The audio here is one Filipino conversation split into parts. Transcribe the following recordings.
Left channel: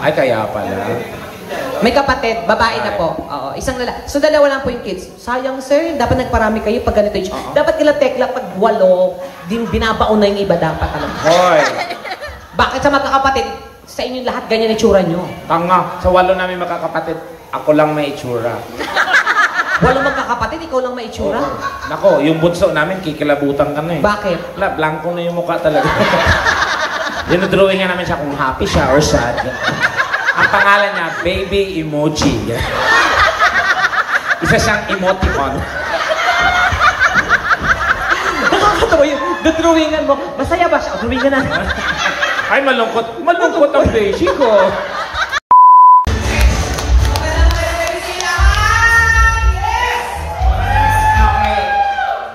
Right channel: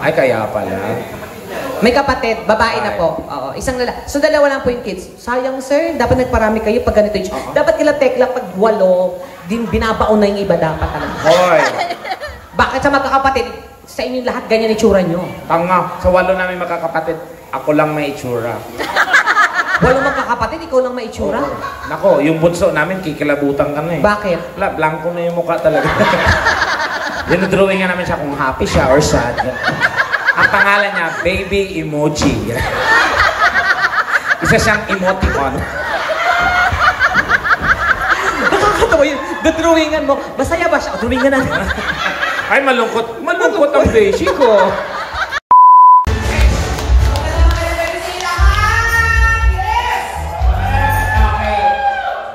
Ay, kaya pala. May kapatid, babae na po. Oo, isang lalaki. So, dalawa lang po yung kids. Sayang, sir. Dapat nagparami kayo pag ganito yung... Dapat kila tekla pag 8, binabaon na yung iba dapat talaga. Hoy! Bakit sa magkakapatid, sa inyo lahat ganyan itsura nyo? Tanga, sa 8 namin magkakapatid, ako lang may itsura. 8 magkakapatid, ikaw lang may itsura? Nako, yung bunso namin, kikilabutan ka na eh. Bakit? Blanco na yung mukha talaga. Dinodrawing nga namin siya kung happy siya or sad. Ang pangalan niya, Baby Emoji. Isa siyang emoticon. Nakakatawa yun. Drawingan mo. Nasaya ba siya? Drawingan na. Ay, malungkot. Malungkot ang beshi ko.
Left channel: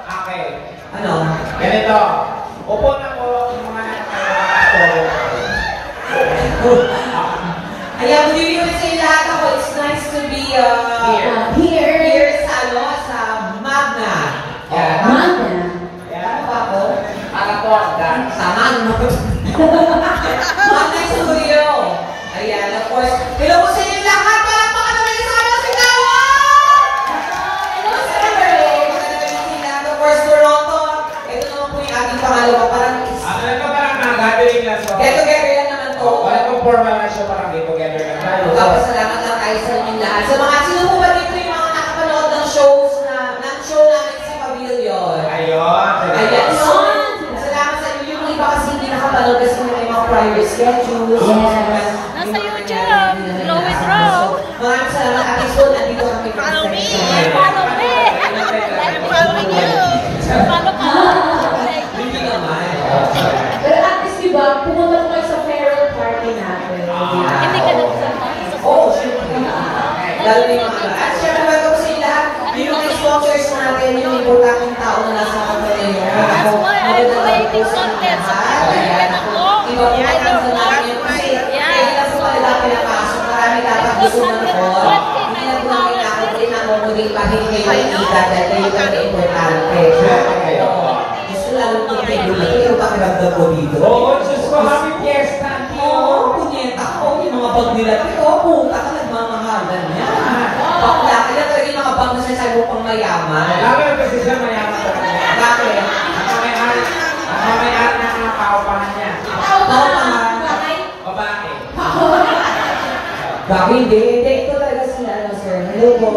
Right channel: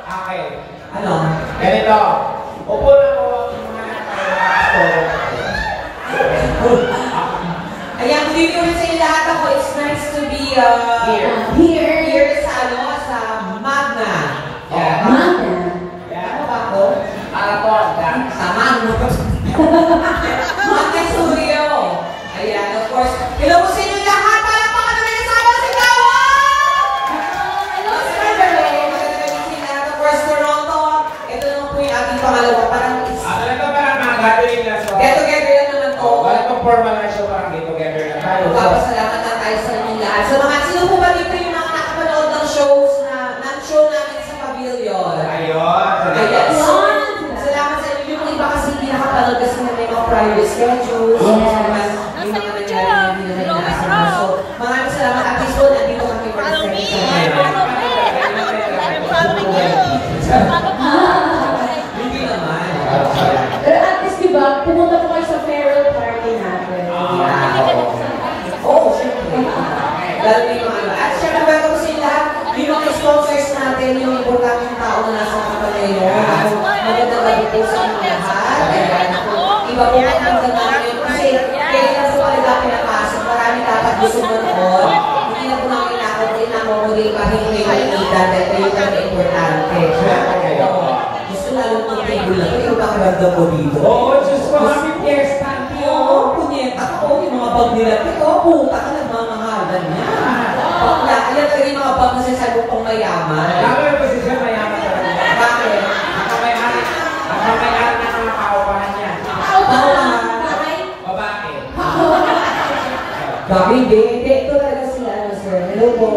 Okay. Ano? Ganito. Upo na ko yung mga Ayan, good evening sa lahat ako. It's nice to be here sa Magna. Magna? Ano ba ako? Sa Magna. Magna Studio. Ayan, of course. Hello po sa inyo lahat. Palakpakan namin sa mga sigawan! Hello sa Magandang sila. Of course, Toronto. Ito naman po yung ating pangalawa. Parang mga gathering lang. get-together lang naman to. Wala pang formal na siya, parang get-together lang tayo. Papasalamat lang tayo sa inyong lahat. Sa mga sino po ba dito yung mga nakapanood ng shows ng show namin sa Pavilion? Ayun. Ayan. So, salamat sa inyo. Yung iba kasi hindi nakapanood kasi may mga private schedules. May mga nangyari na hindi na inaasahan. So, maraming salamat. At least po, nandito kami mag-send sa hindi naman. Pero at least diba, pumunta po kayo sa farewell party natin. Oo, syempre. Lalo na yung mga at syempre, welcome po sa inyo lahat. Yung mga sponsors natin, yung importanteng tao na nasa kapag ngayon. Ako, magandang gabi po sa inyo lahat. Ayan, ako, iba po kayo natin yun. Kasi, kaya lang po talaga pinapasok. Marami dapat gusto manood. Hindi na po namin nakapagin na model pa hindi kayo mainitan dahil kayo talaga importante. Gusto lalo po kayo lang. Ito pa kiragdag ko dito. Oo, just for happy fiesta. Oo, punyeta ako. Yung mga bag nila. Pero, puta ka, nagmamahalan niya. Bakla, kaya talaga yung mga bag na sinasabi mo pang mayaman. Lalo kasi siya mayaman talaga. Bakit? Nakamayari na mga kaupahan niya. Babae. Grabe, hindi. Ito talaga sila, sir. Hello po.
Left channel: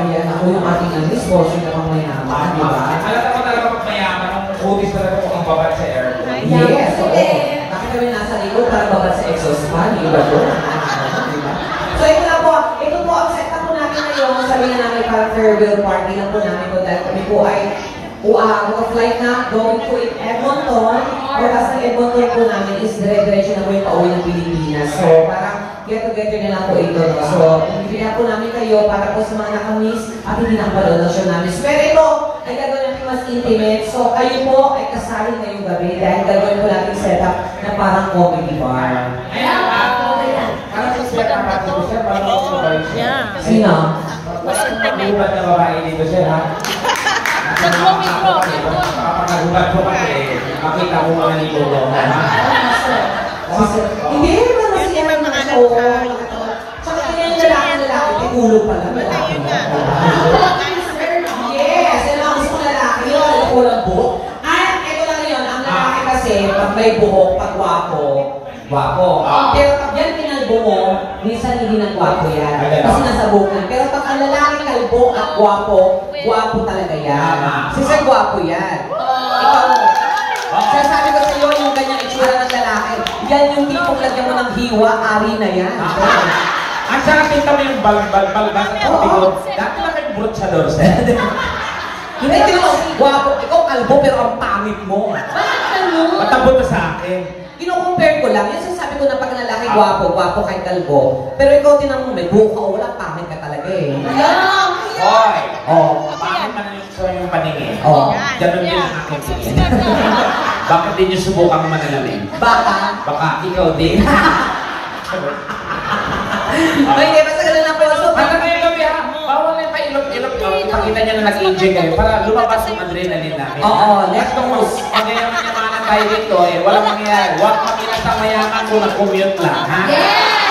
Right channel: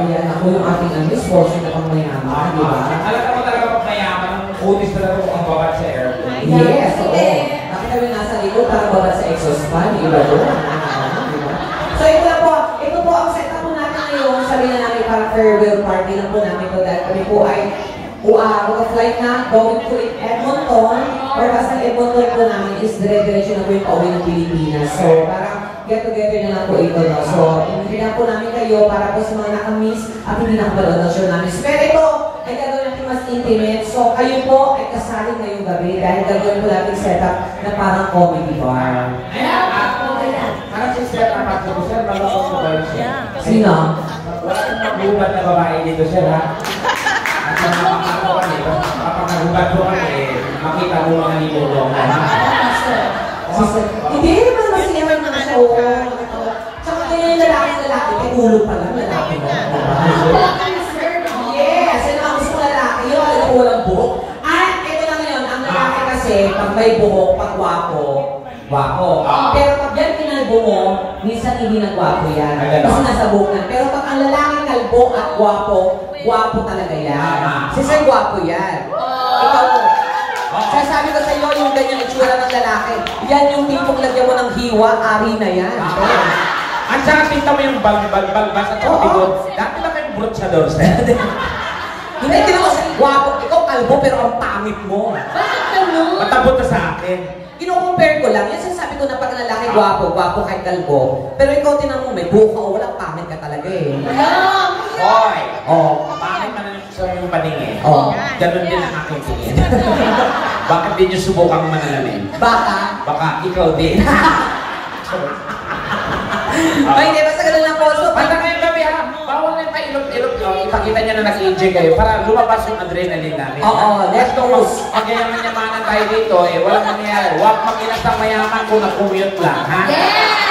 Ayan, ako yung ating sponsor na pang mayaman, di ba? Alam mo talaga pag mayaman, ang kutis talaga po ang babad sa air. Yes, oo. Nakita mo nasa likod, parang babad sa exhaust fan, di ba doon? So ito lang po, ito po ang setup po natin ngayon. Sabi na namin parang farewell party lang po namin po dahil kami po ay mag-flight na going to Edmonton or as ang Edmonton po namin is dire-diretso na po yung pauwi ng Pilipinas. So parang get-together na lang po ito. No? So hindi na po namin kayo para po sa mga nakamiss at hindi nakapanood ng show namin. So, pero ito ay gagawin natin mas intimate. So kayo po ay kasali ngayong gabi dahil gagawin po natin setup na parang comedy bar. Parang si Sir ang pati ko, Sir, malungkot ko kayo, Sir. Sino? Wala akong maghubat na babae dito, Sir, ha? Kapag ko kami, makita mo mga nilolong, ha? Hindi, naman kasi yan ang mga show. Tsaka kaya yung lalaki, ulo pa lang, lalaki mo. Yes, yun ang gusto ko lalaki, yung talagang walang buhok. At ito lang yun, ang lalaki kasi, pag may buhok, pag wapo. Pero pag yan kinalbo mo, minsan hindi nang gwapo yan. Kasi nasa buhok yan. Pero pag ang lalaking kalbo at gwapo talaga yan. Si Sir gwapo yan. Ikaw, sasabi ko sa iyo yung ganyan itsura ng lalaki. Yan yung tipong lagyan mo ng hiwa, ari na yan. Ang saan kita mo yung bal-bal sa tabi. Dati lang yung brotsador, Sir. Hindi, gwapo. Ikaw kalbo pero ang pangit mo. Matabot ka sa akin. Kino-compare ko lang, yung sasabi ko na pag lalaki gwapo kahit kalbo. Pero ikaw tinang mo, may buhok ka o wala, pangit ka talaga eh. Hoy! Pangit ka na yung paningin. Ganun din ang aking tingin. Bakit din yung subukang manalalim? Baka ikaw din. Hindi, basta ganun lang po. So, hanggang ngayong gabi ha, bawal na pa-ilog-ilog nyo. Ipakita nyo na nag-enjoy kayo para lumabas yung adrenaline namin. let's go. Pag ganyan naman tayo dito walang mangyayari. Huwag makilasang mayaman ko na commute lang, ha? Yes!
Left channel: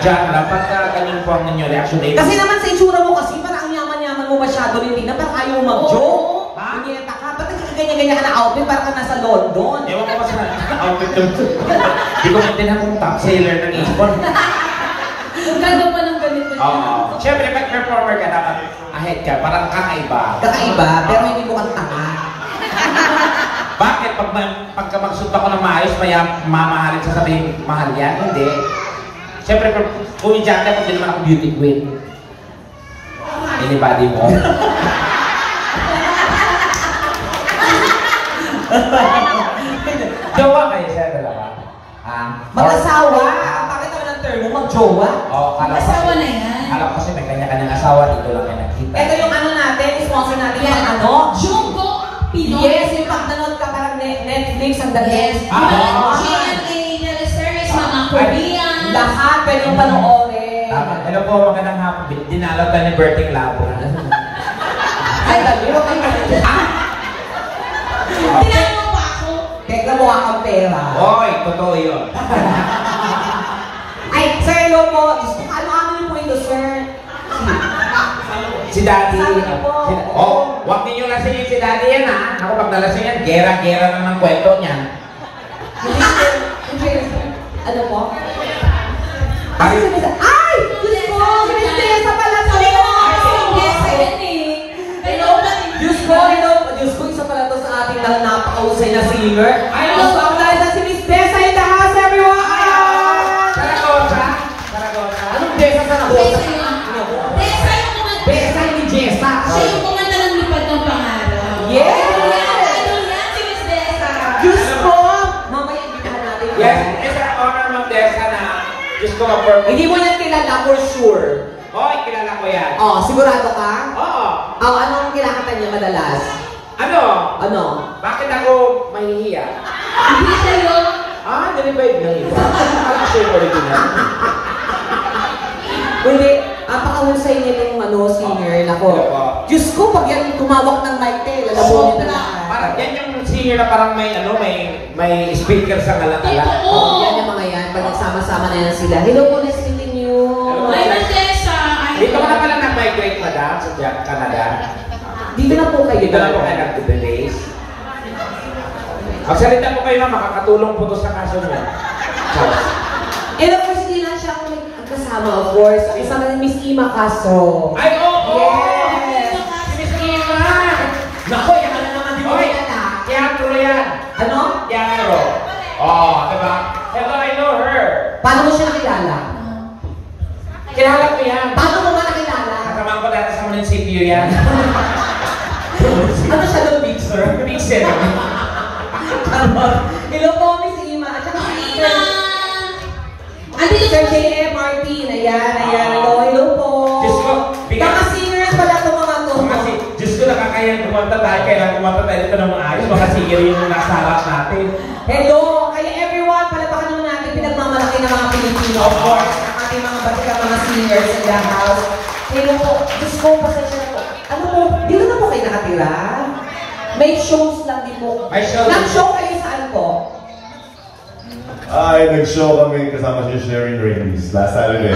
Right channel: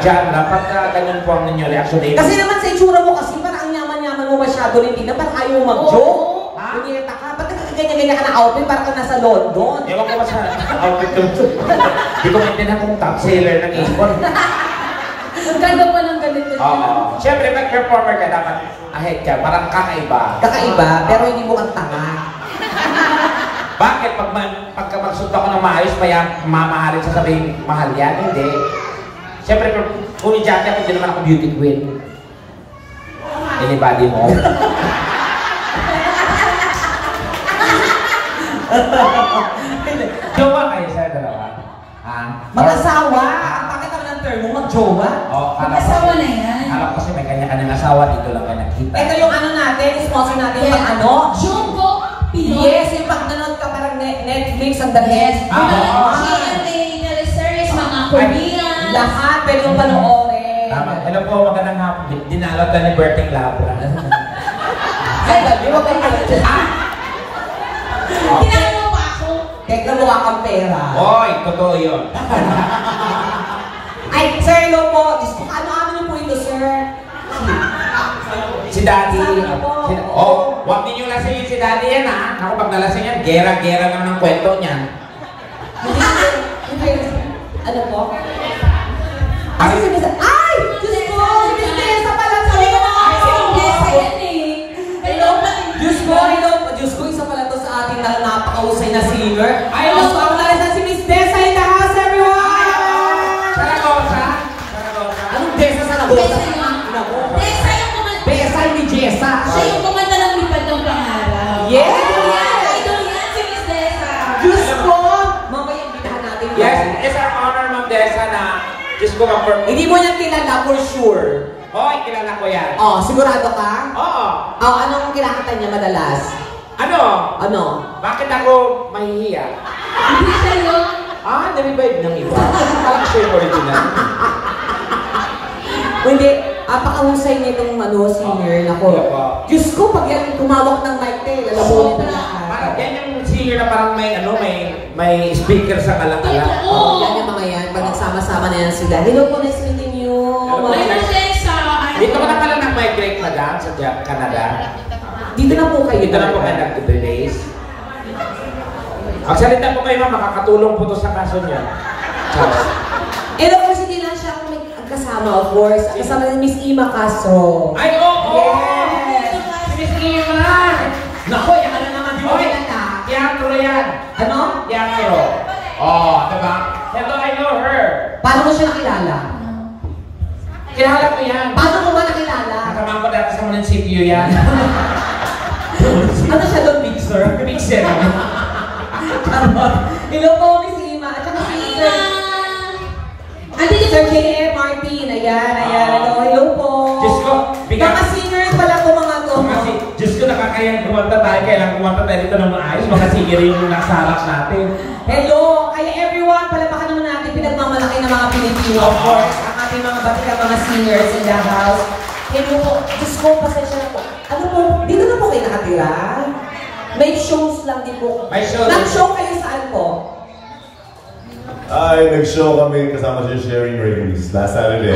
Diyan lang, pagka ganyan po ang ninyo reaction eh. Kasi naman sa itsura mo kasi, parang ang yaman-yaman mo masyado ng tina, parang ayaw mag-joke. Punyeta ka, ba't ganyan-ganyan ka na outfit, parang ka nasa London. Ewan ko sa outfit doon. Hindi ko maintindihan kung top seller ng Avon. Magkano pa ng ganito? Oo. Siyempre, mag-performer ka dapat ahead ka, parang kakaiba. Kakaiba, pero hindi mo kang tanga. Bakit? Pagka magsuot ako ng maayos, mamahalin sasabihin, mahal yan? Hindi. Siyempre, kung i-jacket ako, hindi naman ako beauty queen. Anybody mo? Jowa kayo sa dalawa? Mag-asawa? Bakit naman ang term mo? Mag-jowa? Mag-asawa na yan. Alam ko kasi may kanya-kanyang asawa, dito lang kanya kita. Ito yung ano natin, sponsor natin yung ano? Jungkook Pinoy. Yes, yung pag nanood ka parang Netflix ang dahil. GMA, teleseries, mga Korean. Lahat pwede yung panoorin. Tama. Hello po, magandang hapon. Dinalog ka ni Berting Labra. Ay, di ba kayo Tinanong mo pa ako. Teka, mukha kang pera. Hoy, totoo yun. Ay, sir, hello po. Ano po ito, sir? Si Daddy. Sabi niyo po. Oh, huwag ninyo lasingin si Daddy yan ha. Ako pag nalasing yan, gera-gera lang ng kwento niyan. Ano po? Ay! Diyos ko! Prinsesa pala to! Sabi ko na nga kasi yung guest yan eh. Hello ba? Diyos ko! Diyos ko, isa pala to sa ating napakausay na singer. Ay, Mas pagkain sa si Miss Desa in the house, everyone! Saragosa? Anong Desa sa nabo? Desa yun. Desa yung kumanta. Desa ni Jessa. Siya yung kumanta ng lipad ng pangalan. Yes! Idol yan si Miss Desa. Diyos ko! Mamaya hindi ko natin yun. Yes, it's an honor, Ma'am Desa, na just ko na-perform. Hindi mo niyan kilala for sure. Hoy, kilala ko yan. Oh, sigurado ka? Oo. Oh, ano ang kinakanta niya madalas? Ano? Ano? Bakit ako mahihiya? Hindi siya yun. Nalibay ng iba. Parang siya yung original. Hindi, apakahusay niya itong singer. Nako. Diyos ko, pag yan tumawak ng mic lalamunin na lahat. Parang yan yung singer na parang may speaker sa kalat-kalat. Oo. Yan yung mga yan, pag nagsama-sama na yan sila. Hello po, nice meeting you. May Miss Desa. Dito ka na pala nag-migrate, madam, sa Canada. Dito na po kayo. Dito na po kayo nag-base. Magsalita po kayo na makakatulong po to sa kaso niya. Charles. Of course, hindi lang siya ako may kasama, of course. Kasama ni Miss Ima Caso. Ay, oo! Yes! Miss Eva! Naku, yan na naman dito. Oy, teatro yan. Ano? Teatro. Oh, diba? Hello, I know her. Paano mo siya nakilala? Kilala ko yan. Paano mo ba nakilala? Kasama ko dati sa munisipyo yan. Ano siya doon, mixer? Mixer. Ano? Hello po, Miss Ima. At saka si Sir. Andito Sir po J.M. Martin. Ayan. Hello po. Diyos ko, bigyan. Mga singers pala ito mga to. Kasi, Diyos ko, nakakayang kumanta tayo, kaya kumanta tayo dito ng maayos. Baka sige rin yung nasa harap natin. Hello. Kaya everyone, palapakan naman natin pinagmamalaki ng mga Pilipino. Of course. Ang ating mga batikang mga singers in the house. Hello po. Diyos ko, pasensya na po. Ano po, dito na po kayo nakatira? May shows lang din po. May shows. Nag-show kayo saan po? Ay, nag-show kami kasama si Sharon Reyes last Saturday.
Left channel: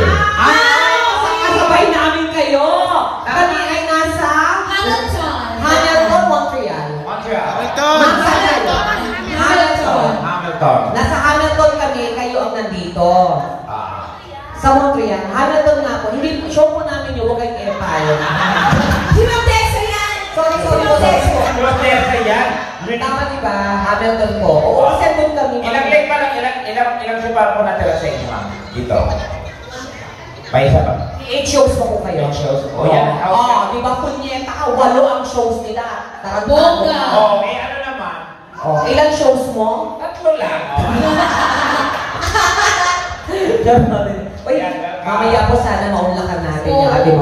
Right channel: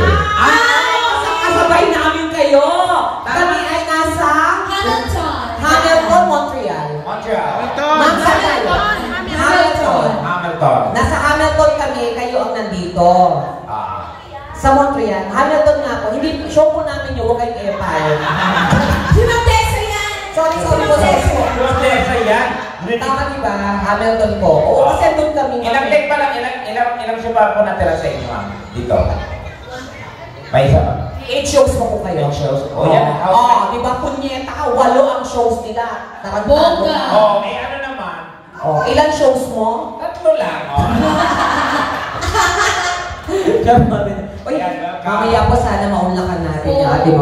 Kasabay namin kayo. Kami ay nasa Hamilton, Montreal. Montreal. Hamilton. Nasa Hamilton kami, kayo ang nandito. Sa Montreal. Hamilton nga po. Hindi, show po namin yung huwag kayong empire. Si Ma'am Desa yan. Sorry po. What's there sa yan? Tama diba? Hamilton po. Oo, kasi doon kami. Ilang take pa lang, ilang show pa po natira sa inyo, ma'am? Dito. May isa pa. 8 shows pa po kayo. 8 shows. O yan. Di ba punyeta ka? 8 ang shows nila. Bongga. Oh, may ano naman. Ilan shows mo? 3 lang. Uy, mamaya po sana maunlakan natin yung ating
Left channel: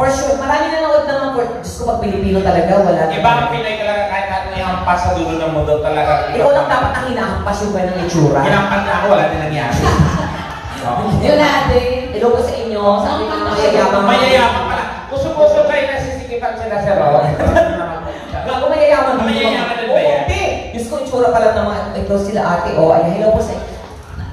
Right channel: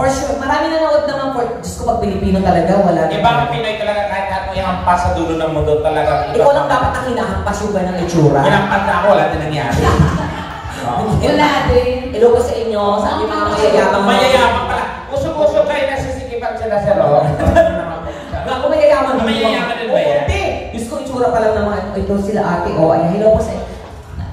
For sure, marami nanood naman po. Diyos ko, pag Pilipino talaga, wala Iba ang Pinoy talaga kahit natin yung hampas sa dulo ng mundo talaga. Ikaw lang dapat ang hinahampas yung ng itsura. Hinampas na ako, wala din nangyari. Wala din. Hello po sa inyo, sabi mga mayayabang. Mayayaman pala. Puso-puso kayo nasisikipan sila sa Ron. Ako mayayaman. Mayayaman din ba yan? Hindi. Diyos ko, itsura pa lang naman. Ito sila ate. Ay, hello po sa inyo.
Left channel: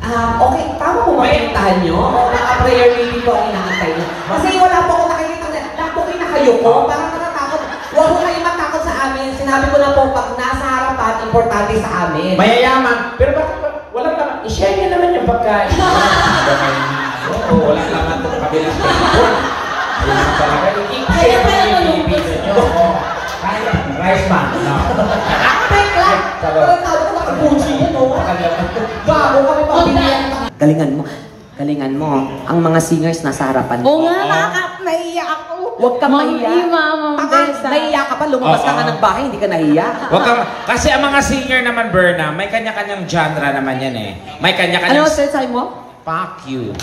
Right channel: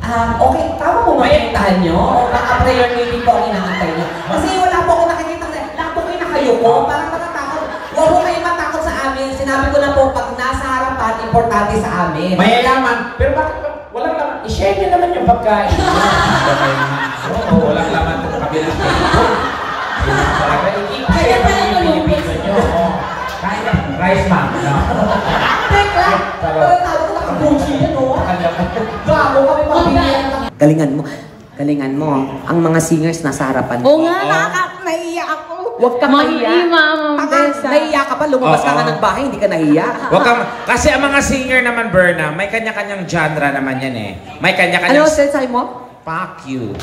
Okay, tama po ba pinuntahan nyo? O baka prayer meeting po ang hinahantay nyo? Kasi wala po ako nakikita na lahat po kayo nakayuko. Parang nakatakot. Huwag po kayo matakot sa amin. Sinabi ko na po, pag nasa harapan, importante sa amin. Mayayaman. Pero bakit wala naman? I-share nyo naman yung pagkain. Oo, wala naman itong kabilang ko. Kaya pala malungkot. Rice man. Teka! Walang tao ko nakabuchi yan, no? Gago kami pamilya. Galingan mo. Ang mga singers nasa harapan. Oo nga, naiiyak ako. Huwag ka mahiya. Ma'am Desa. Nahiya ka pa, lumabas ka ng bahay, hindi ka nahiya. Wag kang, kasi ang mga singer naman, Berna, may kanya-kanyang genre naman yan eh. May kanya-kanyang... Ano sensay mo? Fuck you.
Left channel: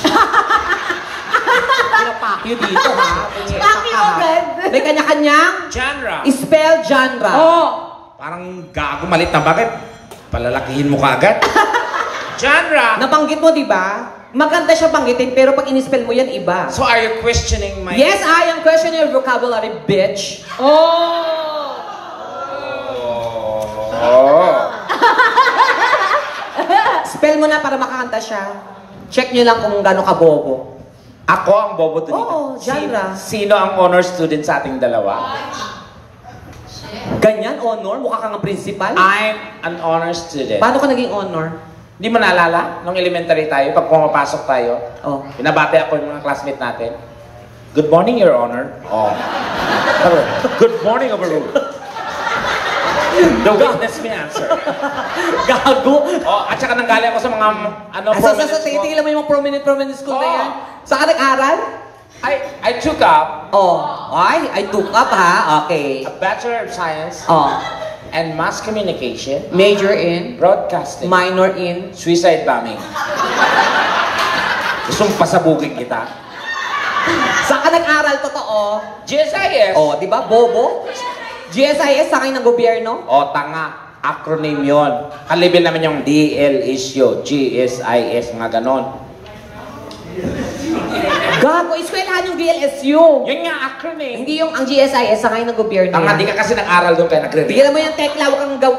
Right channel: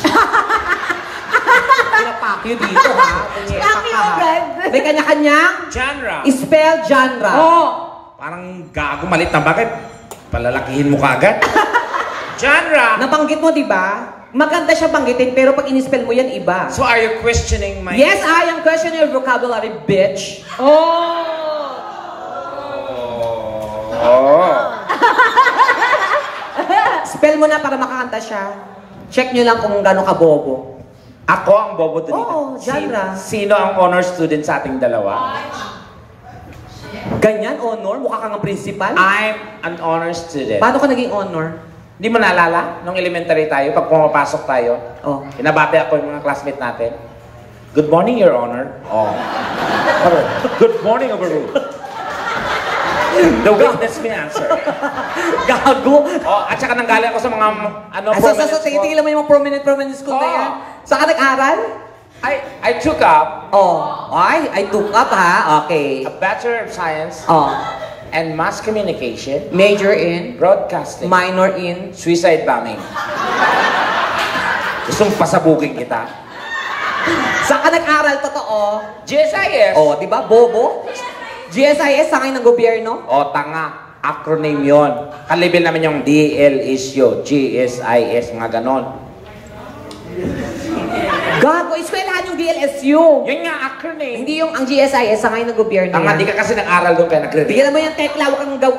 Fuck you dito, ha? Fuck you, Fred. May kanya-kanyang Genre. spell genre. Oh. Parang gago, malit na bakit? Palalakihin mo kagad. Genre. Nabanggit mo, di ba? Maganda siya banggitin, pero pag in-spell mo yan, iba. So are you questioning my... Yes, I am questioning your vocabulary, bitch. Oh. Oh. Spell mo na para makakanta siya. Check nyo lang kung gano'ng kabobo. Ako ang bobo to dito. Oo, genre. Sino ang honor student sa ating dalawa? Ganyan, honor? Mukha kang ang principal? I'm an honor student. Paano ka naging honor? Di mo naalala? Nung elementary tayo, pag pumapasok tayo, Oh. binabati ako yung mga classmate natin. Good morning, Your Honor. Oh. Good morning, Overruled. The witness may answer. Gago. Oh, at saka nanggaling ako sa mga ano, Tingin mo yung mga prominent school na yan. Saan ka nag-aral? I took up Oh. I took up, ha? Okay. a Bachelor of Science Oh. and Mass Communication, Major in? Broadcasting, Minor in? Suicide Bombing. Gusto mong pasabugin kita? Saan ka nag-aral? Totoo? GSIS. Oh, di ba? Bobo? GSIS, sangay ng gobyerno? O, tanga. Acronym yon. Kalibin naman yung DL issue, GSIS, mga ganon. Gago, eskwelahan yung DLSU. Yun nga, acronym. Hindi yung ang GSIS, sangay ng gobyerno. Tanga, yan. di ka kasi nag-aral doon kaya nagre-read. Bigyan mo yung tekla, huwag kang gaw...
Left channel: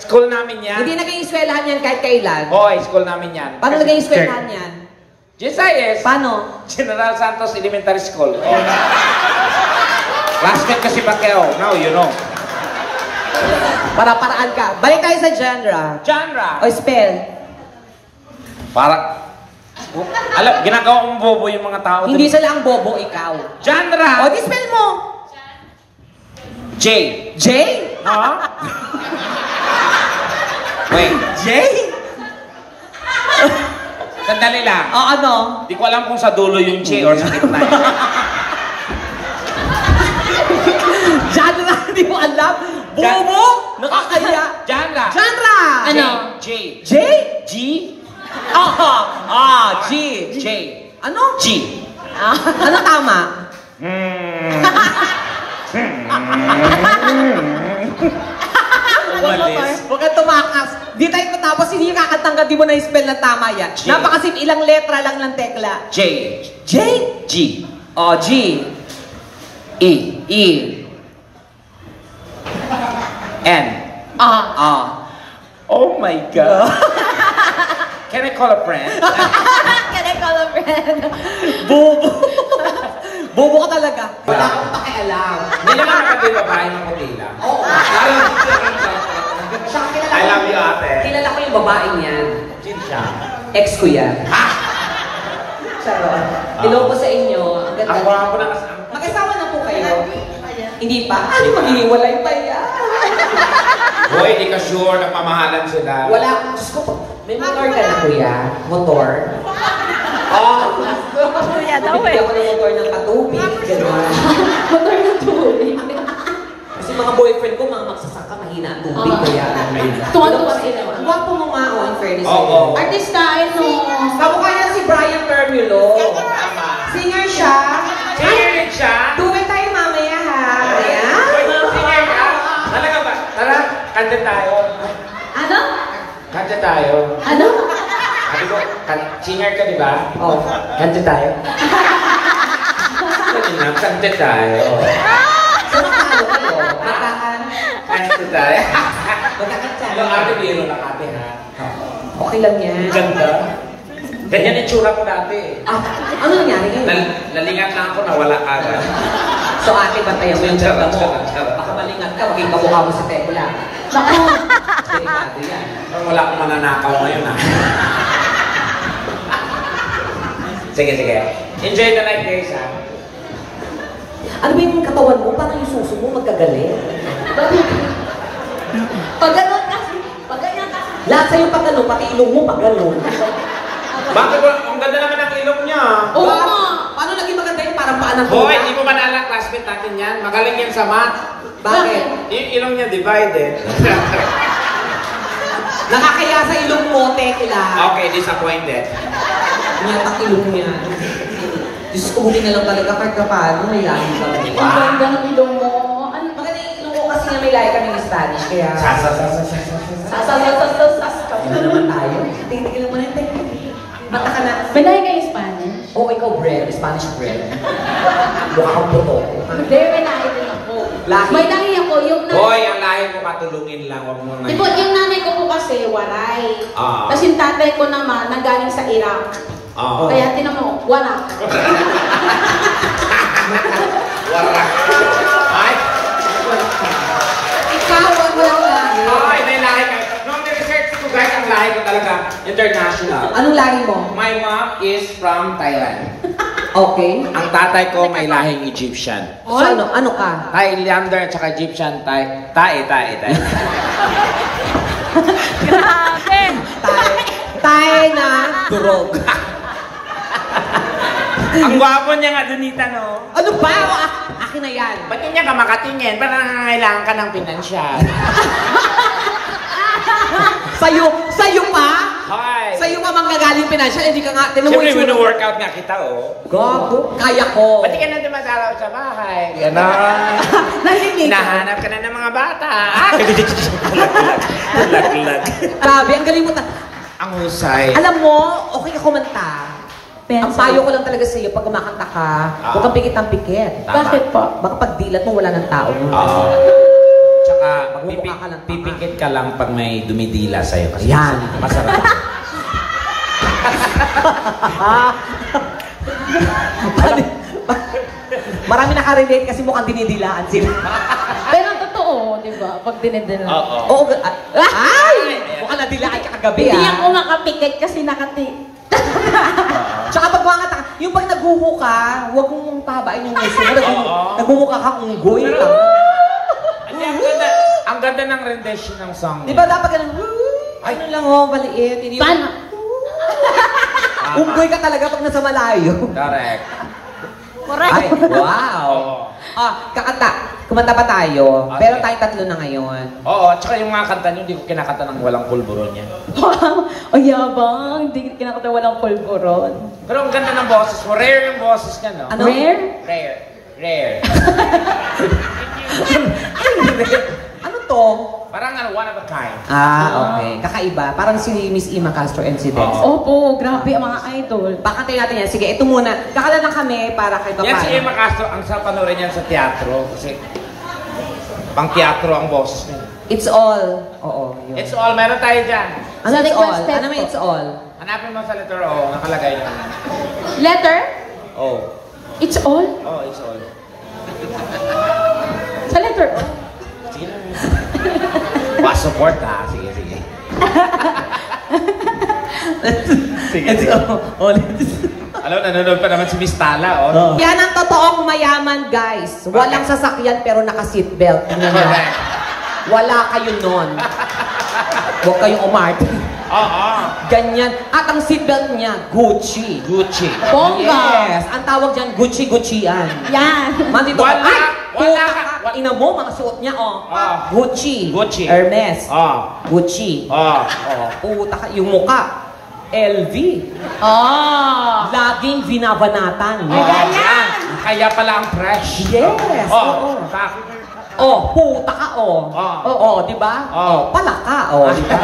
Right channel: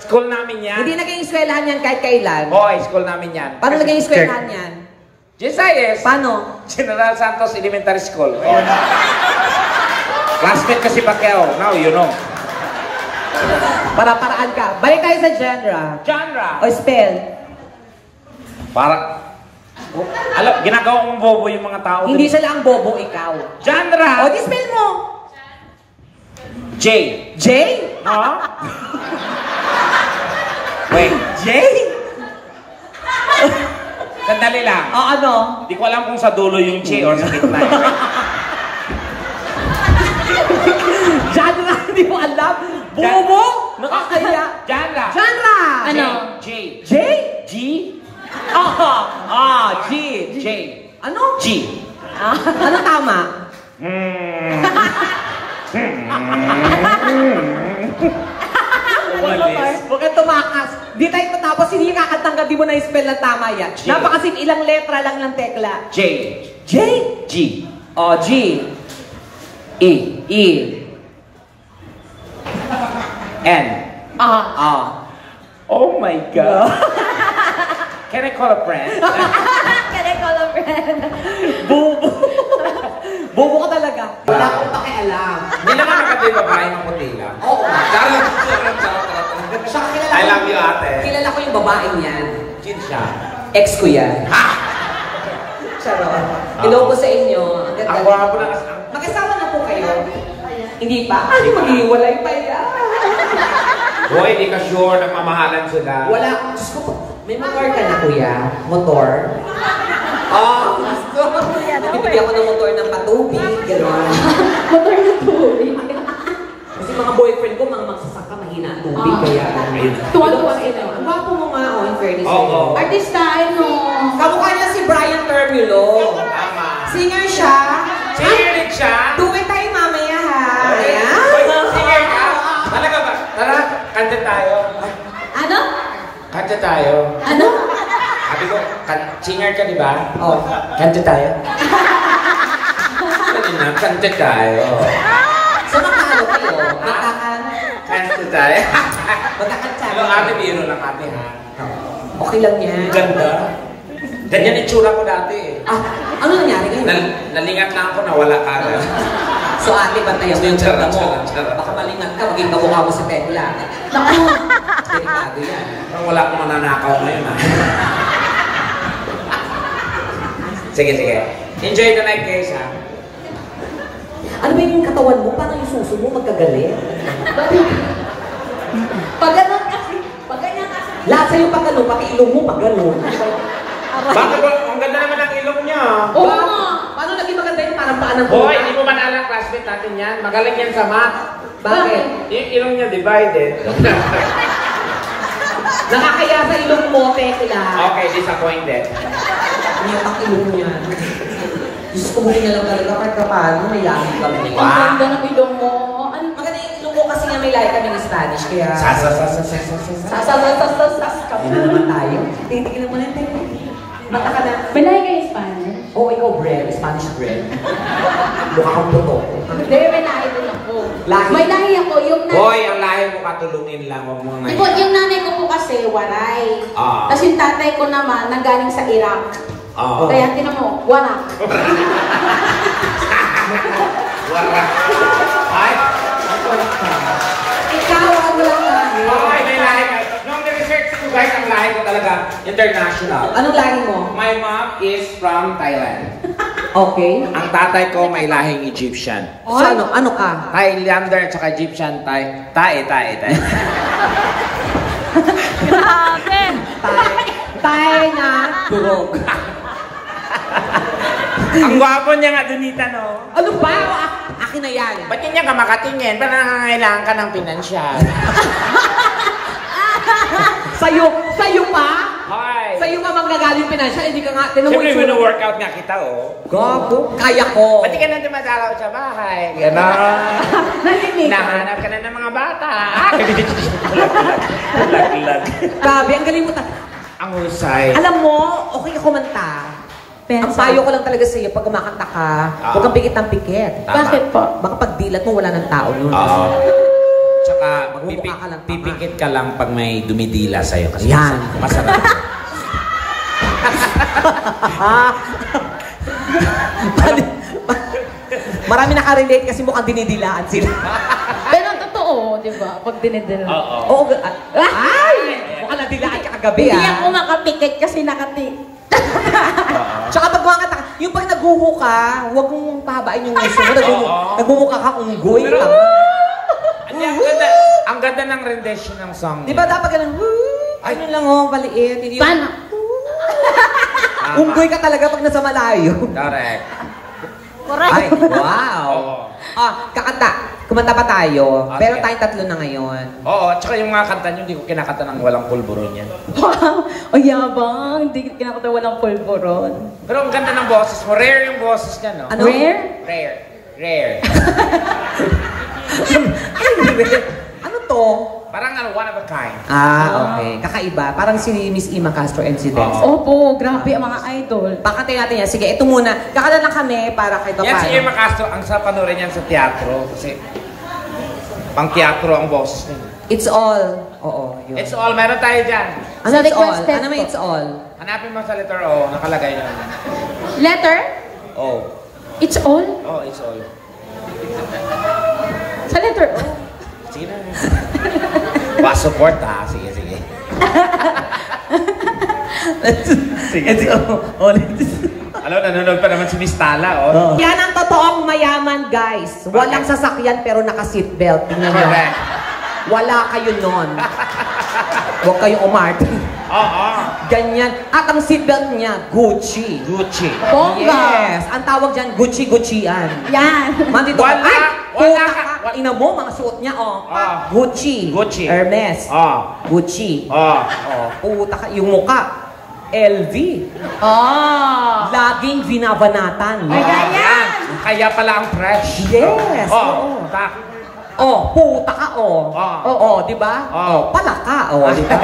School namin yan. Hindi naging eskwelahan yan kahit kailan. Hoy, school namin yan. Paano naging eskwelahan yan? GSIS. Paano? General Santos Elementary School. Oh. Classmate kasi Pacquiao. Now you know. Para-paraan ka. Balik tayo sa genre. Genre. O spell. Para... Alam, ginagawa mong bobo yung mga tao. Hindi sila ang bobo, ikaw. Genre. O, di spell mo. J. J? Ha? Wait. J? Sandali lang. O, ano? Di ko alam kung sa dulo yung J or sa gitna. Genre, hindi mo alam. Bobo? Nakakaya. Genre. Genre. Ano? J. J? G. G. J. Ano? G. Ano tama? Huwag kang tumakas. Di tayo matapos, hindi kakatanggal, di mo na-spell na tama yan. J. Napakasim, ilang letra lang ng tekla. J. J? G. O, G. E. E. N. Oh my God. Can I call a friend? Can I call a friend? Bobo. Bobo ka talaga. Wala akong pakialam. Hindi naman nakagay babae ng kutila. Oo. I love you, ate. Kilala ko yung babaeng yan. Jin siya. Ex ko yan. Charot. Hello po sa inyo. Ang ganda. Ang gwapo na kasi. Mag-asawa na po kayo? Hindi pa? Ay, maghihiwalay pa yan. Hoy, hindi ka sure na mamahalan sila. Wala akong... Diyos ko, may motor ka na, kuya? Motor? Oo. Kuya daw Bibili ako ng motor ng patubig. Gano'n. Motor na tubig. Kasi mga boyfriend ko, mga magsasaka, mahina ang tubig. Kaya, Ayun. Tuwan-tuwa Ito pa ang gwapo mo nga, on fairness. Oo. Artista, ano? Kamukha niya si Brian Termulo. Singer siya. Cheering siya. Tuwid tayo mamaya, ha? Ayan. Singer ka? Talaga ba? Tara, kanta tayo. Ano? Kanta tayo. Ano? Sabi ko, singer ka, di ba? Oh. Kanta tayo. Kanta tayo. Sino ka kayo? Katakan. Kanta tayo. Magkakatsa. Yung ate biro lang ate, ha? Okay lang yan. Ganda. Ganyan yung tsura ko dati. Ano nangyari ngayon? Nalingat na ako, nawala ka ba? So ate, bantayan mo yung ganda mo. Charot. Baka malingat ka, maging kamukha mo si Tekla. Naku. Delikado yan. Wala akong mananakaw ngayon ah. Sige. Enjoy the night guys ha. Ano ba yung katawan mo? Parang yung suso mo magkagalit. Pag ganun kasi, pag ganyan kasi. Lahat sa'yo pag gano'n, pati ilong mo pag gano'n. Bakit ba? Ang ganda naman ang ilong niya. Oo nga. Paano naging maganda yung parang paan ng Hoy, hindi mo ba naalala classmate natin yan? Magaling yan sa math. Bakit? Yung ilong niya divided. Nakakaya sa ilong mo, Tekla. Okay, disappointed. Umiyatak ilong niya. Diyos ko, buti na lang talaga kahit ka paano, may lahi ka mo. Ang ganda ng ilong mo. Ano? Maganda yung ilong mo kasi nga may lahi kami ng Spanish, kaya... Ano naman tayo? Titigil mo na yung Tekla. Bata ka na. Binahay kayo Spanish? Oo, ikaw bread, Spanish bread. Mukha kang puto. Hindi, may lahi din ako. Lahi? May lahi ako, yung Hoy, ang lahi mo katulungin lang. Huwag mo na. Diba, yung nanay ko po kasi, waray. Ah. Tapos yung tatay ko naman, nanggaling sa Iraq. Oo. Kaya tinan mo, warak. Warak. Ay? Ikaw ang walang lahi. Ay, may lahi ka. Nung niresearch ko guys, ang lahi ko talaga international. Anong lahi mo? My mom is from Thailand. Okay. Ang tatay ko may lahing Egyptian. So ano? Ano ka? Thailander at saka Egyptian, Thai. Grabe! Tayo na. Durog. Ang gwapo niya nga, Donita, no? Ano ba? Akin na yan. Ba't niya ka makatingin? Parang nangangailangan ka ng pinansyal. Sa'yo pa? Hi! Sa'yo pa manggagaling financial, hindi ka nga, tinan mo Siyempre, itsura. workout nga kita, oh. Gago, kaya ko. Ba't di ka na dumadalaw sa bahay? Ganon. Narinig ka. Nahanap ka na ng mga bata. Lag. Grabe, ang galing mo Ang husay. Alam mo, okay ka kumanta. Ang payo ko lang talaga sa'yo, pag kumakanta ka, huwag kang pikit ng pikit. Bakit po? Baka pag dilat mo, wala ng tao nun. Oo. Tsaka, Magmumukha ka lang. pipikit ka lang pag may dumidila sa'yo. Kasi Yan. Masarap. Marami nakarelate kasi mukhang dinidilaan sila. Pero totoo, di ba? Pag dinidala. Oo. Oo, ay! Mukhang nadilaan ka kagabi, Hindi ah. ako makapikit kasi nakati. Tsaka pag kumangata ka, yung pag naghuho ka, huwag mong pahabain yung iso mo. Nagmumukha kang unggoy. Hindi, ang ganda ng rendition ng song. Di ba dapat ganun, ano lang oh, maliit. Hindi yung- Paano? Unggoy ka talaga pag nasa malayo. Correct. Ay, wow. Kakanta. Kumanta pa tayo. Okay. Pero tayong tatlo na ngayon. Oo, tsaka yung mga kanta niyo, hindi ko kinakanta ng walang pulburon yan. Ang yabang, hindi kinakata walang polvoron. Pero ang ganda ng boses mo. Rare yung boses niya, no? Ano? Rare? Rare. Ano to? Parang one of a kind. Okay. Kakaiba. Parang si Miss Ima Castro and si Des. Opo, grabe ang mga idol. Pakatay natin yan. Sige, ito muna. Kakala lang kami para kay Papa. Yan si Emma Castro, ang sa panoorin yan sa teatro. Kasi pang teatro ang boses niya. It's all. Oo. Yun. It's all, meron tayo dyan. Ano it's all? Step Ano may it's all? Hanapin mo sa letter O, nakalagay lang. Letter? O. It's all? Oh, it's all. Sa letter O? Sige na. Pa-support ha. Sige. It's all. Alam, nanonood pa naman si Miss Tala, oh. Yan ang totoong mayaman, guys. Walang sasakyan pero naka-seatbelt. Tingnan nyo. Wala kayo nun. Huwag kayong umarte. Oo. Ganyan. At ang seatbelt niya, Gucci. Bongga. Yes. Ang tawag dyan, Gucci-Guccian. Yan. Mandito. Wala. Ay! Wala. Puta ka. Ina mo, mga suot niya, oh. Gucci. Gucci. Hermes. Gucci. Oh. Puta ka. Yung muka. LV. Laging binabanatan. Yan. Kaya pala ang fresh. Yes. Oh. Puta ka, di ba? Palaka, di ba?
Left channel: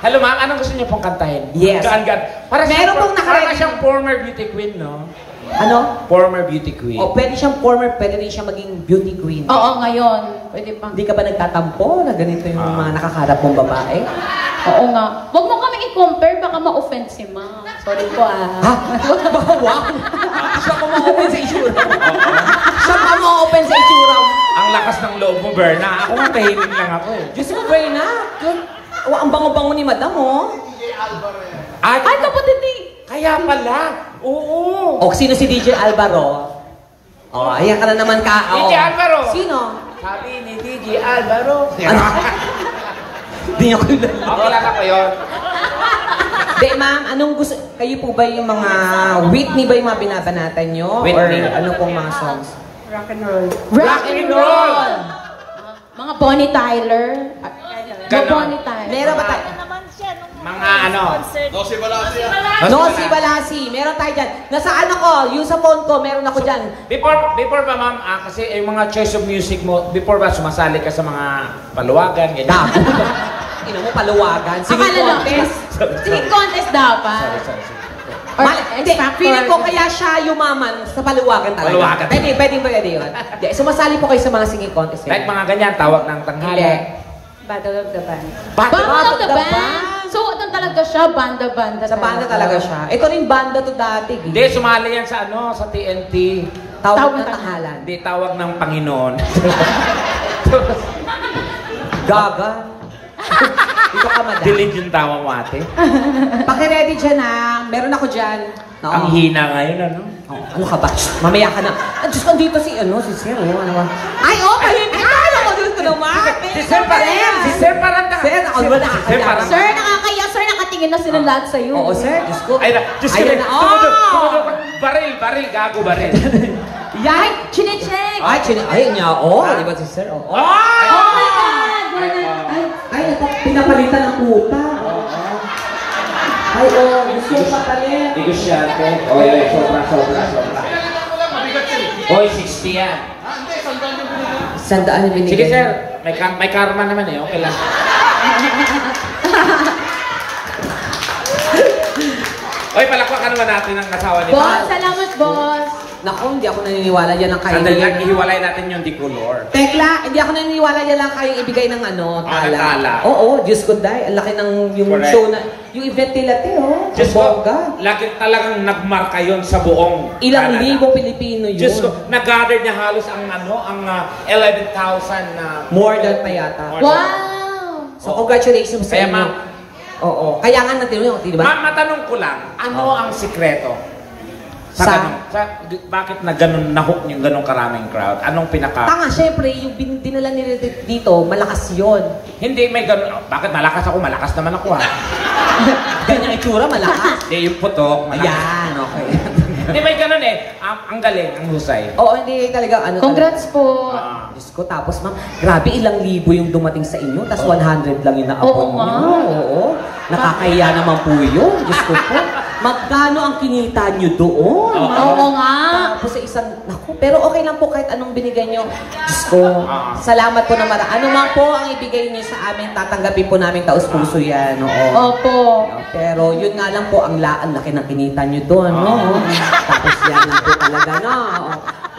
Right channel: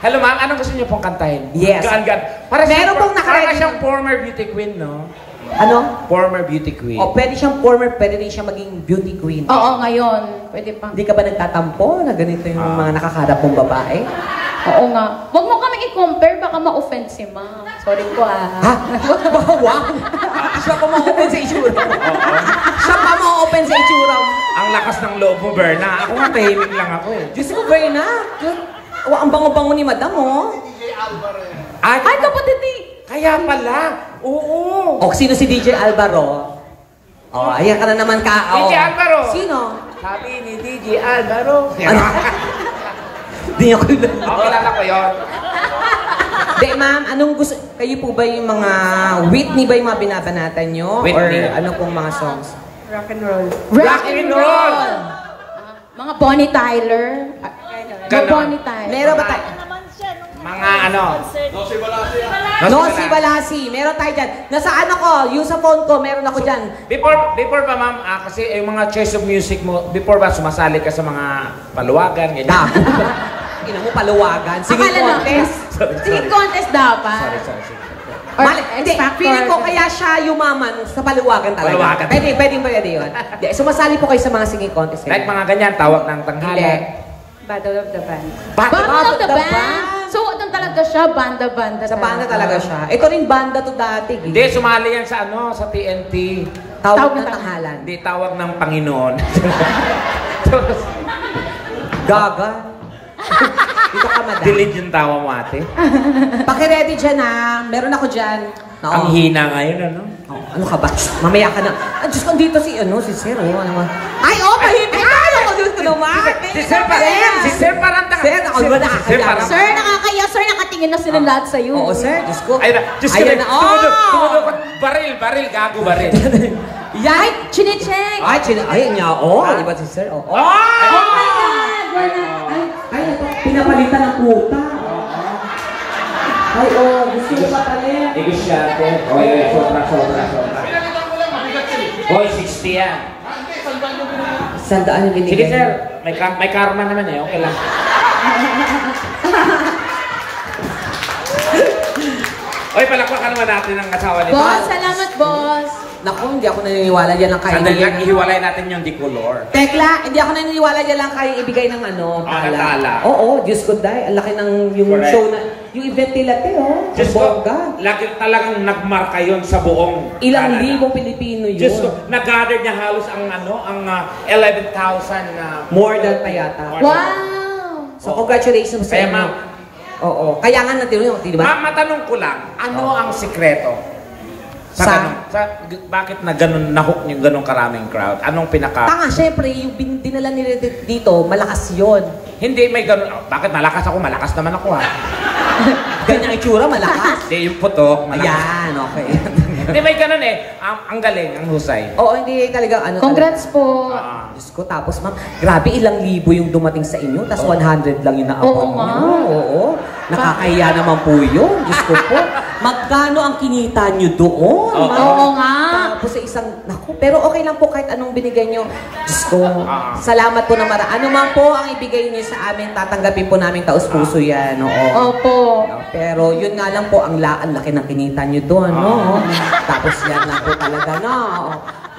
Hello ma'am, anong gusto niyo pong kantahin? Yes. Gaan. Meron pong Para nakaready. siyang former beauty queen, no? Ano? Former beauty queen. Pwede siyang former, pwede rin siya maging beauty queen. Oo, ngayon. Pwede pa. Hindi ka ba nagtatampo na ganito yung mga nakakarap mong babae? Oo nga. Huwag mo kami i-compare, baka ma-offend si ma'am. Sorry po Ha? Baka wow! Siya pa ma-open sa itsura mo. Siya pa ma-open sa itsura mo. Ang lakas ng loob mo, Berna. Ako nga, tahimik lang ako. Diyos mo, Berna. Ang bango-bango ni Madam, oh. Ay, kapatid ni... kaya pala. Oo. O, sino si DJ Alvaro? Oh, ayan ka na naman ka. DJ Alvaro. Sino? Sabi ni DJ Alvaro. Ano? Hindi niya ko yun. Wala na ko yun. Di, ma'am, anong gusto? Kayo po ba yung mga Whitney ba yung mga binabanatan nyo? Whitney. Or ano pong mga songs? Rock and roll. Rock and roll. Mga Bonnie Tyler. Ganon. Bonnie Tyler. Meron ba tayo? Mga ano. No, si Balasi. Meron tayo dyan. Nasa ano ko, yung sa phone ko, meron ako dyan. Before ba, ma'am, kasi yung mga choice of music mo, before ba sumasali ka sa mga paluwagan, ganyan? Ina mo, paluwagan. Singing Akala na, contest. singing contest dapat. Sorry. Hindi, feeling ko kaya siya yumaman sa paluwagan talaga. Paluwagan. Pwede yun. Hindi, sumasali po kayo sa mga singing contest. Like mga ganyan, tawag ng tanghala. Battle of the Band. Battle Battle of the Band? So, ano talaga siya? Banda-banda. Sa banda talaga siya. Ito rin banda to dati. Hindi, sumali yan sa ano, sa TNT. Tawag ng tanghalan. Hindi, tawag ng Panginoon. Gaga. Ito ka, madam. Dilig yung tawa mo, ate. Paki-ready dyan, ha. Meron ako dyan. Ang hina ngayon, ano? Ano ka ba? Mamaya ka na. Diyos, andito si Sir. Ay, tahimik ka na. Magiging naman. Si Sir pa rin. Si Sir parang Sir, ako ba na? Sir, nakakaya. Sir, nakatingin na sila lahat sa'yo. Oo, sir. Diyos ko. Ay, Diyos ko. Ayan na. Tumudo. Baril, gago, baril. Yay! Chinecheck. Ay, niya. Di ba si Sir? Oh my God! Ay, pinapalitan ng puta. Ay, gusto ko papalit. Negosyante. Oy, sobra. Oy, 60 yan. Sandaan yung binigay. Sige, sir. May karma naman eh. Okay lang. Oy, palakpakan naman natin ang asawa ni Boss, salamat, boss. Naku, hindi ako naniniwala yan ang kaya. Sandali, ihiwalay natin yung decolor. Tekla, hindi ako naniniwala yan lang kaya ibigay ng ano, tala. Tala. Oo, Diyos ko dahil. Ang laki ng yung Correct. show na, yung event nila, Diyos ko, bongga. lagi talagang nagmarka yon sa buong Ilang Canada. libong Pilipino yun. Diyos ko, nag-gather niya halos ang 11,000 na... More than pa yata. Wow! So, congratulations sa Kaya, inyo. ma'am. Oo. Kaya nga natin yun, di ba? Ma'am, matanong ko lang, ano ang sikreto? Bakit na ganun, na-hook yung ganun karaming crowd? Anong pinaka... Tanga, syempre, yung dinala nila dito, malakas yun. Hindi, may ganun. Bakit malakas ako? Malakas naman ako, ha? Ganyang itsura, malakas. Hindi, yung putok. malakas. Ayan, okay. Hindi, may ganun eh. Ang galing, ang husay. Oo, hindi talaga, ano. Congrats po. Diyos ko, tapos ma'am, grabe ilang libo yung dumating sa inyo, tapos 100 lang yung naabot Oo nga. nyo. Oo, nakakahiya naman po yun. Diyos ko po, magkano ang kinita nyo doon? Oo nga. Tapos sa isang, naku, pero okay lang po kahit anong binigay nyo. Diyos ko, salamat po na Ano man po ang ibigay nyo sa amin, tatanggapin po namin taus-puso yan. Oo. Opo. Pero yun nga lang po, ang laki ng kinita nyo doon. No? Tapos yan lang po talaga na.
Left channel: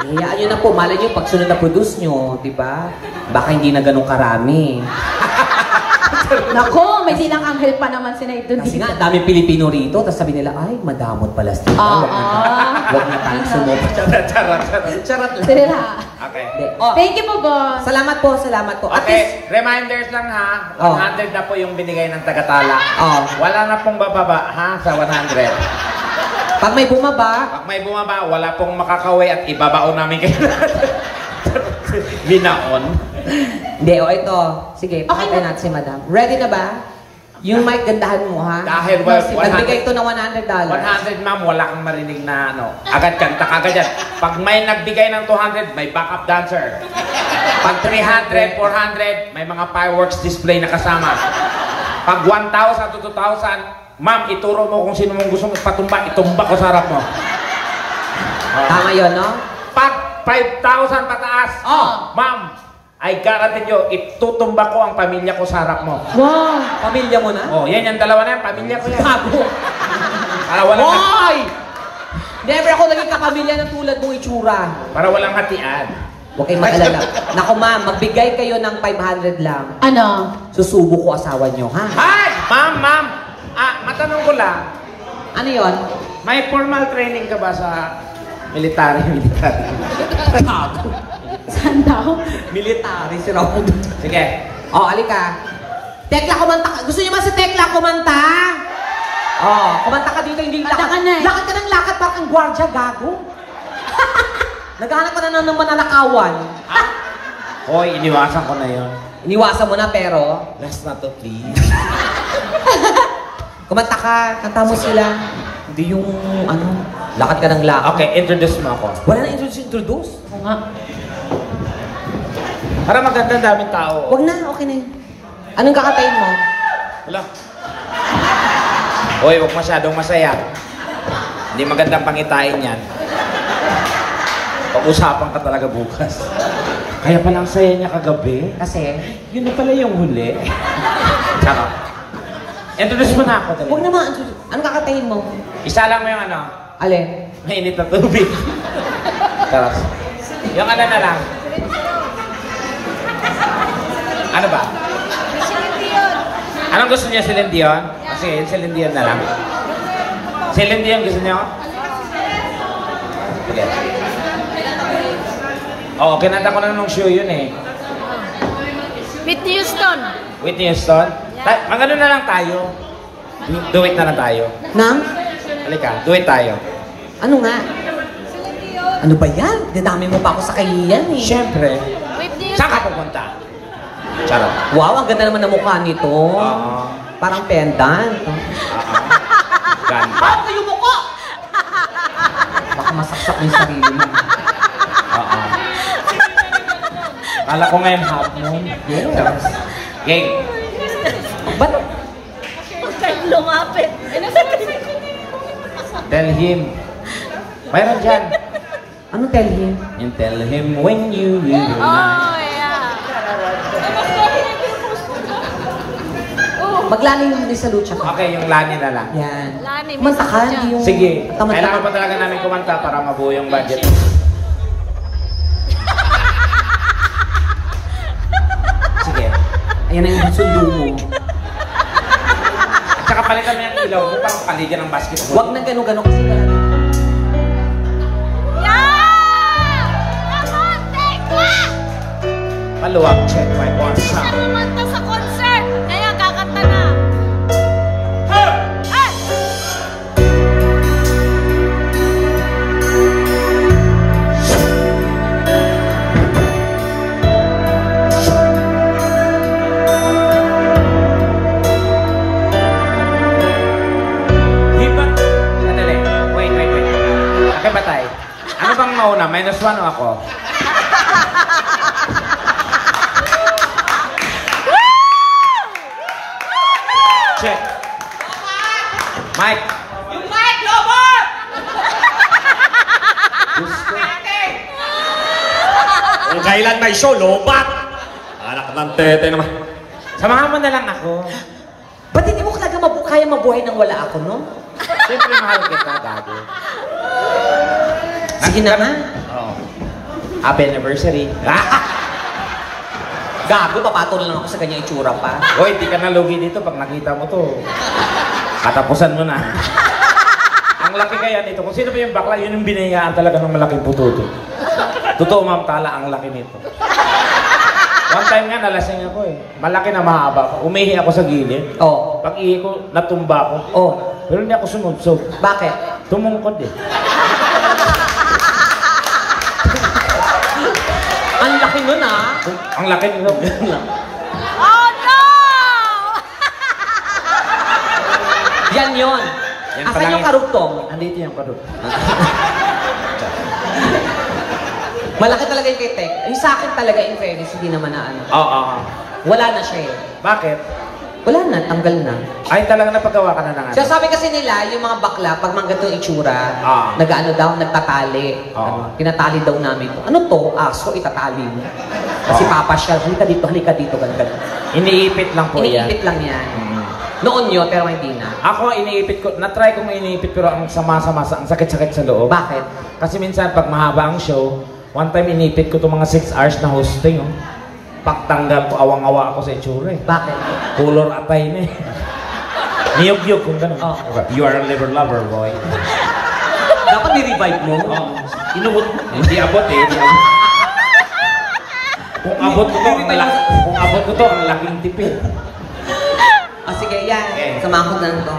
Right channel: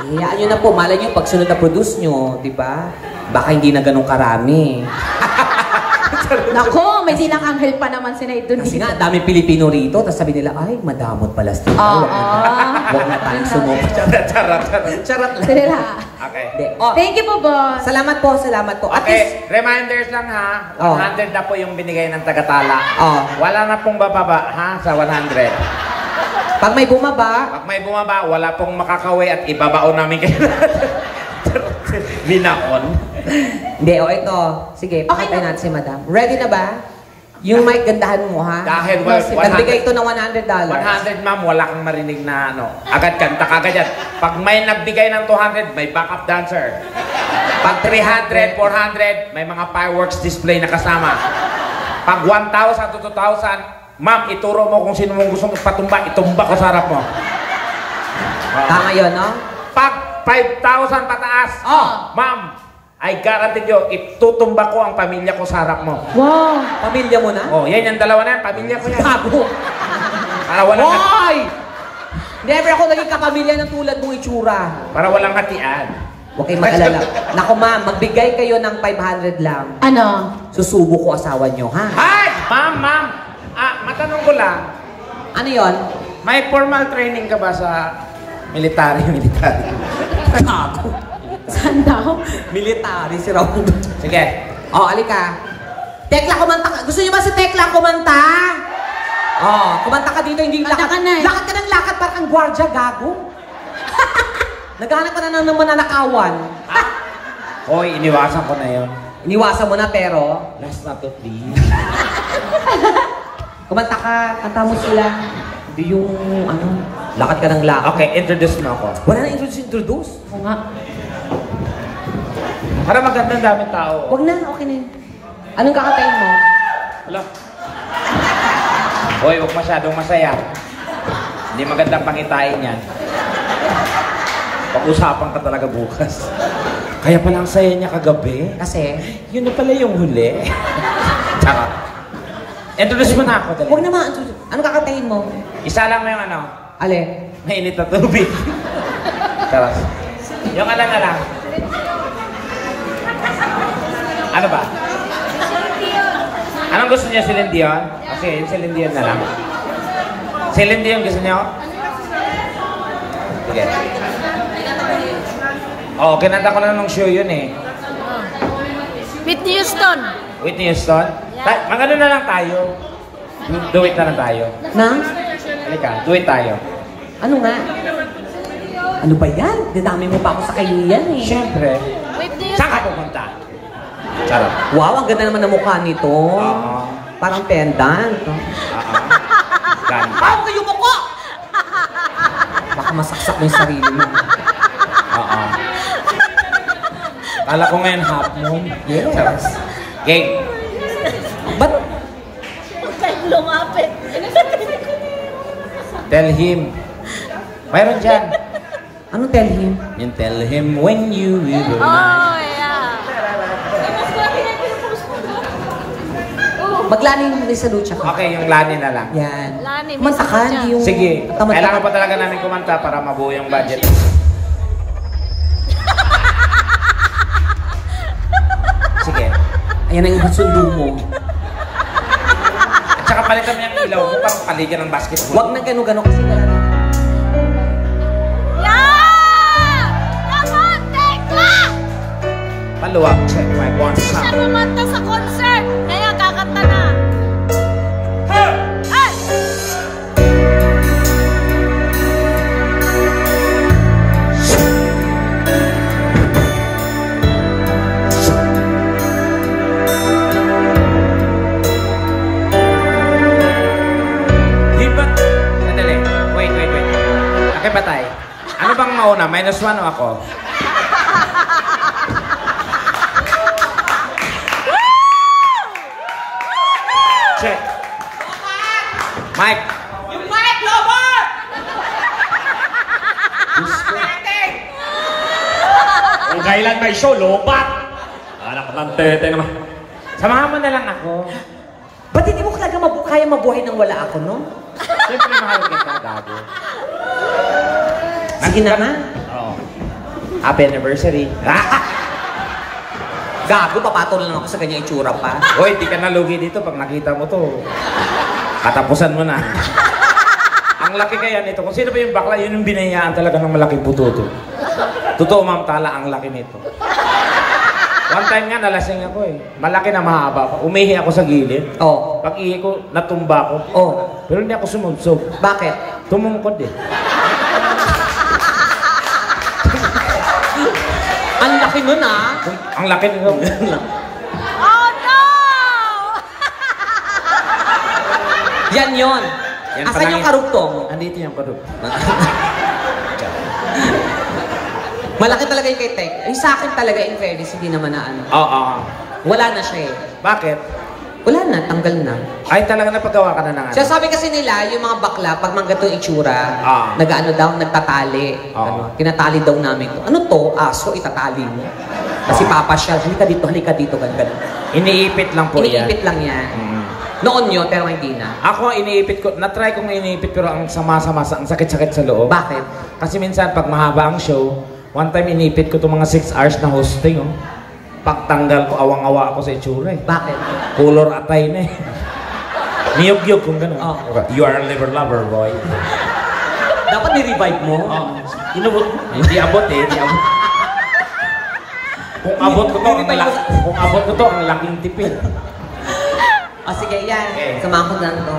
Hayaan nyo na po, malay nyo pag sunod na produce nyo, di ba? Baka hindi na ganun karami. Nako, may silang anghel pa naman si Naidon Kasi dito. nga, dami Pilipino rito, tapos sabi nila, ay, madamot pala sila. Huwag na tayong sumubok. Charot lang. Sila. Okay. Hindi. Oh, Thank you po, boss. salamat po. At least, Okay, reminders lang ha. 100 na po yung binigay ng tagatala. Wala na pong bababa ha sa 100. pag may bumaba, Pag may bumaba, wala pong makakaway at ibabaon namin kayo. Binaon. hindi, ito. Sige, pakatay natin si madam. Ready na ba? Yung mic, gandahan mo, ha? Dahil Nagbigay ito ng $100. 100 ma'am, wala kang marinig na ano. Agad kanta kagad yan. Pag may nagbigay ng 200, may backup dancer. Pag 300, 400, may mga fireworks display na kasama. Pag 1,000 to 2,000, ma'am, ituro mo kung sino mong gusto mong patumba, itumba ko sa harap mo. Tama yun, no? Pag 5,000 pataas, ma'am, I guarantee you, itutumba ko ang pamilya ko sa harap mo. Wow. Pamilya mo na? Oh, yan yung dalawa na yan, pamilya ko yan. Bago. Para walang, Why? Never ako naging kapamilya ng tulad mong itsura. para walang hatian. Huwag kayong mag-alala. Naku ma'am, magbigay kayo ng 500 lang. Ano? Susubo ko asawa nyo, ha? Hay! Ma'am. Matanong ko lang. Ano yon? May formal training ka ba sa military? Saan daw? Military si Raul. Sige. Alika. Tekla, kumanta ka. Gusto niyo ba si Tekla kumanta? Kumanta ka dito, hindi lakad. Kanta ka na eh. Lakad ka ng lakad, parang gwardiya, gago. Naghahanap ka na ng mananakawan. Hoy, iniwasan ko na yun. Iniwasan mo na pero... Last na to, please. Kumanta ka, kanta mo sila. Hindi yung, lakad ka ng lakad. Okay, introduce mo ako. Wala na introduce. Oo nga. Para maganda ang daming tao. Huwag na, okay na yun. Anong kakatayin mo? Wala. Hoy, huwag masyadong masaya. Hindi magandang pangitain yan. Pag-usapan ka talaga bukas. Kaya palang saya niya kagabi. Kasi, Yun na pala yung huli. Tsaka. Introduce mo na ako talaga. huwag naman, anong kakatayin mo? Isa lang mo yung ano. Ale. Mainit na tubig. Tapos. Yung ano na lang. Ano ba? Anong gusto niya, Celine Dion? Sige, yung Celine Dion na lang. Celine Dion gusto niyo? Sige. Kinanta ko na ng show yun eh. Whitney Houston. Whitney Houston? Magano na lang tayo. Do it na lang tayo. Nang? Halika, do it tayo. Ano nga? Ano ba yan? Dinami mo pa ako sa kahiyan eh. Siyempre. Whitney Saan Houston. ka pupunta? Charot. Wow, ang ganda naman ng mukha nito. Oo. Parang pendant. Ganda. Parang kayo mukha! Baka masaksak mo yung sarili mo. Kala ko ngayon half moon. Yes. Gang. Ba't? Huwag kayong lumapit. Tell him. Mayroon dyan. Ano tell him? And tell him when you realize. Oh, yeah. Maglaning naman din sa lucha ko. Okay, yung lani na lang. Yan. Lani, Kumanta ka, masakit hindi yung... Sige. Tamad ka. Kailangan pa talaga namin kumanta para mabuo yung budget. Sige. Ayan ang sundo mo. At saka palitan mo yung ilaw mo pang paligan ng basketball. Huwag na gano'n-gano'n kasi wala na. Yeah! Come on, Tekla! Maluwag. Check my one Siya shot. kumanta sa concert. Kaya kakanta na. Ay! Sandali. Wait. Okay, batay. Ano bang mauna? -1 o ako? Check. Mike. Yung mic, lover! Kung kailan may show, lobat! Anak ng tete naman. Samahan mo na lang ako. Ba't hindi mo talaga kaya mabuhay nang wala ako, no? Siyempre mahal kita, Gago. Sige naman. Oo. Happy anniversary. Gago, papatol lang ako sa kanya itsura pa. Hoy, di ka nalugi dito pag nakita mo to. Katapusan mo na. Ang laki kaya nito. Kung sino ba yung bakla, yun yung binayaan talaga ng malaking puto. Totoo, Ma'am Tala, ang laki nito. One time nga, nalasing ako eh. Malaki na mahaba pa. Umihi ako sa gilid. Oh. Pag ihi ko, natumba ko. Oh. Pero hindi ako sumunsog. Bakit? Tumungkod eh. Ang laki nun ah. Ang laki nito. Oh, no! Yan yun. Yan Asan pala yung yun. karugtong? Andito yung karug. Malaki talaga yung kay Tek. Yung sa akin talaga, in fairness, hindi naman na ano. Oo. Wala na siya eh. Bakit? Wala na, tanggal na. Ay, talaga napagawa ka na ng ano. Siya sabi kasi nila, yung mga bakla, pag mga ganitong itsura, Ah. nag-ano daw, nagtatali. Ah. Ano, tinatali daw namin. Ano to? Aso, itatali mo. Kasi papa siya, halika dito, ganun. Iniipit lang po yan. Iniipit lang yan. Mm. Noon yun, pero hindi na. Ako, iniipit ko, na-try ko nga iniipit pero ang sama-sama, ang sakit-sakit sa loob. Bakit? Kasi minsan, pag mahaba ang show, one time iniipit ko itong mga 6 hours na hosting. Oh. Pagtanggal ko, awang-awa ako sa itsura eh. Bakit? Color atay na eh. Niyog-yog kung gano'n. Oh. Okay. You are a liver lover, boy. Dapat ni-revive mo. Inubot. Hindi abot eh. Hindi abot. Kung abot ko to, ang laking tipid. Sige, yan. Okay. Samahan ko na to.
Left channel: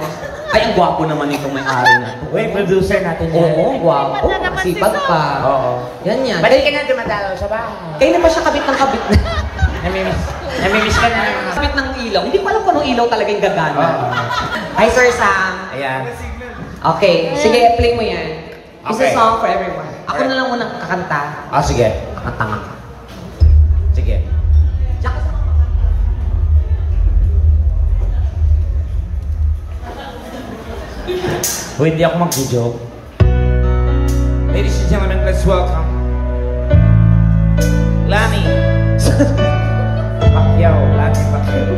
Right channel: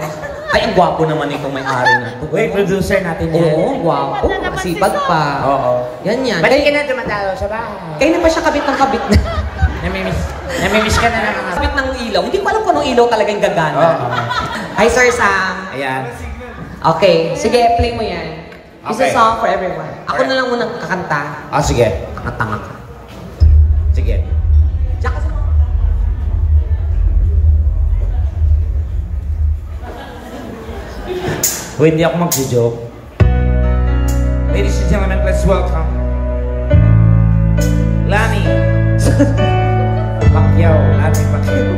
Ay, ang gwapo naman itong may-ari na to. Uy, producer natin yan. Oo, gwapo. Sipag pa. Oo. Yan yan. Balik ka na dumadalo sa bahay. Kaya na ba siya kabit ng kabit na? Namimiss ka na. Kabit ng ilaw. Hindi pa alam kung anong ilaw talaga yung gagana. Hi, Sir Sam. Ayan. Okay, sige, play mo yan. It's a Okay. song for everyone. Ako na lang unang kakanta. Sige. Matangad. Sige. Diyan ka sa mga Hindi ako mag-joke. Ladies and gentlemen, let's welcome Lani. Pacquiao, Lani Pacquiao.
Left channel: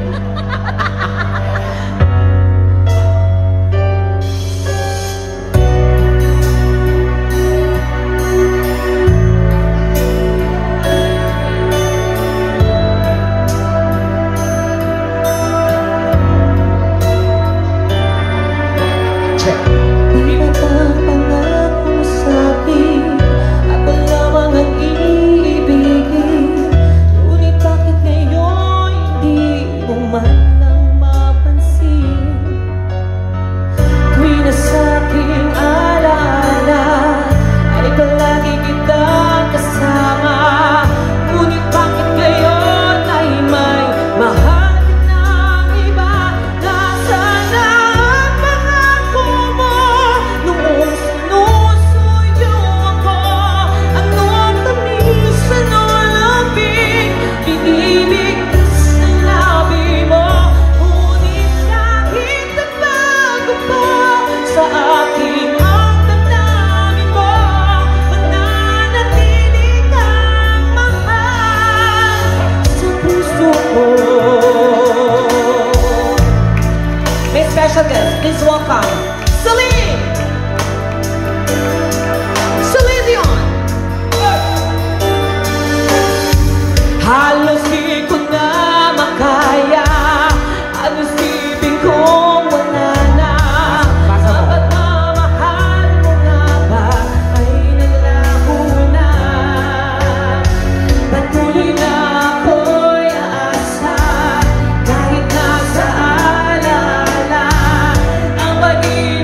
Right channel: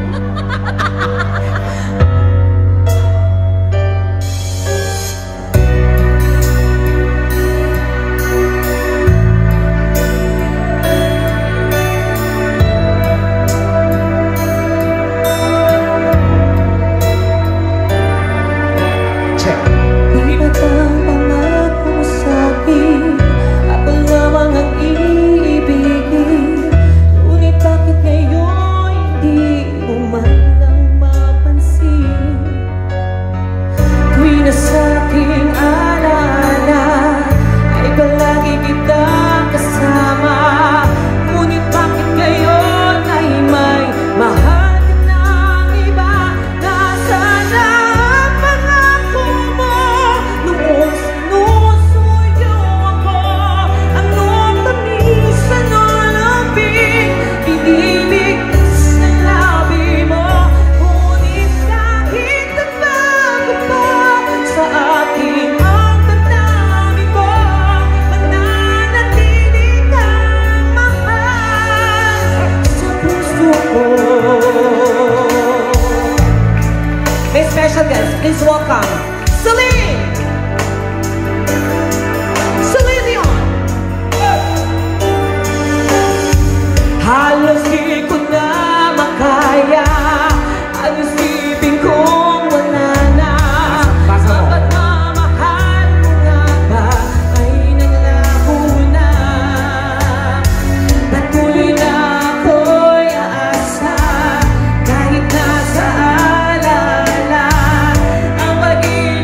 Please welcome Celine! Celine Dion! Halos di ko na makaya, halos bibig kong wala na. Sapat na mahal mo na ba ay naglaho na. Patuloy na ako'y aasa kahit nasa alala ang pag-ibig.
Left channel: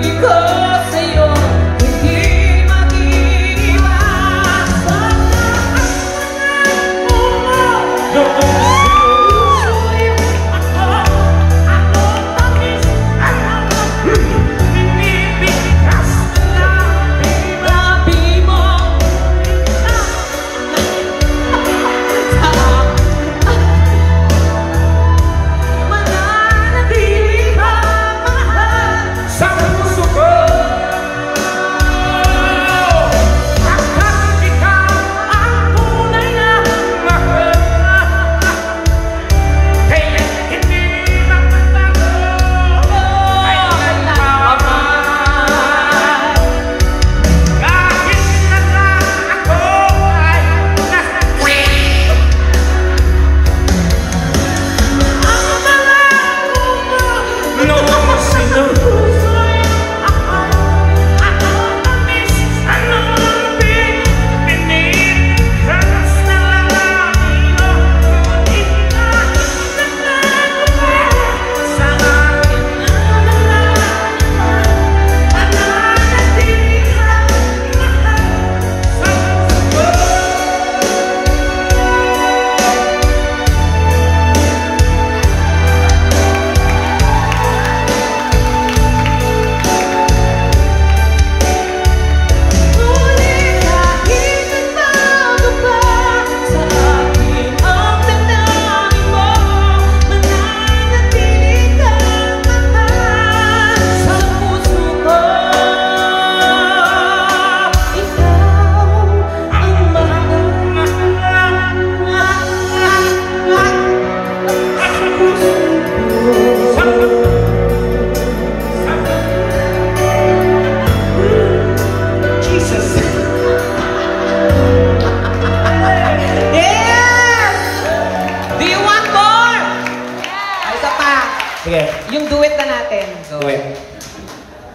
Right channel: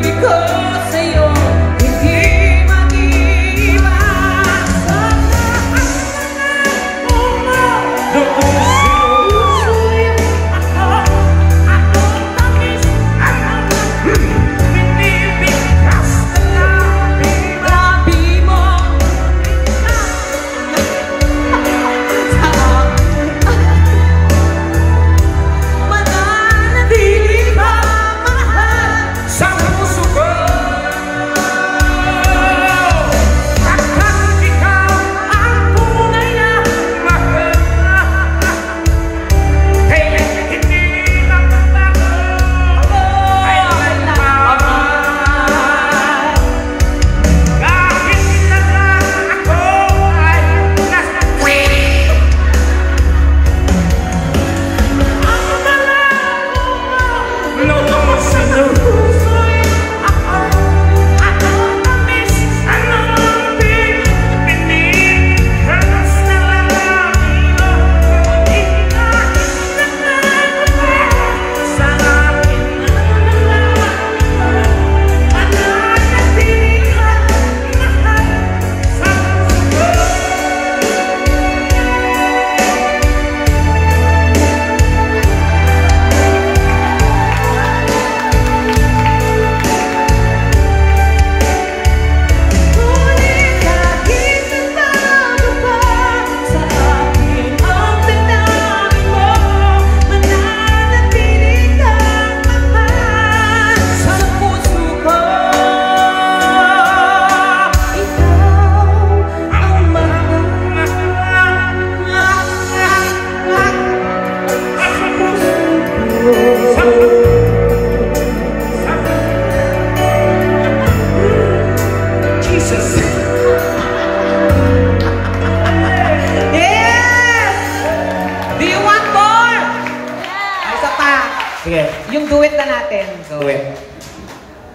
Yung duet na natin. Go. Duet.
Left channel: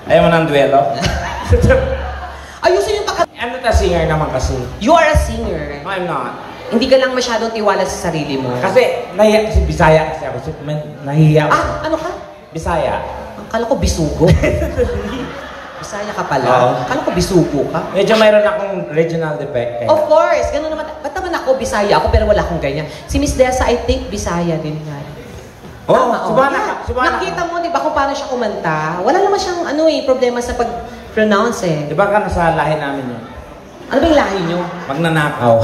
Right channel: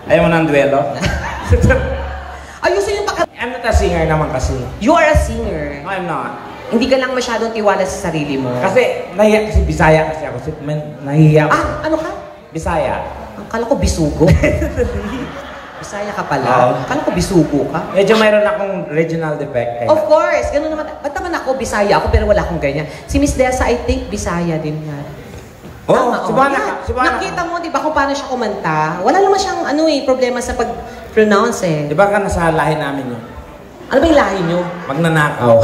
Ayaw mo ng duelo? Ayusin yung Ano ta singer naman kasi? You are a singer. No, I'm not. Hindi ka lang masyadong tiwala sa sarili mo. Kasi, nahiya si Bisaya kasi ako. So, nahihiya ako. Ano ka? Bisaya. Akala ko bisugo. Bisaya ka pala. Oo. Akala ko bisugo ka. Medyo mayroon akong regional defect. Of course, gano'n naman. Ba't naman ako, Bisaya ako, pero wala akong ganyan. Si Miss Dessa, I think, Bisaya din yan. Oh, Tama, subana yeah. ka. Subana Nakita ka. mo, di ba, kung paano siya kumanta? Wala naman siyang, problema sa pag-pronounce eh. Di ba ka nasa lahi namin yun? Ano ba yung lahi niyo? Magnanakaw.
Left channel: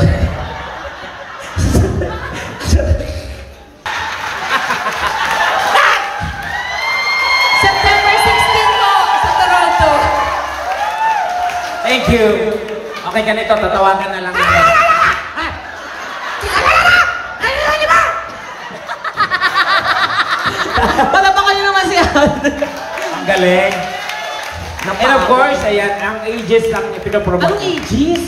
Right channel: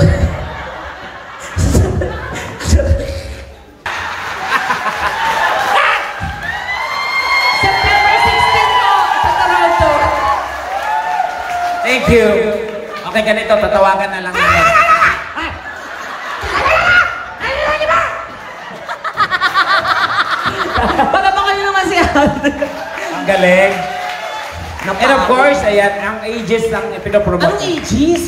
September 16 po sa Toronto. Thank you. Okay, ganito. Tatawagan na lang namin. Palapakan niyo naman si Alden. Ang galing. And of course, ayan, ang ages lang ipinopromote. Anong ages?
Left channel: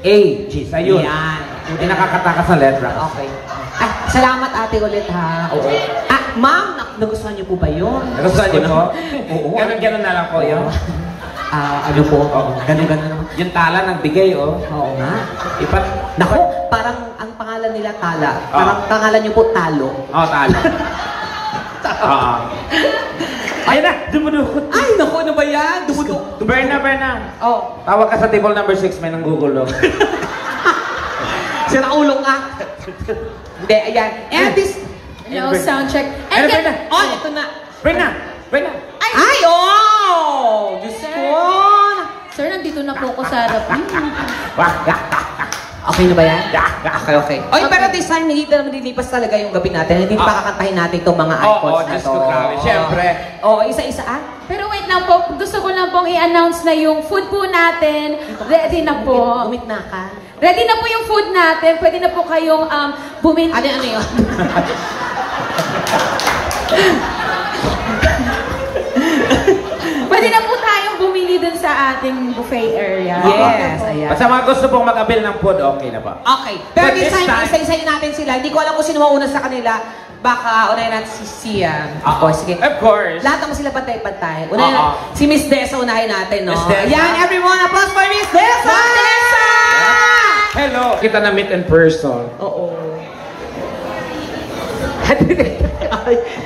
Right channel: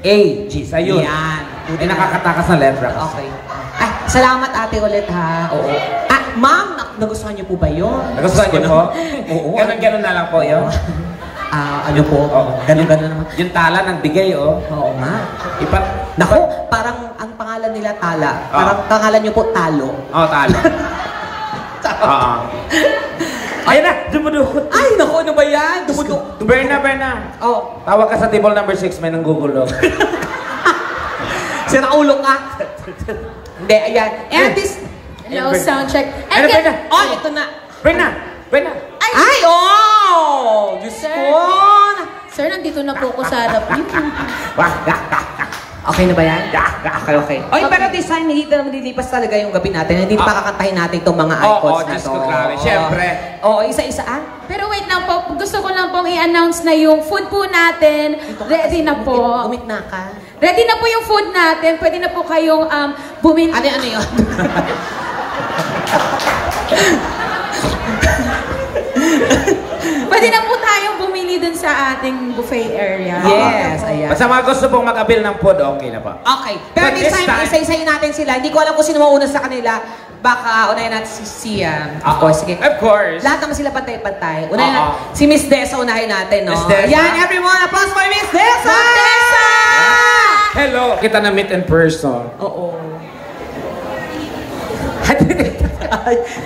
Ages, ayun. Yan. Hindi nakakatakas na letra. Okay. Ay, salamat ate ulit ha. Oo. Ma'am, nagustuhan niyo po ba yun? Nagustuhan niyo po? Oo. Ganon na lang po yun. Ano po? Ganun. Yung tala ng bigay, oh. Oo nga. Ipa, Naku, parang ang pangalan nila Tala. Parang pangalan niyo po Talo. oh, tala. Ayun na, dumudukot. Ay, naku, ano ba yan? Dumudo. Berna. Oh, Tawag ka sa table number 6, may nang Google, oh. sira ulo ka. Hindi, ayan. And this... Hello, sound check. Ano, Berna? Oh, ito na. Berna. Ay, oh! Diyos ko! Sir, nandito na po ako sa harap niyo. Okay na ba yan? Okay. Oy, pero this time, hindi na malilipas talaga yung gabi natin. Hindi pa kakantahin natin itong mga icons na Diyos to. ko, grabe. Siyempre. Oo, isa-isa. Pero wait lang po, gusto ko lang pong i-announce na yung food po natin. Ready na po. Umit na ka. Ready na po yung food natin. Pwede na po kayong bumili. Ano yun? Pwede na po tayong bumili dun sa ating buffet area. Yes, ayan. At sa mga gusto pong mag-avail ng food, okay na po. Okay. Pero But this this time, time- isa-isahin natin sila. Hindi ko alam kung sino mauna sa kanila. Baka unahin natin si Sian. Ako, sige. Of course. Lahat naman sila pantay-pantay. Unahin Oo. natin. Si Miss Dessa unahin natin, no? Miss Dessa. Yan, everyone. Applause for Miss Dessa! Hello. Kita na meet in person. Oo.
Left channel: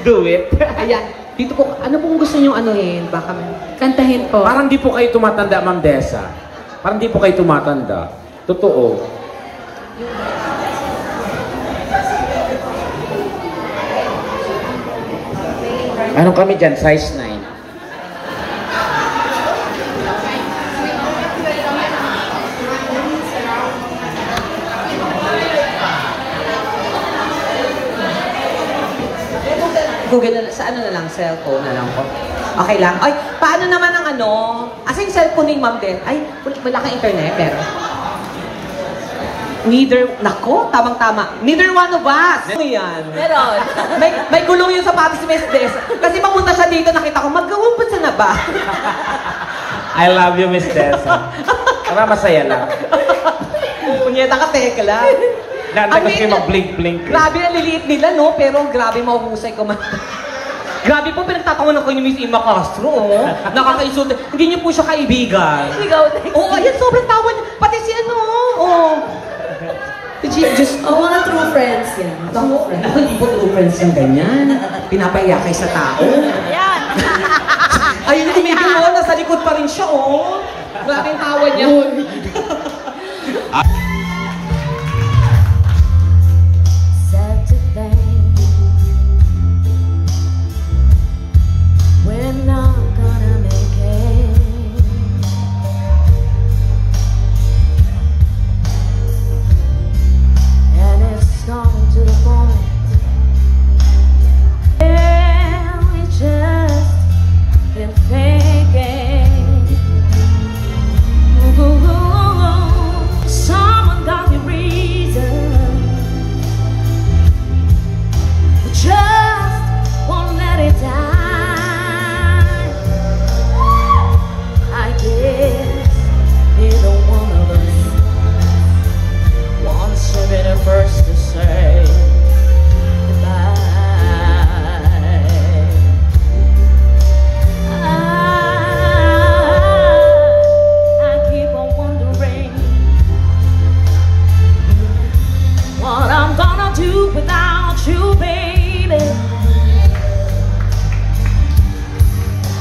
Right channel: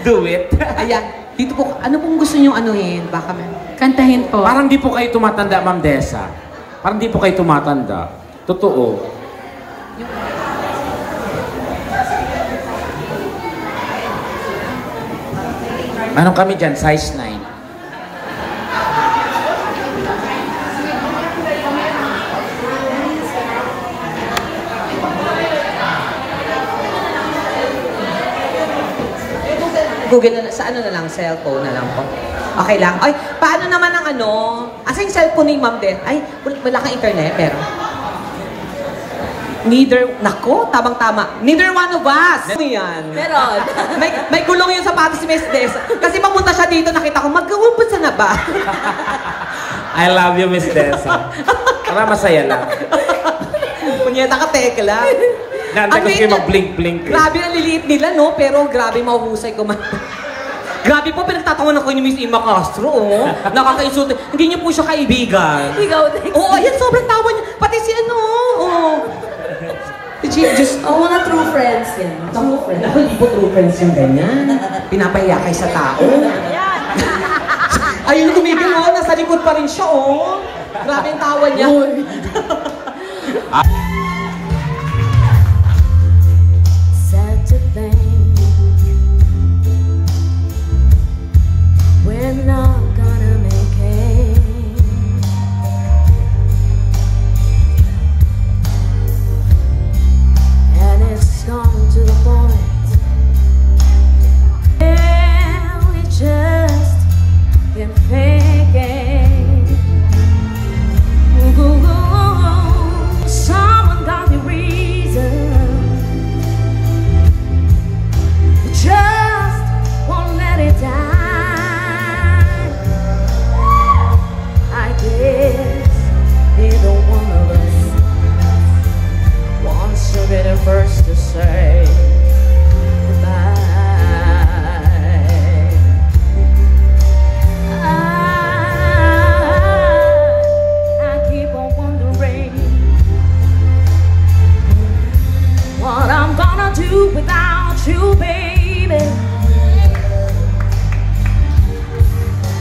Do it. Ayan. Dito po, ano pong gusto niyong anuhin? Baka Kantahin po. Parang di po kayo tumatanda, Ma'am Dessa. Parang di po kayo tumatanda. Totoo. Anong kami dyan? Size 9. Google na, sa ano na lang, cellphone na lang po. Okay lang. Ay, paano naman ang ano? Asa yung cellphone ni Ma'am Den? Ay, wala kang internet, pero... Neither, nako, tamang-tama. Neither one of us. Ano yan? Meron. may gulong yung sapatos si Miss Des. Kasi papunta siya dito, nakita ko, mag-uumpot na ba? I love you, Miss Dessa. Para masaya lang. Kunyeta ka, tekla. Nanda kasi mag-blink-blink. Grabe ang liliit nila, no? Pero grabe mahuhusay ko man. Grabe po, pinagtatawanan ko yung Miss Ima Castro, oh. Nakakainsulto. Hindi niyo po siya kaibigan. Ikaw din. Oo, ayan, sobrang tawa niya. Pati si ano, oh. Just, Mga true friends yan. True friends. Ako, hindi po true friends yung ganyan. Pinapahiya kay sa tao. Ayun, kumigil, oh. Nasa likod pa rin siya, oh. Grabe yung tawa niya. Sad to think we're not gonna make it, and it's come to the point where we just been thinking, some baby.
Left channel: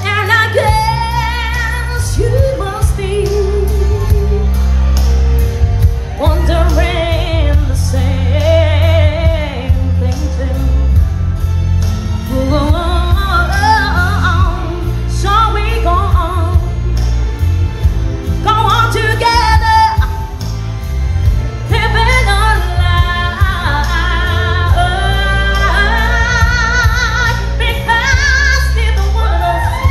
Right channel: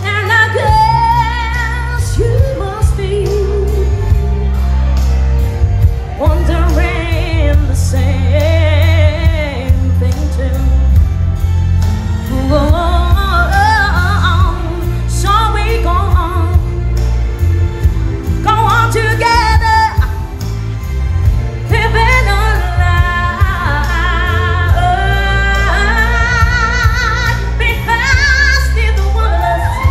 And I guess you must be wondering the same thing too. So we go on together, living our life. Because neither one of us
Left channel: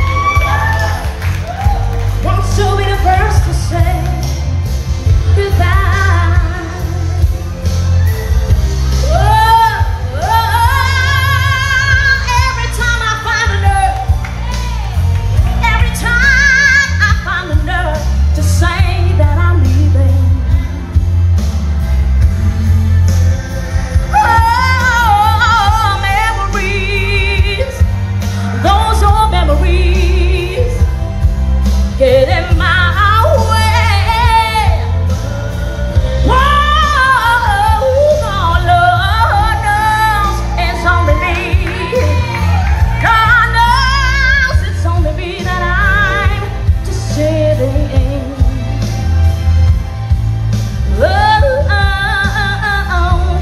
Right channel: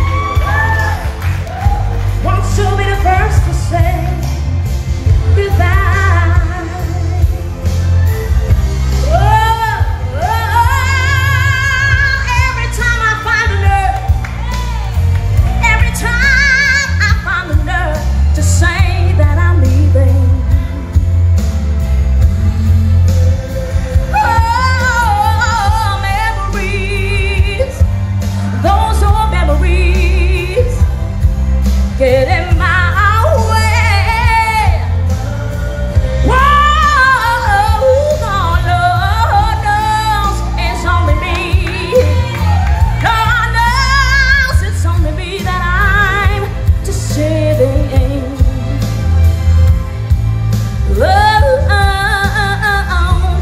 wants to be the first to say goodbye. Every time I find a nerve, every time I find the nerve to say that I'm leaving. Oh, memories, those old memories get in my way. Whoa, Lord knows it's only me. God knows it's only me that I'm deceiving.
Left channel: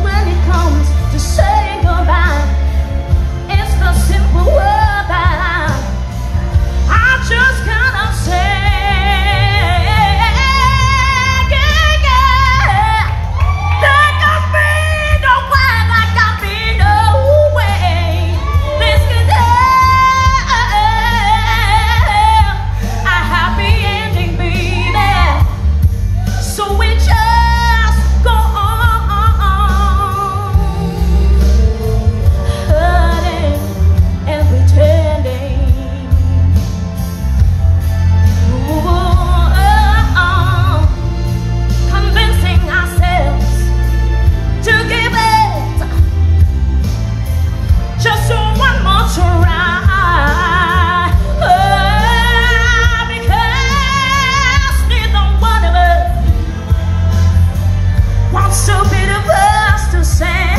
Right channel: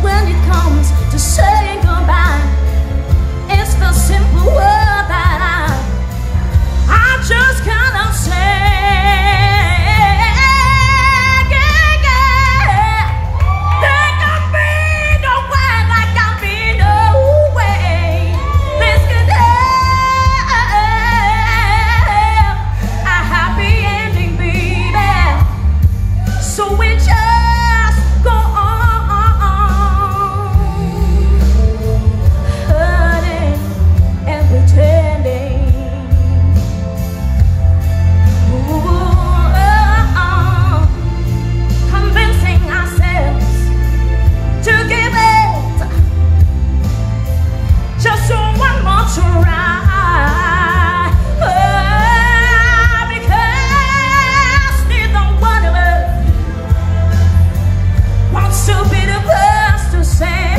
When it comes to saying goodbye, it's the simple word that I just cannot say. There can be no way, there can be no way this could have a happy ending, baby. So we just go on, hurting and pretending. Convincing ourselves to give it just one more try. Because neither one of us wants to be the first to say.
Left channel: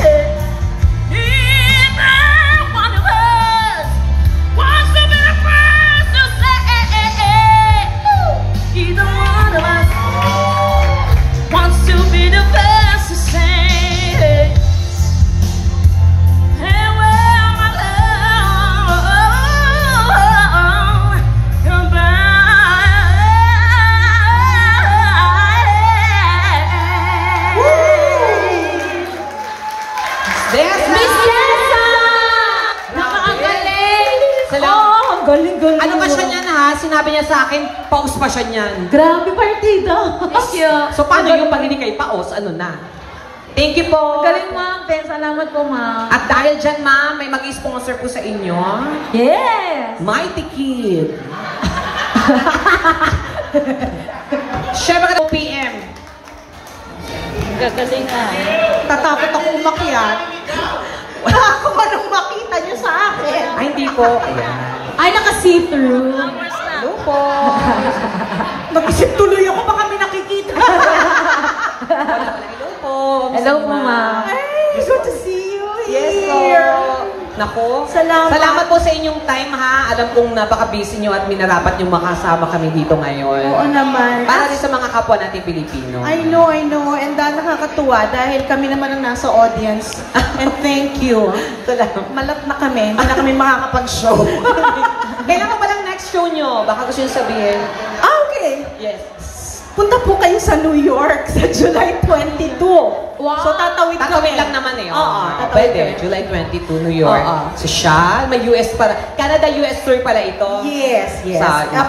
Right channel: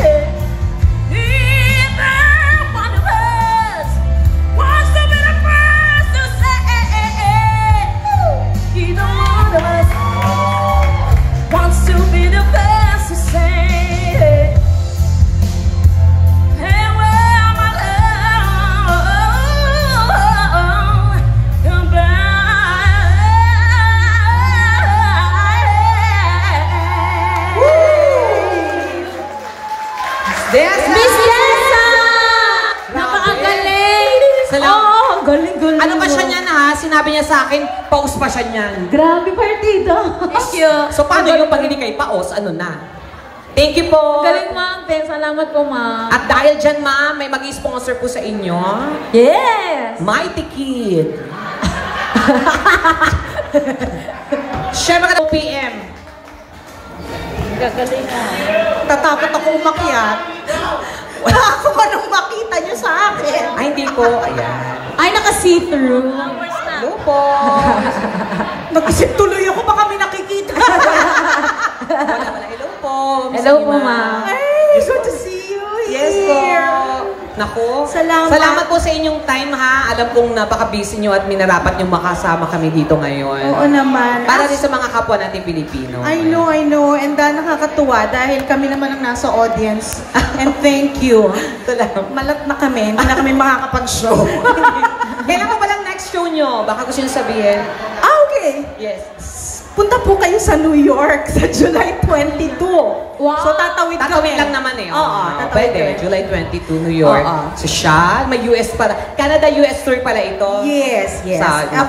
Neither one of us wants to be the first to say. Neither one of us wants to be the first to say. Miss Yesa! Napakagaling! Salamat. Galing-galing. Ano pa siya niyan ha? Sinabi niya sa akin, paus pa siya niyan. Grabe partido. Thank you. So paano yung pag hindi kay paus? Ano na? Thank you po. Galing, ma'am. Ben, salamat po, ma'am. At dahil dyan, ma'am, may mag-sponsor po sa inyo. Yes! Mighty Kid. Siyempre ka 2 p.m. Gagaling nga. Tatakot ako umakyat. Ako ba nung makita niyo sa akin? Ay, hindi po. Ayan. Ay, naka-see-through. Hello po. Nag-isip tuloy ako, baka may nakikita. Hello po. Hello po, ma'am. Ay, good to see you here. Yes po. Nako. Salamat po sa inyong time ha. Alam kong napaka-busy nyo at minarapat nyo makasama kami dito ngayon. Oo naman. Para rin sa mga kapwa natin Pilipino. I know. And nakakatuwa dahil kami naman ang nasa audience. And thank you. Malat na kami. Hindi na kami makakapag-show. Kailan pa palang next show nyo? Baka gusto nyo sabihin. Okay. Yes. Punta po kayo sa New York sa July 22. Wow. So tatawid Tatawid lang naman eh. Oo. Pwede. July 22, New York. Oo. So siya, may US para. Canada-US tour pala ito. Yes.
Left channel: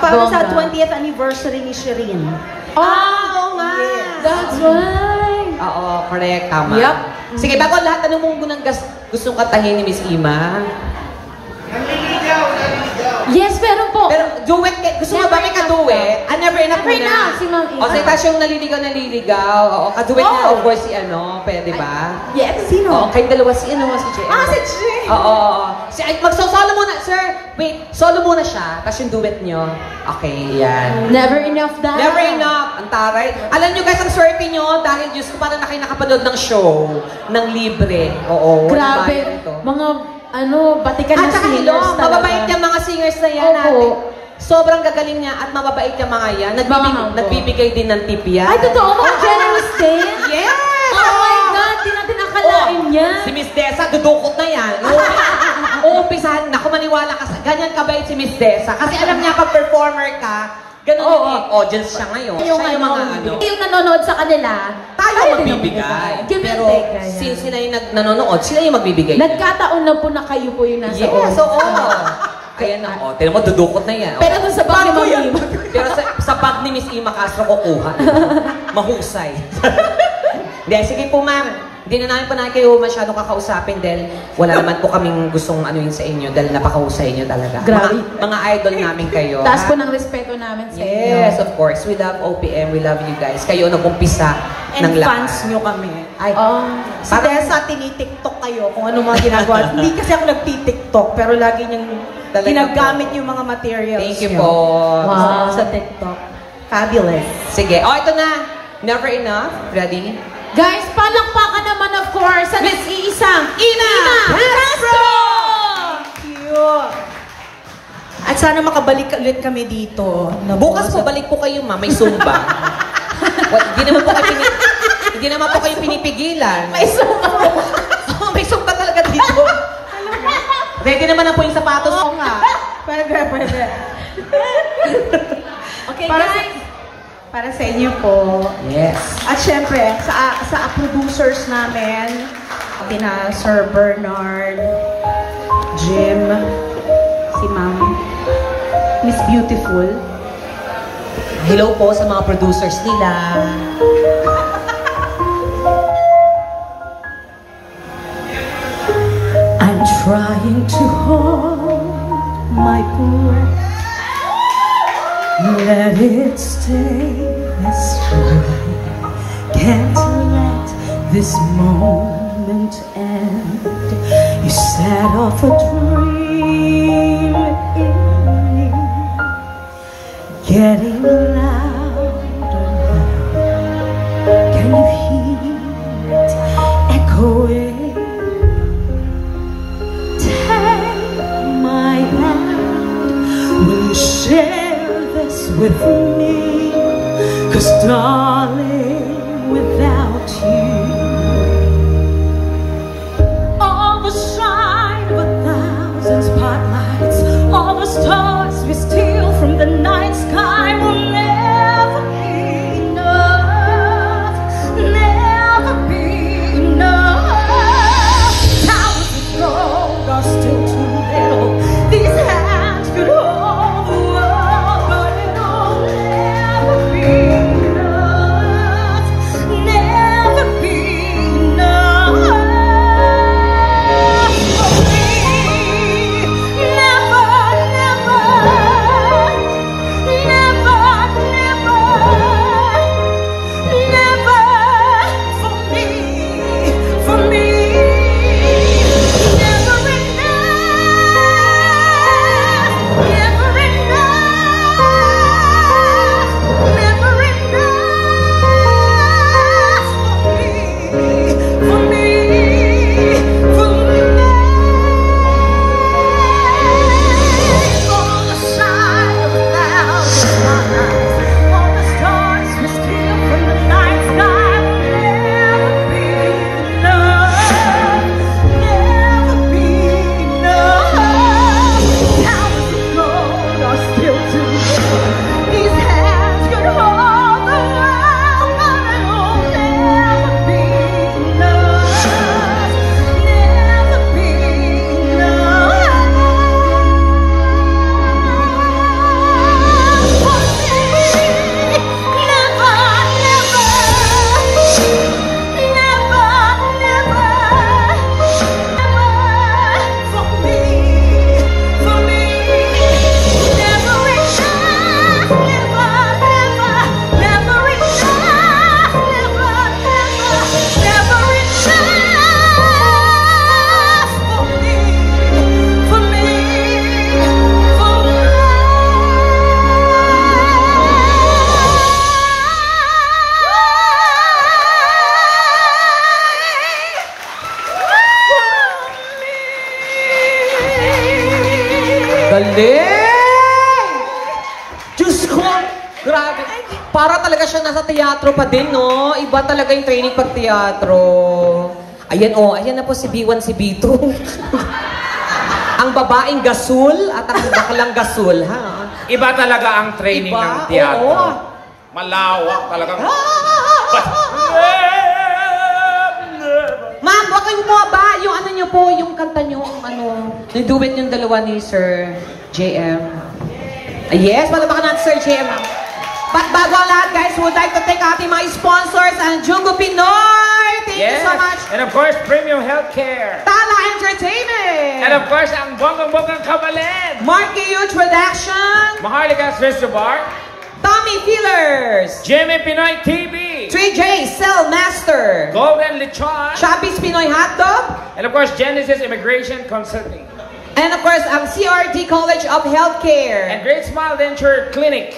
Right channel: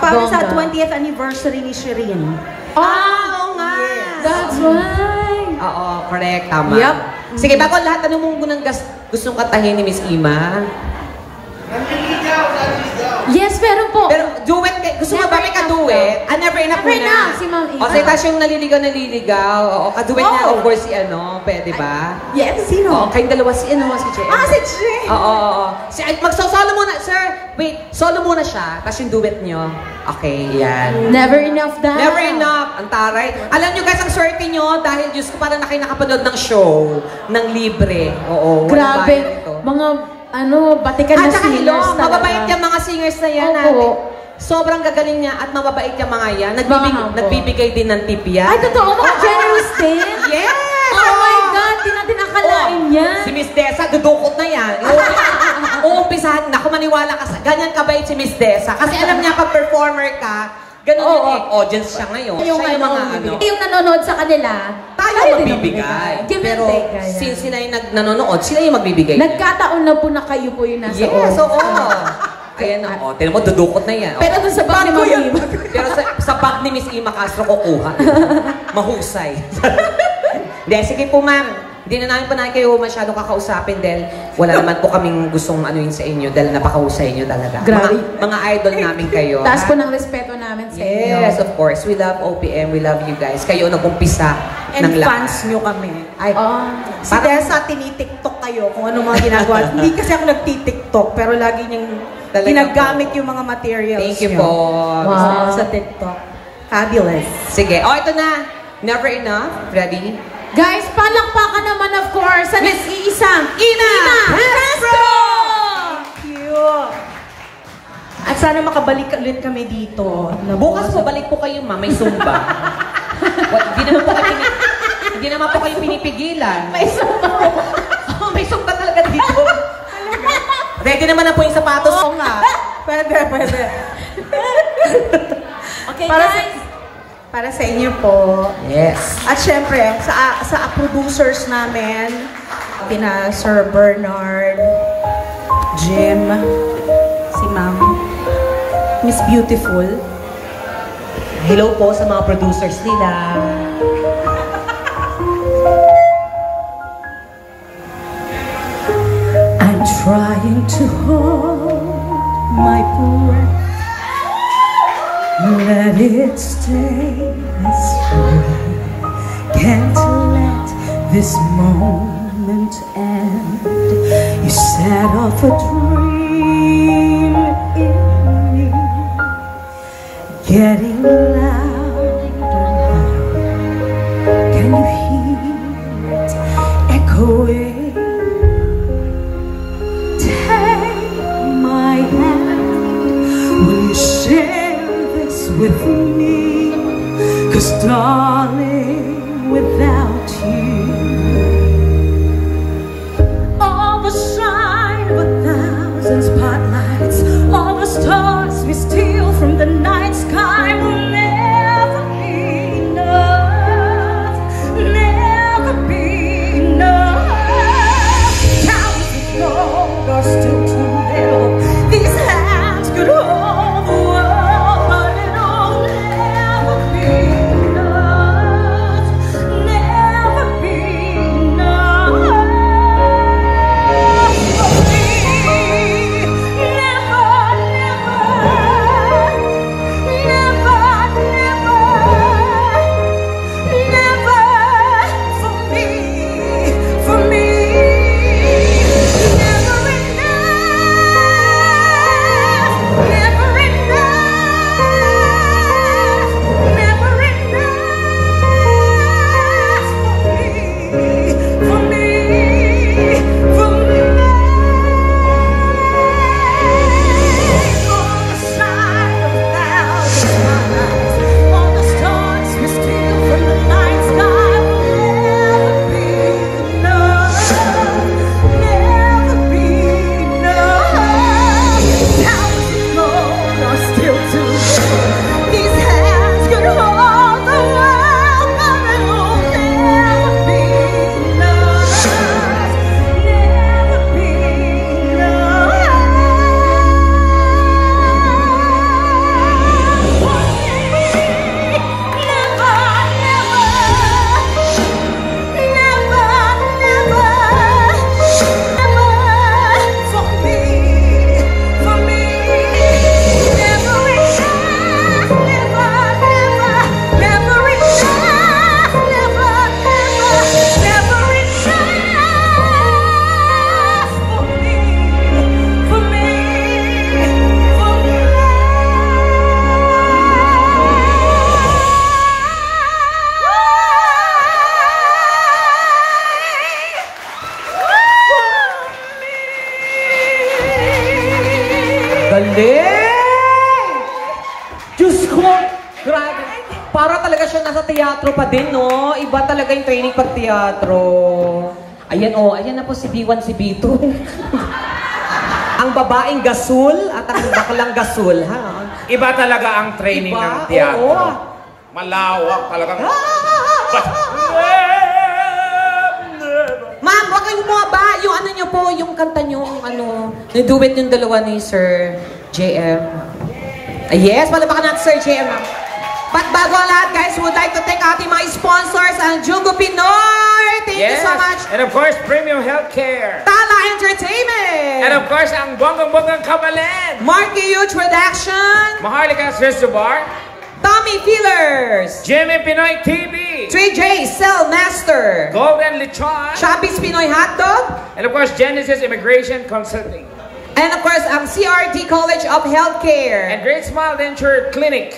Para sa 20th anniversary ni Shireen. Oo nga. That's right. Oo, correct. Tama. Yep. Sige, bago lahat, anong mong gustong katahin ni Miss Ima? Yes, pero po. Pero duet, gusto mo ba may ka-duet? Never enough Never muna. enough, si Ma'am Ima. Okay, tapos yung naliligaw. Oo, ka-duet niya, of course, si pwede ba? Yes, sino? Oo, kayong dalawa, si JM. Si Jay. Oo. Mag-solo muna, sir. Wait, solo muna siya. Tapos yung duet nyo. Okay, yan. Never enough daw. Never enough. Ang taray. Alam nyo guys, ang swerte nyo dahil Diyos ko parang na kayo nakapanood ng show ng libre. Oo. Grabe. walang bayad to. Mga batikan na At saka singers hello, mababait yung mga singers na yan Opo. natin. Sobrang gagaling niya at mababait yung mga yan. Nagbibigay din ng tip yan. Ay, totoo, mga generous din? Yes! Oh my God, di natin akalain yan. Si Miss Desa, dudukot na yan. Uumpisahan na, kung maniwala ka sa ganyan kabait si Miss Desa. Kasi alam niya, pag performer ka, ganun yung audience siya ngayon. Siya yung mga ano. Yung nanonood sa kanila, Tayo magbibigay. Give and Pero take, kaya. since sila yung nanonood, sila yung magbibigay. Nagkataon na po na kayo po yung nasa Yes, oo. Kaya na, tinan mo, dudukot na yan. Pero sa bag ni Mami. Pero sa bag ni Miss Ima Castro kukuha. Mahusay. Hindi, sige po ma'am. Hindi na namin kayo masyadong kakausapin dahil wala naman po kaming gustong anuin sa inyo dahil napakahusay nyo talaga. Grabe. Mga idol namin kayo. Taas po ng respeto namin sa inyo. Yes, of course. We love OPM. We love you guys. Kayo nag-umpisa And ng lahat. fans nyo kami. Ay, Si Desa, tinitiktok kayo kung ano mga ginagawa. Hindi kasi ako nagtitiktok, pero lagi niyang Talaga ginagamit yung mga materials. Thank you niyo. po. Wow. Sa TikTok. Fabulous. Sige. Ito na. Never enough. Ready? Guys, palakpakan naman of course sa nag-iisang Ina Castro! Cute. At sana makabalik ulit kami dito. Bukas po, balik po kayo, ma'am. May Zumba. Hindi naman po kayo pinipigilan. May May Zumba talaga dito. Ready naman na po yung sapatos ko nga. Pwede. Okay, Para guys. Para sa inyo po. Yes. At syempre, sa producers namin, kina Sir Bernard, Jim, si Ma'am, Miss Beautiful. Hello po sa mga producers nila. I'm trying to hold my breath. Let it stay this way. Can't let this moment end. You set off a dream in me, getting louder. Can you hear it echoing? Take my hand. Will you share with me? 'Cause darling, without you, all the shine of 1,000 spotlights, all the stars we steal from the night sky will never be enough, never be enough. Towers of gold are still too little. These hands could hold the world, but it'll never be enough, never be enough for me. Never, never, never, never for me, for me. Never enough. Galing! Diyos ko! Grabe. Para talaga siya nasa teatro pa din, no? Iba talaga yung training pag teatro. Ayan, oh. Ayan na po si B1, si B2. Ang babaeng gasul at ang baklang gasul, ha? Iba talaga ang training Iba? ng teatro. Oo. Malawak talagang... Ma'am, wag kayo mo ba? Yung ano nyo po, yung kanta nyo, ano, na-duet yung dalawa ni Sir JM. Yes, palabakan natin Sir JM, ma'am. But bago ang lahat, guys, we would like to thank ating mga sponsors, ang Junggo Pinoy. Thank you so much. And of course, Premium Healthcare. Tala Entertainment. And of course, ang bonggang-bonggang Kabalen. Marky Huge Production. Maharlika's Reservoir. Tommy Feelers. Jimmy Pinoy TV. 3J Cell Master. Golden Lechon. Chubby's Pinoy Hotdog. And of course, Genesis Immigration Consulting. And of course, ang CRT College of Healthcare. And Great Smile Denture Clinic.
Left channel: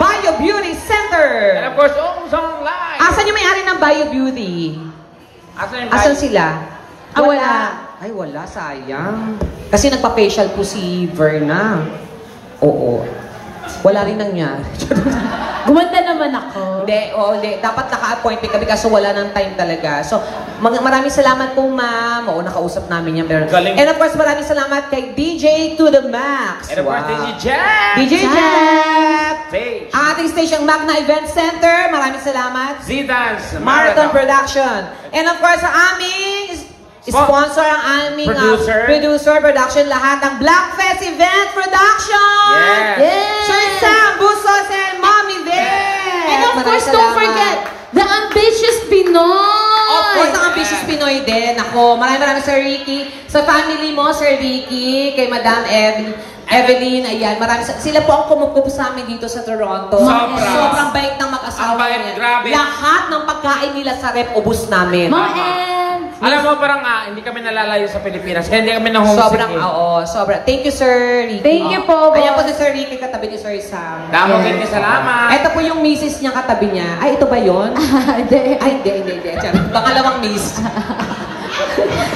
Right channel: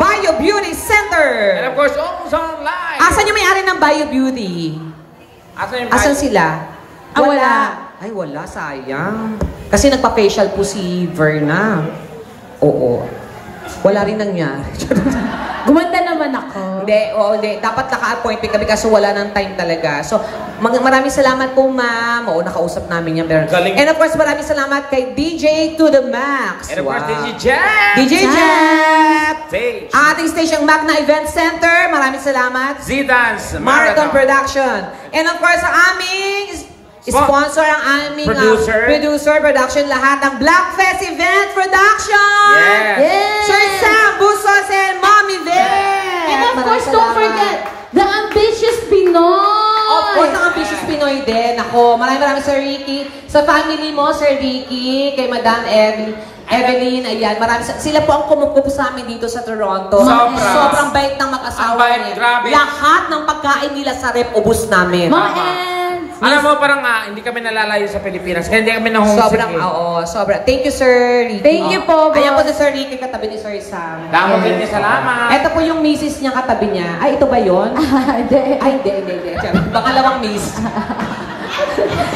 Bio Beauty Center. And of course, Ong's Online. Asan yung may-ari ng Bio Beauty? Asan sila? Ah, wala. Ay, wala. Sayang. Kasi nagpa-facial po si Verna. Oo. Wala rin nangyari. Gumanda naman ako. Hindi. Dapat naka-appointment kami kasi wala ng time talaga. So, maraming salamat po, ma'am. Oo, nakausap namin yan. Galing. And of course, maraming salamat kay DJ to the Max. And of course, DJ Jap. DJ Jap. Stage. Ating station Magna Event Center. Maraming salamat. Z-Dance. Marathon Production. And of course, ang aming sponsor, ang aming producer, production, lahat ng Blackfest Event Production. Yes. Sir Sam Busos and Mami Ver. And of course, don't forget, the Ambitious Pinoy. Of course, ang Ambitious Pinoy din. Ako, maraming Sir Ricky. Sa family mo, Sir Ricky, kay Madam Evelyn, ayan, sila po ang kumukupo sa amin dito sa Toronto. Sobrang bait ng mag-asawa. Grabe. Lahat ng pagkain nila sa rep, ubus namin. Alam mo, parang hindi kami nalalayo sa Pilipinas. Kaya hindi kami na-homesick. Sobrang. Thank you, Sir Ricky. Thank you po. Ayan po si Sir Ricky, katabi ni Sir Sam. Damo din salamat. Ito po yung misis niya katabi niya. Ay, ito ba yun? Hindi. Ay, hindi. Pangalawang miss.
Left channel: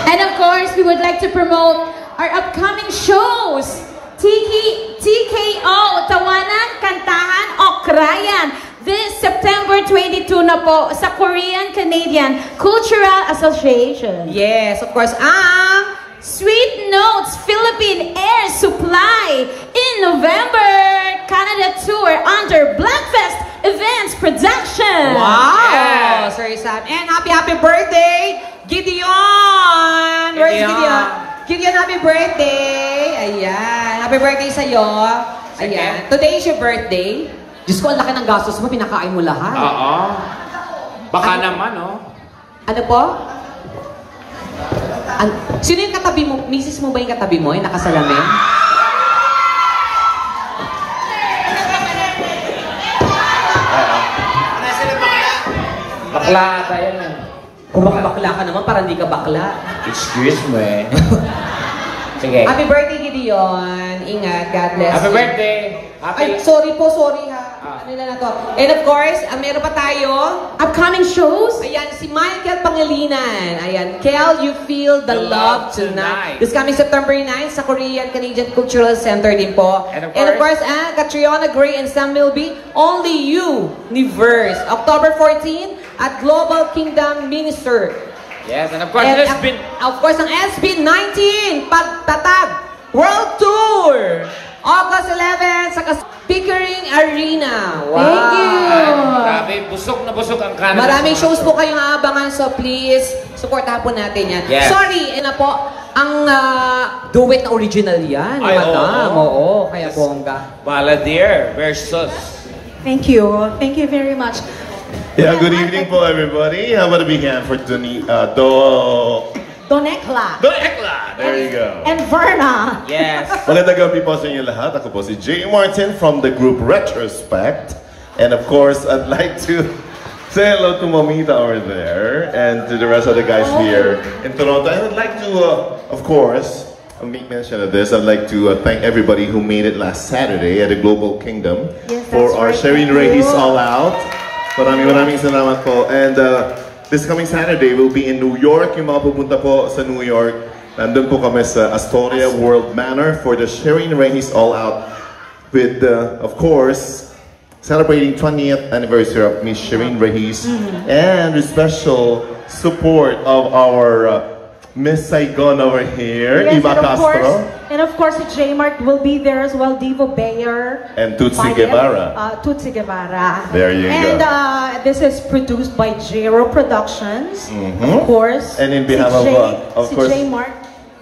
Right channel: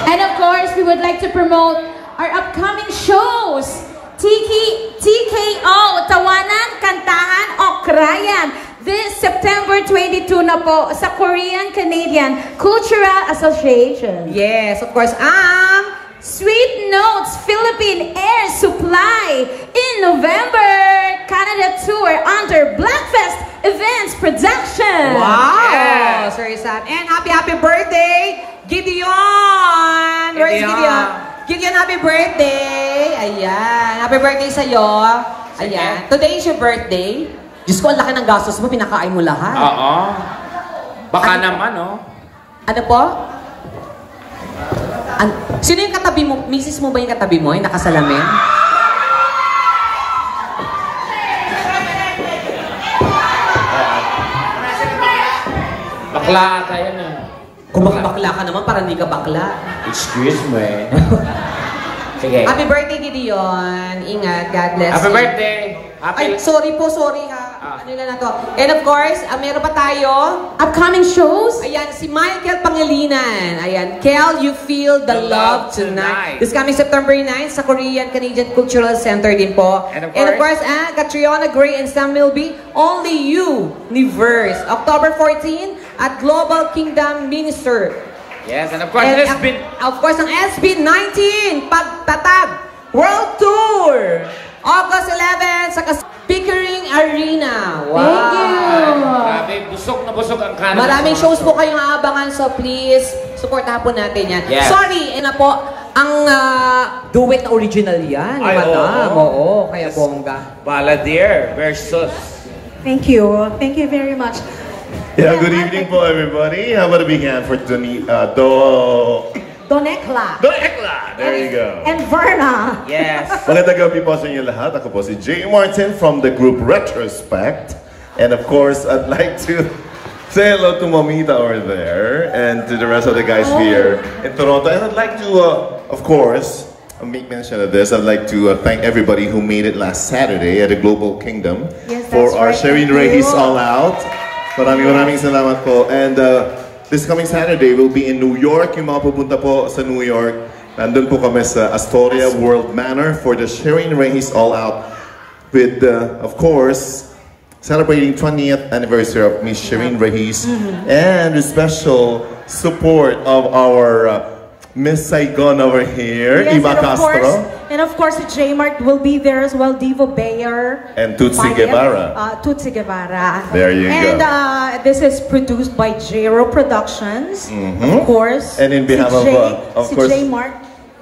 And of course, we would like to promote our upcoming shows. TKO, Tawanan, Kantahan, Okrayan. This September 22 na po sa Korean-Canadian Cultural Association. Yes, of course. Ang Sweet Notes Philippine Air Supply in November Canada Tour under Blackfest Events Production. Wow! Yeah. Sir Sam. And happy birthday, Gideon! Where's Gideon? Gideon, happy birthday! Ayan. Happy birthday sa'yo. Ayan. Today is your birthday. Diyos ko, ang laki ng gastos mo, pinakain mo lahat. Oo. Baka naman, oh. Ano po? Sino yung katabi mo? Misis mo ba yung katabi mo? Yung nakasalamin? Bakla ata yan, eh. Kung bakla ka naman, parang hindi ka bakla. Excuse me. Sige. Happy birthday, Gideon. Ingat. God bless. Happy birthday. Ay, sorry ha. Ano na to? And of course, meron pa tayo. Upcoming shows. Ayan, si Michael Pangilinan. Ayan, Kel, You Feel the Love Tonight. This coming September 9 sa Korean-Canadian Cultural Center din po. And of course, Catriona Gray and Sam Milby, Only You, Universe. October 14 at Global Kingdom Minister. Yes, and of course, ang SB19, Pagtatag World Tour. August 11 sa Pickering Arena. Wow! Thank you! Grabe, busog na busog ang Canada. Maraming shows po kayong aabangan, so please, supportahan po natin yan. Yes. Sorry, po, ang duet na original yan. Ay, oo. Kaya bongga. Balladeer versus. Thank you. Thank you very much. Yeah, good evening po everybody. How about a big hand for Donekla. There you go. And Verna. Yes. Magandang gabi po sa inyo lahat. Ako po si Jay Martin from the group Retrospect. And of course, I'd like to say hello to Mamita over there and to the rest of the guys here in Toronto. And I'd like to, of course, make mention of this. I'd like to thank everybody who made it last Saturday at the Global Kingdom for our Sharing Reyes All Out. Maraming salamat po. And this coming Saturday, we'll be in New York. Yung mga pupunta po sa New York, Nandun po kami sa Astoria World Manor for the Shireen Reyes All Out with, of course, celebrating 20th anniversary of Miss Shireen Reyes and with special support of our Miss Saigon over here, Yes, Eva Castro. And of course, the J-Mart will be there as well, Divo Bayer. And Tutsi Guevara. Tutsi Guevara. There you and, go. And this is produced by J-Ro Productions, of course. And in behalf of course, J-Mart.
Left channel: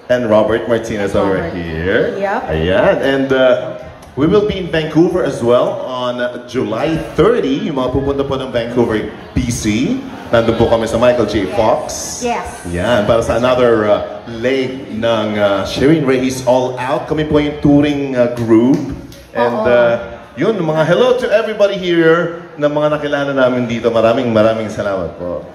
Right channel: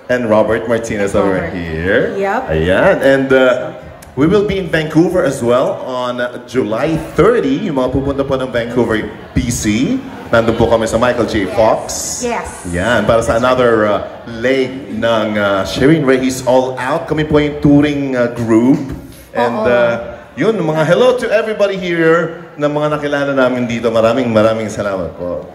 And Robert Martinez over here. Yep. Ayan. And we will be in Vancouver as well on July 30. Yung mga pupunta po ng Vancouver, BC. Nandun po kami sa Michael J. Fox. Yes. Yan, para sa another leg ng Shireen Reyes All Out. Kami po yung touring group. And yun, mga hello to everybody here na mga nakilala namin dito. Maraming salamat po.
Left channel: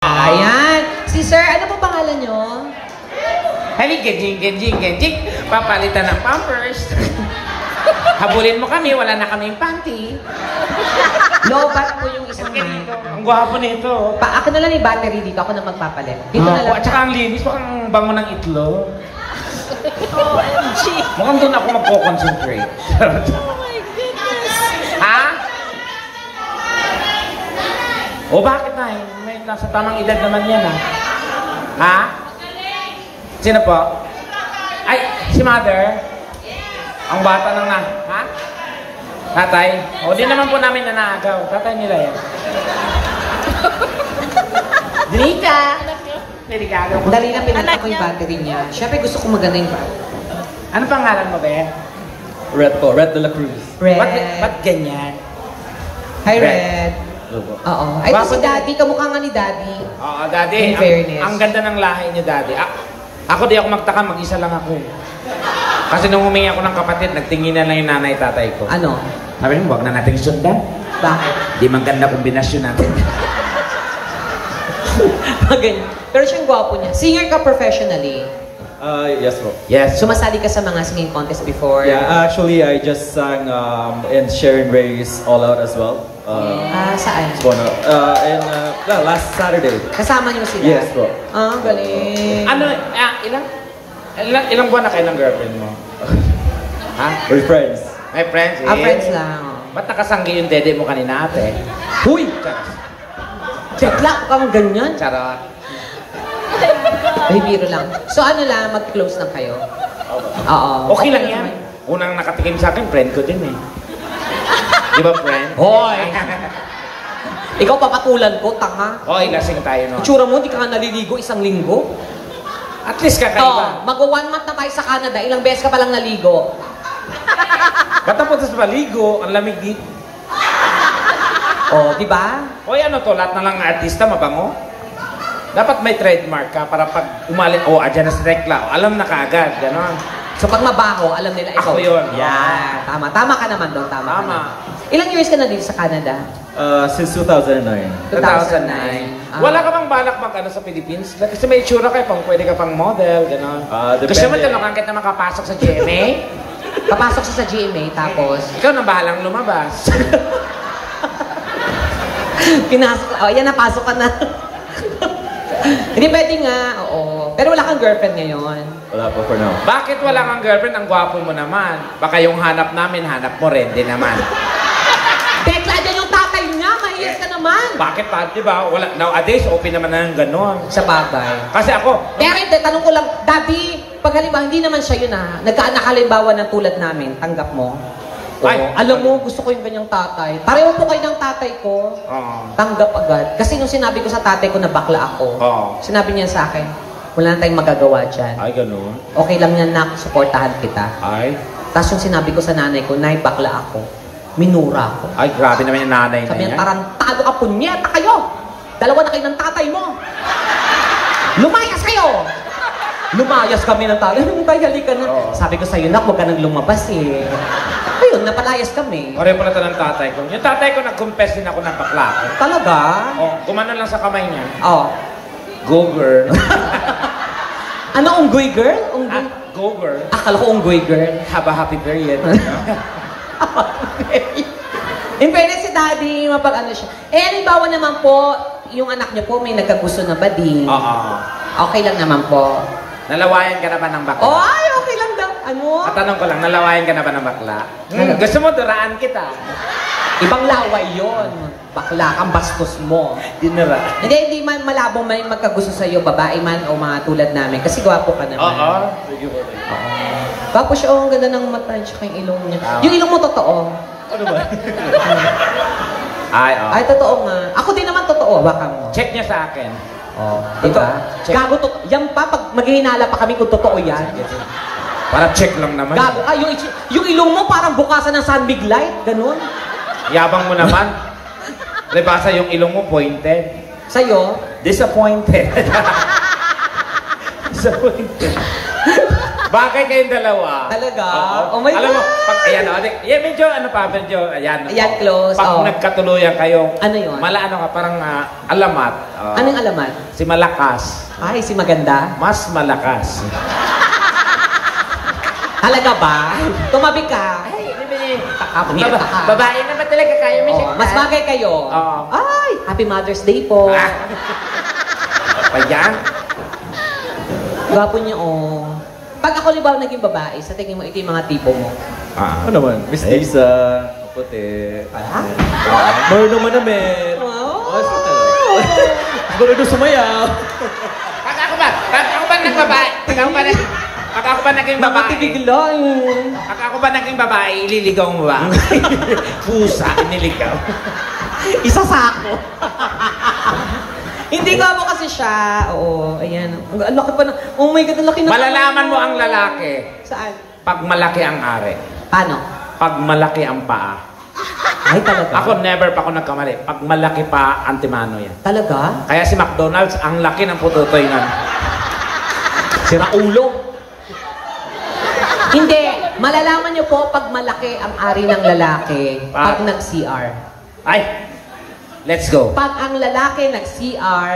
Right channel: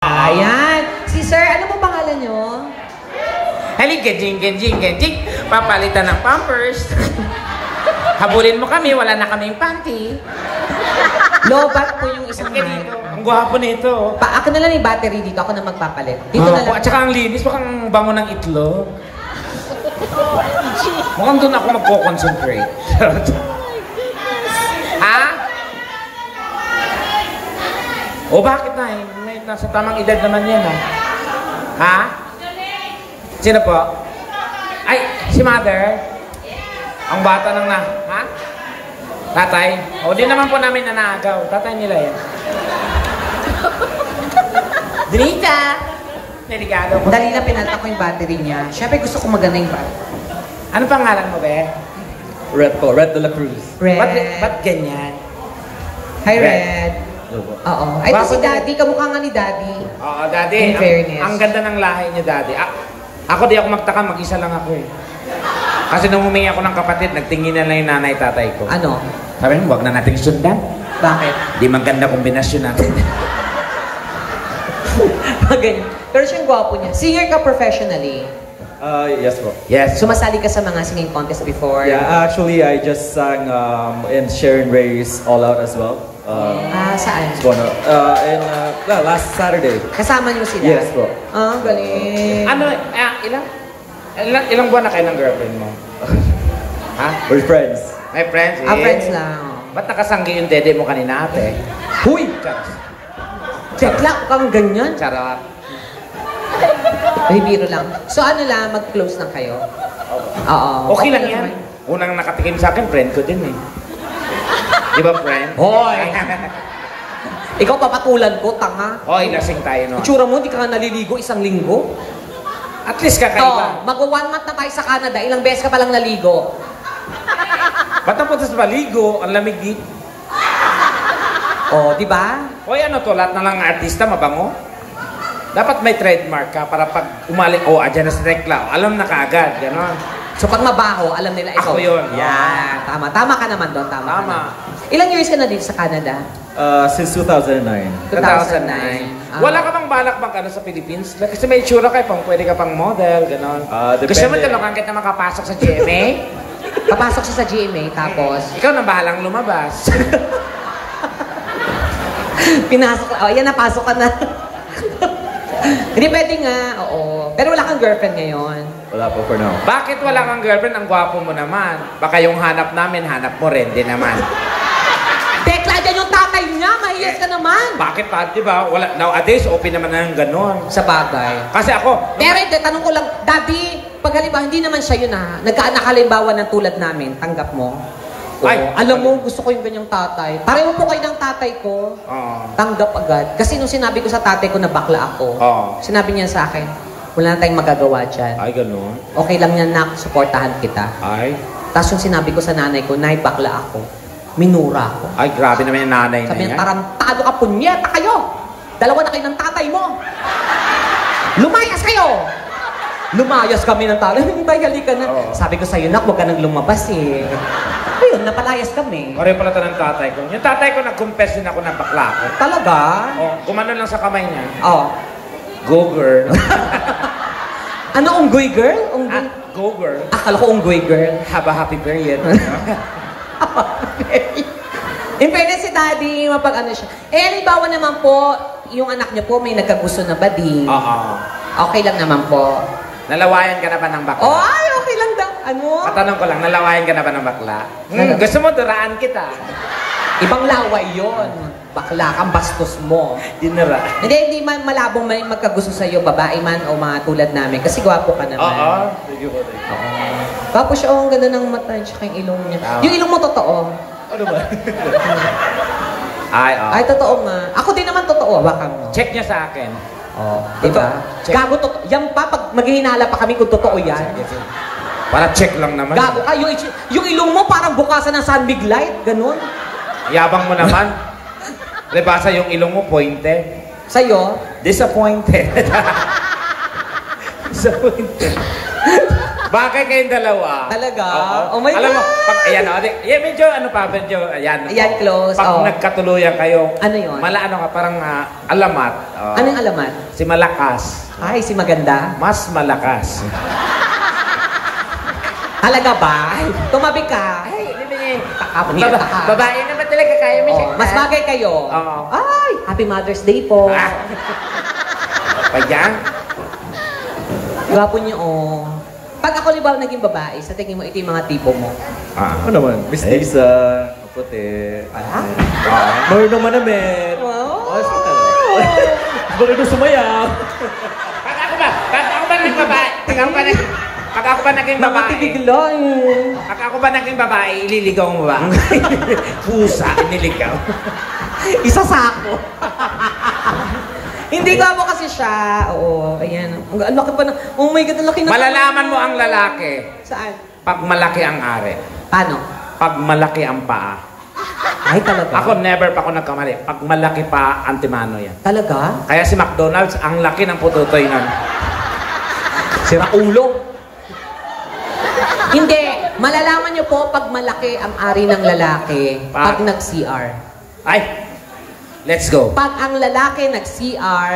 Ayan. Si Sir, ano po pangalan nyo? Halika, jing. Papalitan ng Pampers. Habulin mo kami, wala na kaming panty. Lobat po yung isang mic. Ang gwapo nito. Ako na lang yung battery dito. Ako na magpapalit. Dito na lang. At saka ang linis, mukhang bango ng itlog. Mukhang doon ako magpo-concentrate. Ha? O bakit na? Nasa tamang edad naman yan, ha? Sino po? Ay, si Mother. Ang bata na ha? Tatay? O, di naman po namin nanagaw. Tatay nila yan. Dinita! Delikado. Dali na pinalitan ko yung battery niya. Siyempre gusto ko maganda yung battery. Ano pangalan mo, be? Red po, Red de la Cruz. Red. Ba't ganyan? Hi, Red. Opo. Oo. Ay, ito si Daddy. Kamukha nga ni Daddy. Oo, Daddy. In fairness. Ang ganda ng lahi ni Daddy. Ako di ako magtaka, mag-isa lang ako eh. Kasi nung humingi ako ng kapatid, nagtingin na lang yung nanay tatay ko. Ano? Sabi niyo, huwag na natin sundan. Bakit? Di maganda kombinasyon natin. Magaling. Pero siyang gwapo niya. Singer ka professionally. Yes po. Yes. Sumasali ka sa mga singing contest before? Yeah, actually, I just sang in Sharon Ray's All Out as well. Saan? Last Saturday. Kasama niyo sila? Yes po. Galing. Ano, ilang buwan na kayo ng girlfriend mo? Ha? We're friends. My friends? Friends lang. Ba't nakasanggi yung dede mo kanina ate? Huy! Kekla kang ganyan. Charot. Ay, biro lang. So ano lang, mag-close lang kayo? Oo. Okay lang yan. Unang nakatikim sa akin, friend ko din eh. Di ba, friend? Hoy! Ikaw papatulan ko, tanga. Hoy, lasing tayo, no? Itsura mo, di ka nga naliligo isang linggo. At least kakaiba. Mag-1 month na tayo sa Canada, ilang beses ka palang naligo. Ba't ang punta sa maligo? Ang lamig dito. Di ba? Hoy, ano to? Lahat na lang ng artista, mabango? Dapat may trademark ka para pag umalit, adyan na si Rekla. Alam na kaagad, gano'n. So pag mabaho, alam nila ikaw. Ako yun. Yeah. Tama. Tama ka naman doon. Tama. Tama. Ilang years ka na dito sa Canada? Since 2009. 2009. Wala ka bang balak bang sa Philippines? Kasi may itsura kayo pang pwede ka pang model, gano'n. Gusto mo tulungan kita makapasok sa GMA? Papasok siya sa GMA, tapos? Ikaw na bahalang lumabas. Pinasok ka. Yan, napasok ka na. Hindi pwede nga, oo. Pero wala kang girlfriend ngayon. Wala po for now. Bakit wala kang girlfriend? Ang gwapo mo naman. Baka yung hanap namin, hanap mo rin din naman. Tekla, dyan yung tatay niya. Mahiyas ka naman. Bakit pa? Diba? Wala, nowadays, open naman na yung gano'n. Sa bagay. Kasi ako, Pero hindi, tanong ko lang, Daddy, pag halimbawa, hindi naman siya yun nagkaanak halimbawa ng tulad namin, tanggap mo? Ay, alam mo, gusto ko yung ganyang tatay. Pareho po kayo ng tatay ko. Tanggap agad. Kasi nung sinabi ko sa tatay ko na bakla ako, sinabi niya sa akin, wala na tayong magagawa dyan. Ay, gano'n. Okay lang yan na, supportahan kita. Ay. Tapos yung sinabi ko sa nanay ko, nay, bakla ako. Minura ako. Ay, grabe naman yung nanay na Sabi niya, yan. tarantado ka, punyeta kayo! Dalawa na kayo ng tatay mo! Lumayas kayo! Lumayas kami ng tatay. Hindi ba, halika na. Sabi ko sa'yo, nak, huwag ka nang lumabas eh. Ayun, napalayas kami. Pareho pala ito ng tatay ko. Yung tatay ko, nag-confess din ako ng bakla ko. Talaga? Gumano lang sa kamay niya. Go girl. Ano, unggoy girl? Unggoy? Go girl. Akala ko unggoy girl. Have a happy period. In fairness si Daddy, mapag-ano siya. Halimbawa naman po, yung anak niyo po may nagkagusto na ba di? Okay lang naman po. Nalawayan ka na ba ng bakla? Ay, okay lang da. Ano? Katanong ko lang, nalawayan ka na ba ng bakla? Gusto mo, duraan kita. Ibang laway yon. Bakla kang bastos mo. Dinira. Hindi man malabong may magkagusto sa'yo, babae man o mga tulad namin. Kasi gwapo ka naman. Gwapo siya, ang ganda ng mata, tsaka yung ilong niya. Yung ilong mo totoo. Ano ba? Ay, totoo nga. Ako din naman totoo. Baka mo. Check niya sa akin. Diba? Check. Gago, yan pa, pag maghihinala pa kami kung totoo yan. Para check lang naman. Gago, yung ilong mo parang bukasan ng sunbig light, ganun. Yabang mo naman. Libasa yung ilong mo, pointed. Sa'yo? Disappointed. Disappointed. Bagay kayong dalawa. Talaga? Oo. Oh my Alam mo, God! pag, ayan, medyo, medyo, ayan. Ayan, close. Pag Oh. nagkatuluyan kayo, Ano yun? ano ka, parang alamat. Anong alamat? Si Malakas. Ay, si maganda? Mas malakas. Halaga ba? Tumabi ka. Ay, ano ba yun? Babae naman talaga kayo mo siya. Mas bagay kayo. Oo. Ay, Happy Mother's Day po. Ayan. Gwapo niyo, oh. Pag ako libaw naging babae, sa tingin mo, ito yung mga tipo mo. Ano naman? Miss Lisa, puti. Marunong manamit. Wow! Marunong sumayaw. Pag ako ba naging babae? Pag ako ba naging babae? Nakatigigla yun. Pag ako ba naging babae, ililigaw mo ba? Pusa, niligaw. Isa sa ako. Hindi ko mo kasi siya. Oo, ayan. Ang laki pa na. Oh my God, ang laki na. Malalaman mo ang lalaki Saan? pag malaki ang ari. Paano? Pag malaki ang paa. Ay, talaga? Ako never pa ako nagkamali. Pag malaki pa, antimano yan. Talaga? Kaya si McDonald's, ang laki ng pututoy nun. Sira ulo. Hindi. Malalaman niyo po pag malaki ang ari ng lalaki pag nag-CR. Ay, let's go. Pag ang lalaki nag-CR,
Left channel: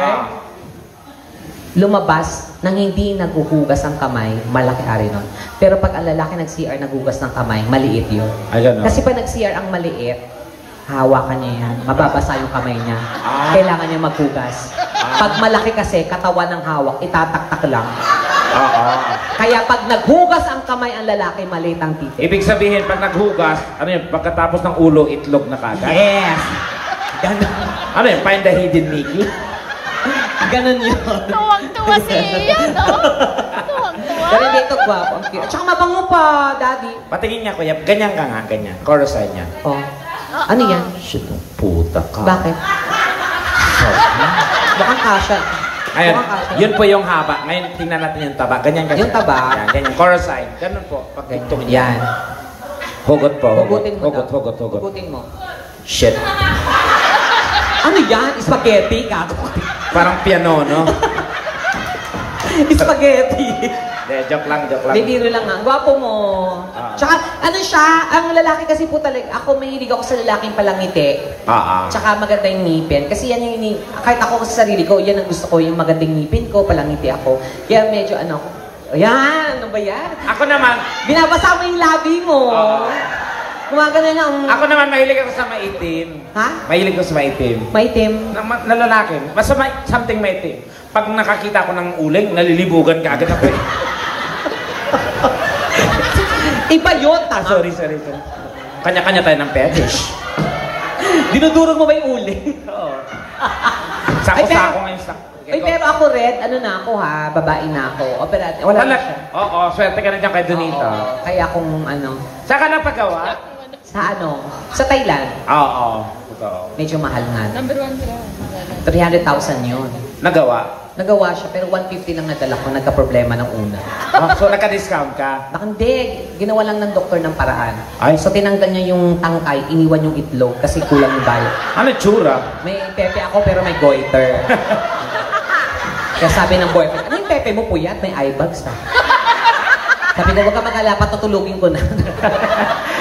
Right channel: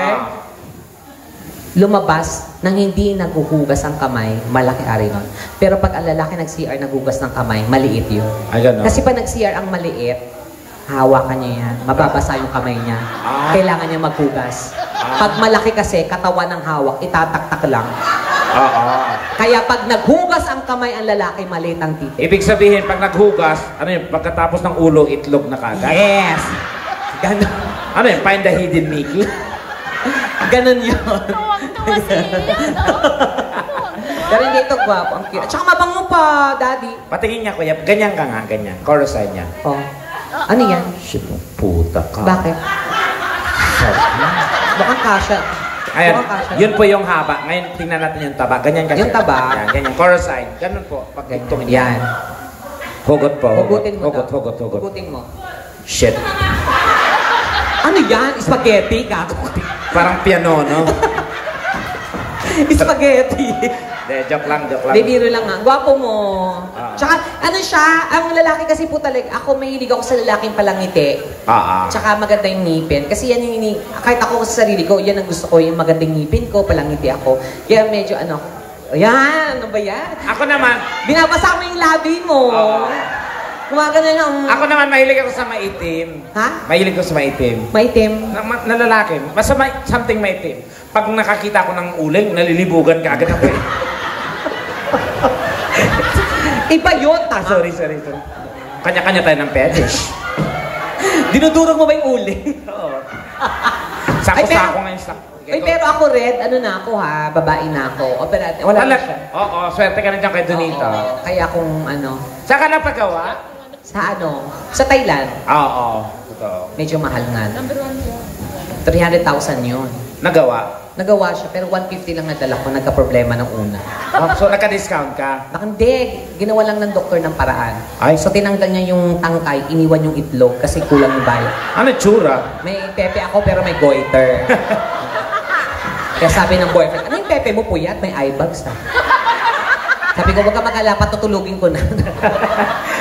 lumabas nang hindi naghuhugas ang kamay, malaki ari nun. Pero pag ang lalaki nag-CR, naghugas ng kamay, maliit yun. Kasi pag nag-CR ang maliit, hawakan niya yan. Mababasa yung kamay niya. Kailangan niya maghugas. Pag malaki kasi, katawan ng hawak, itataktak lang. Kaya pag naghugas ang kamay ang lalaki, maliit ang titi. Ibig sabihin, pag naghugas, ano yun, pagkatapos ng ulo, itlog na kagad? Yes! Ganon. Ano yun, find the hidden Mickey? Ganon yun. Tuwang-tuwa si Ian. Tuwang-tuwa. Pero hindi ito gwapo. Okay. At saka mabango pa, daddy. Patingin niya, kuya. Ganyan ka nga, ganyan. Chorus side niya. Oh. Ano yan? Shit, puta ka. Bakit? Mukhang kasha. Ayan, Mukhang kasha. yun po yung haba. Ngayon, tingnan natin yung taba. Ganyan kasi. Yung taba? Yan, ganyan. Chorus side. Ganun po. Pag tungtungin. Yan. Hugot po. Hugutin mo. Hugot, daw. hugot, hugot. Hugutin mo. Shit. Ano yan? Spaghetti, gato. Parang piano, no? Spaghetti. De, joke lang, joke lang. Bibiro lang ah. Gwapo mo. Ah. Tsaka, ano siya, ang lalaki kasi po talaga, ako mahilig ako sa lalaking palangiti. Tsaka maganda yung ngipin. Kasi yan yung, kahit ako sa sarili ko, yan ang gusto ko, yung magandang ngipin ko, palangiti ako. Kaya medyo ano, ayan, ano ba yan? Ako naman, Binabasa mo yung labi mo. Kumagana lang. ako naman mahilig ako sa maitim. Ha? Mahilig ako sa maitim. Maitim. Na lalaki. Basta something maitim. Pag nakakita ko ng uling, nalilibugan ka agad ako. Iba yun, tama. Sorry. Kanya-kanya tayo ng fetish. Dinudurog mo ba yung uli? Oo. Sako-sako ngayon sa... Ay, pero ako red, ano na ako ha, babae na ako. Operate, wala na siya. Oo, swerte ka na dyan kay Donita. Oo, kaya kung ano, Saan ka napagawa? sa ano, sa Thailand, Oo. Totoo. medyo mahal nga. Number 1 ka. 300,000 yun. Nagawa? Nagawa siya, pero 150 lang nadala ko, nagka-problema ng una. Oh, so nagka-discount ka? Hindi, ginawa lang ng doktor ng paraan. Ay. So tinanggal niya yung tangkay, iniwan yung itlog kasi kulang yung diet. Ano tsura? May pepe ako pero may goiter. Kaya sabi ng boyfriend, ano yung pepe mo puyat? May eye bags ha. Sabi ko, wag ka mag-alala, patutulugin ko na.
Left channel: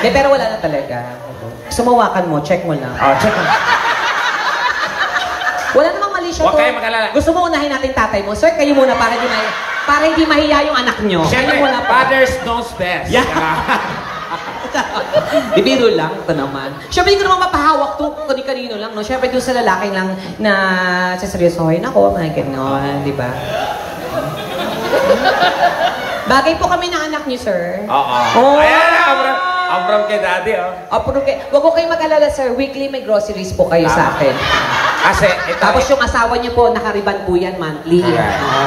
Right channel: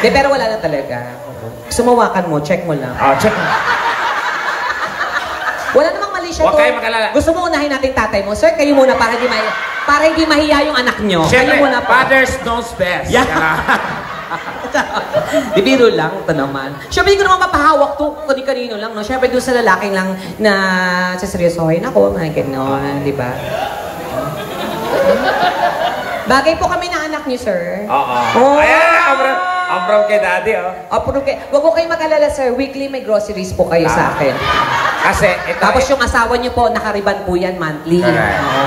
De, pero wala na talaga. Sumawakan mo, check mo lang. Oh, check mo. Wala namang mali siya Huwag kayo mag-alala. Gusto mo unahin natin tatay mo? Sir, kayo muna para hindi mahiya yung anak nyo. Siyempre, Kayo muna pa. fathers knows best. Yeah. Bibiro lang, ito naman. Siyempre, hindi ko naman mapahawak to kani-kanino lang. No? Siyempre, doon sa lalaki lang na saseryosohin ako, mga ganyan, di ba? Bagay po kami na anak niyo, sir. Oo. Oh. Ayan, abram kay daddy, oh. Okay. Huwag ko kayo mag-alala, sir. Weekly may groceries po kayo sa akin. Kasi, Tapos yung asawa niyo po, nakariban po yan monthly. Oo.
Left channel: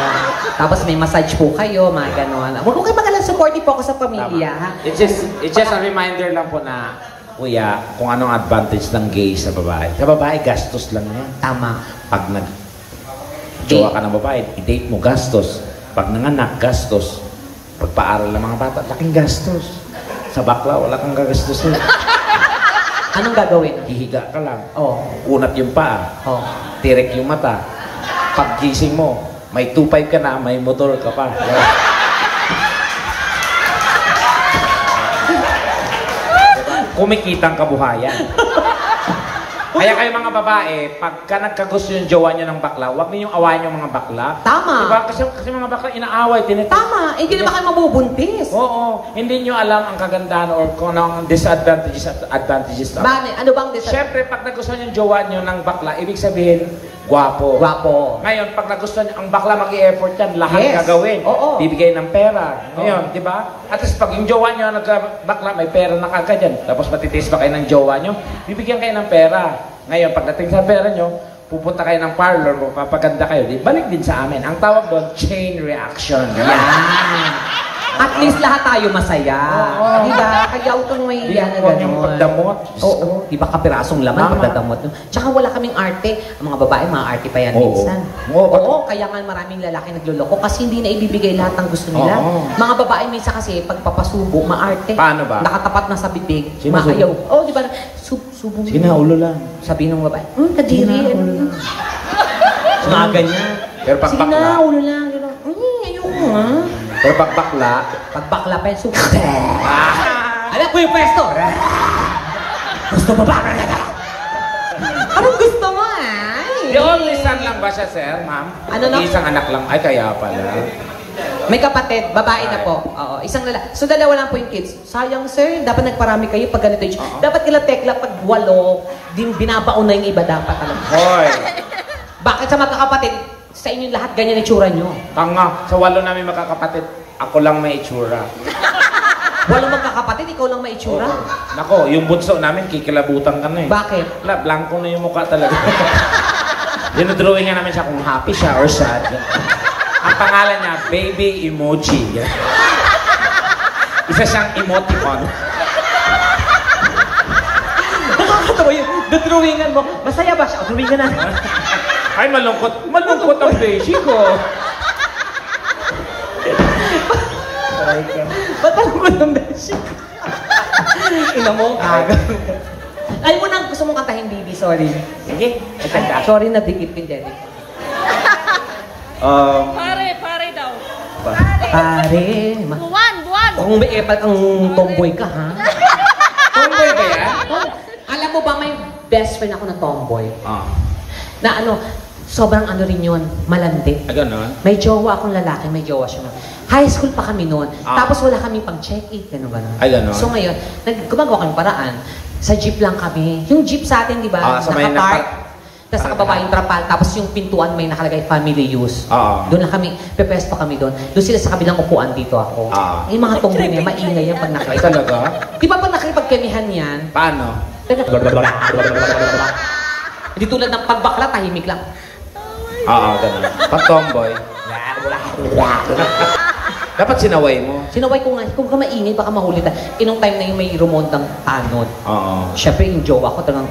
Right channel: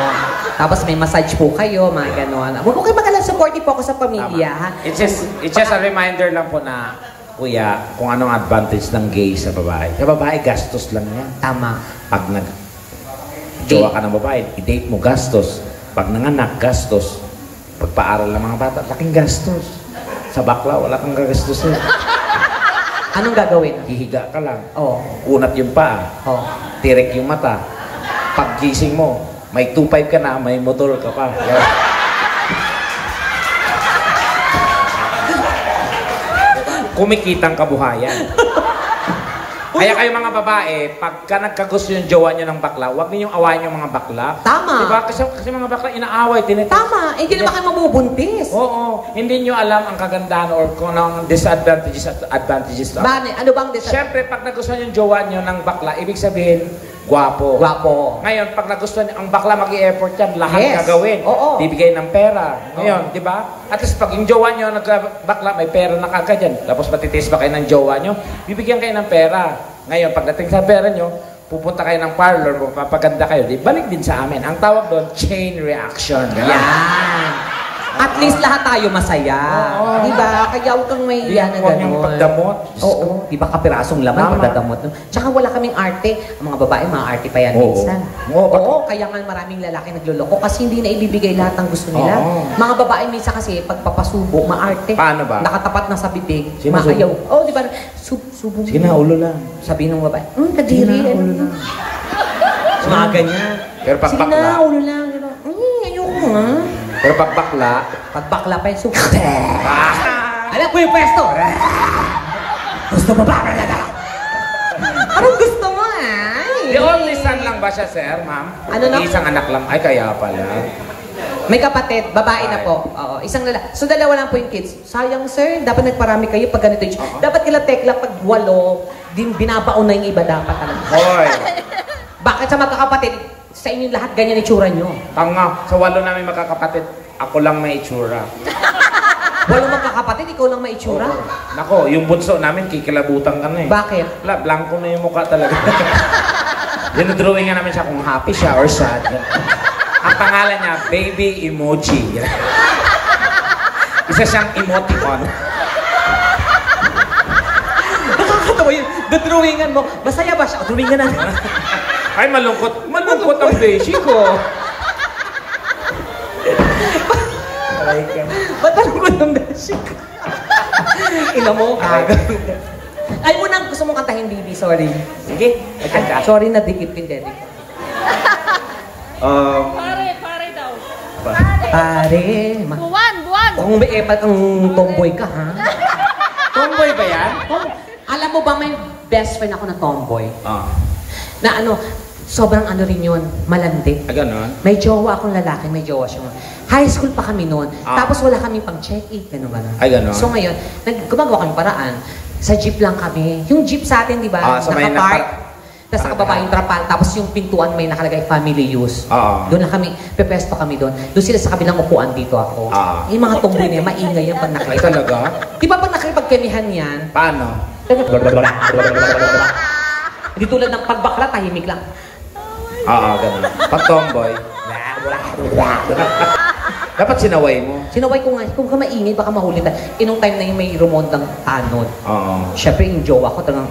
Tapos may massage po kayo, mga ganon. Huwag ko kayo mag-alala, supportive po ako sa pamilya, ha? It's just a reminder lang po na, kuya, kung anong advantage ng gay sa babae. Sa babae, gastos lang yan. Tama. Pag nag-jowa ka ng babae, i-date mo, gastos. Pag nanganak, gastos. Pagpaaral ng mga bata, laking gastos. Sa bakla, wala kang gagastusin. Anong gagawin? Hihiga ka lang. Oh. Unat yung paa. Oh. Tirik yung mata. Paggising mo, may 2.5 ka na, may motor ka pa. kumikitang kabuhayan. Kaya kayo mga babae, pagka nagkagusto yung jowa nyo ng bakla, huwag ninyong awayin yung mga bakla. Tama. Diba? Kasi mga bakla inaaway, Tama. Hindi naman kayo mabubuntis. Oo. Hindi nyo alam ang kagandahan or kung anong disadvantages at advantages lang. Bakit? Ano bang disadvantage? Siyempre, pag nagustuhan yung jowa nyo ng bakla, ibig sabihin, gwapo. Gwapo. Ngayon, pag nagustuhan ang bakla, mag-i-effort yan, lahat Yes. gagawin. Oo. Bibigay ng pera. Ngayon, di ba? At least pag yung jowa nyo nagkabakla, may pera na kagad yan. Tapos matitiis pa kayo ng jowa nyo, bibigyan kayo ng pera. Ngayon, pagdating sa pera nyo, pupunta kayo ng parlor, magpapaganda kayo, di balik din sa amin. Ang tawag doon, chain reaction. Yan. At least lahat tayo masaya. Oo. Diba? Kaya huwag kang may iyan na Huwag yung gano'n. pagdamot. Oo. Di ba kapirasong laman Tama. pagdadamot nun? Tsaka wala kaming arte. Ang mga babae, mga arte pa yan Oo. minsan. Oo. Oo. Kaya nga maraming lalaki nagluloko kasi hindi na ibibigay lahat ng gusto nila. Oo. Mga babae minsan kasi pagpapasubo, maarte. Paano ba? Nakatapat na sa bibig. Sino Maayaw. Oo, di ba? Subo. Ulo lang. Sabi ng babae, kadiri. Mga ganyan. Pero pag Sige bakla, na, ulo lang. Ayoko ha. pero pag bakla, Pag bakla pa yung subo. Alam ko yung pwesto. Gusto mo ba? Anong gusto mo the only son lang ba siya, sir, ma'am? Ano na? Isang anak lang. Ay, kaya pala. May kapatid, babae na po. Oo, isang lalaki. So, dalawa lang po yung kids. Sayang, sir. Dapat nagparami kayo pag ganito age. Dapat nila tekla pag 8, din binabaon na yung iba dapat talaga. Hoy, Bakit sa magkakapatid, sa inyo lahat ganyan itsura nyo? tanga. Sa 8 namin magkakapatid, ako lang may itsura. Walang magkakapatid, ikaw lang may itsura. Nako, yung bunso namin, kikilabutan ka na eh. Bakit? Wala, blanco na yung mukha talaga. Dinodrawing nga namin siya kung happy siya or sad. Ang pangalan niya, Baby Emoji. Isa siyang emoticon. Nakakatawa yun. Drawingan mo. Masaya ba siya? Drawingan na. Ay, malungkot. Malungkot ang beshi ko. Ba't ang gulong na siya? Ina mo, Ay mo na, gusto mong kantahin, Bibi. Sorry. Sige, Sorry na dikit kin, Daddy. Pare daw. Pare, Buwan. kung may epal kang tomboy ka, ha? tomboy ba yan? Oh, alam mo ba may best friend ako na tomboy? Ah. Na ano, sobrang ano rin yun, malandi. Ganon? May jowa akong lalaki, may jowa siya. High school pa kami noon. Ah. Tapos wala kami pang check-in. Ano ba? Ay, ganon? So ngayon, gumagawa kami paraan. Sa jeep lang kami. Yung jeep sa atin, di ba? Ah, sa may Nakapark. Tapos sa kababa yung trapal. Tapos yung pintuan may nakalagay family use. Ah. Doon na kami, pepesto kami doon. Doon sila sa kabilang upuan dito ako. Ah. Yung mga tunggoy na maingay yan pag Ay, nakikita. talaga? Di ba pag nakikipagkemihan yan? Paano? Hindi tulad ng pagbakla, tahimik lang. Oo, ganon. Pag tomboy. Dapat sinaway mo. Sinaway ko nga, kung ka maingay, baka mahuli ka. Inong time na yung may rumondang tanod. Oo. Siyempre, yung jowa ko talagang...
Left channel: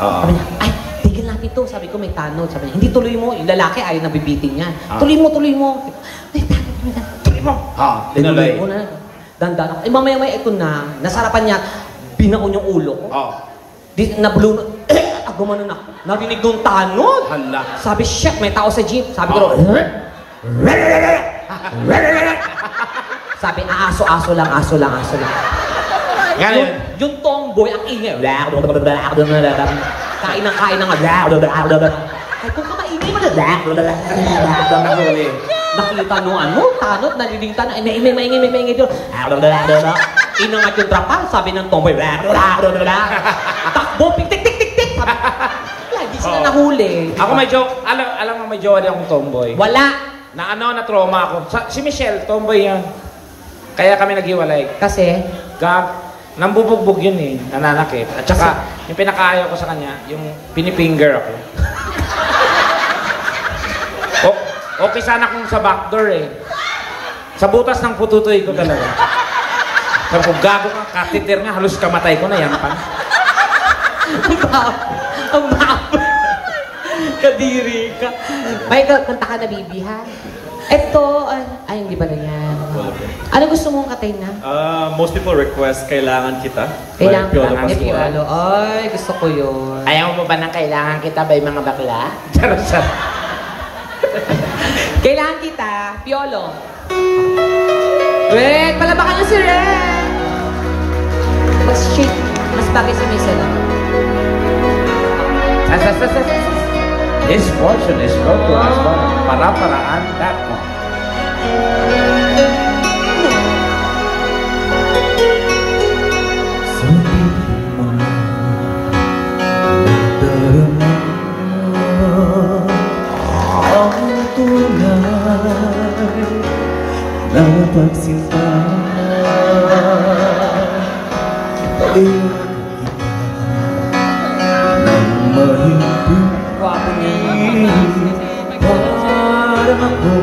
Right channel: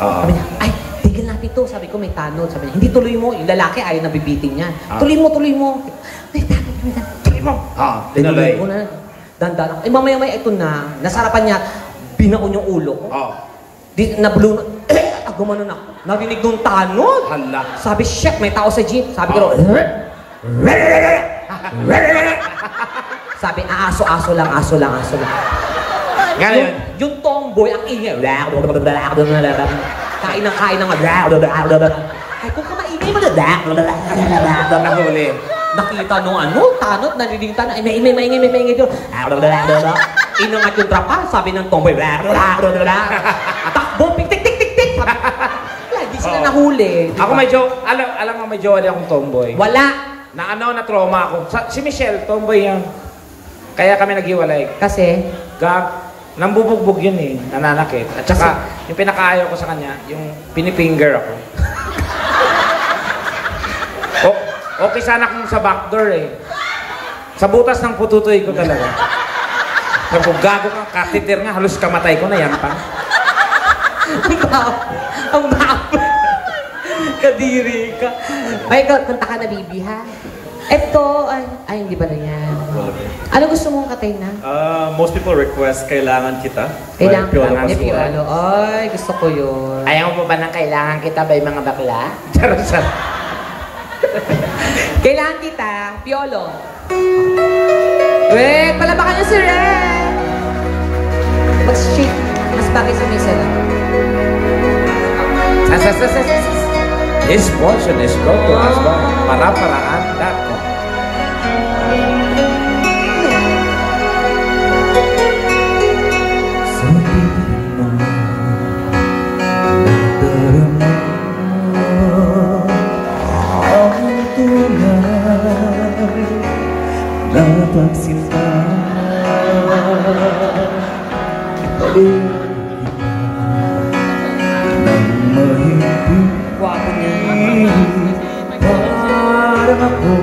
Oo. Sabi niya, ay, tigil natin ito. Sabi ko, may tanod. Sabi niya, hindi tuloy mo. Yung lalaki ayaw na bibiting yan. Ah. Tuloy mo. May tanod, tuloy mo. Oo, tinuloy. ko na. Dandan. Eh, mamaya-maya ito na. Nasarapan niya, binaon yung ulo ko. Oo. Di, nablo na. Gumano na. Narinig nung tanod. Hala. Sabi, shit, may tao sa jeep. Sabi ko, sabi, aso lang. Ngayon, Yung tomboy, ang ingay. Kain ng ay, kung ka maingay mo na. Nakita mo, tanot, nalilita na, maingay yun. Inangat yung trapal, sabi ng tomboy. Takbo, tik. Lagi sila nahuli. ako medyo, alam mo medyo wala akong tomboy. Wala. Na trauma ako. Si Michelle, tomboy yan. Kaya kami naghiwalay. Kasi, Nambubugbog yun eh, nananakit. At saka, yung pinakaayaw ko sa kanya, yung pinipinger ako. Okay sana kung sa backdoor eh. Sa butas ng pututoy ko talaga. Kung gago ka, catheter nga, halos kamatay ko na yan pa. ang bapo. Kadiri ka. Ay, kanta ka na, Bibi, ha? Ito, ay, hindi ba na yan? Ano gusto mong katay na? Most people request Kailangan Kita. Kailangan by Piolo kita. Pascual. Piolo. Ay, gusto ko yun. Ayaw mo ba ng kailangan kita ba yung mga bakla? Charot. Kailangan kita, Piolo. Wait, palabakan na si Ren. mas chic, mas bagay sa mesa lang. This portion is brought to us by Paraparaan.com. Napagsinta nang mahigpit parang ako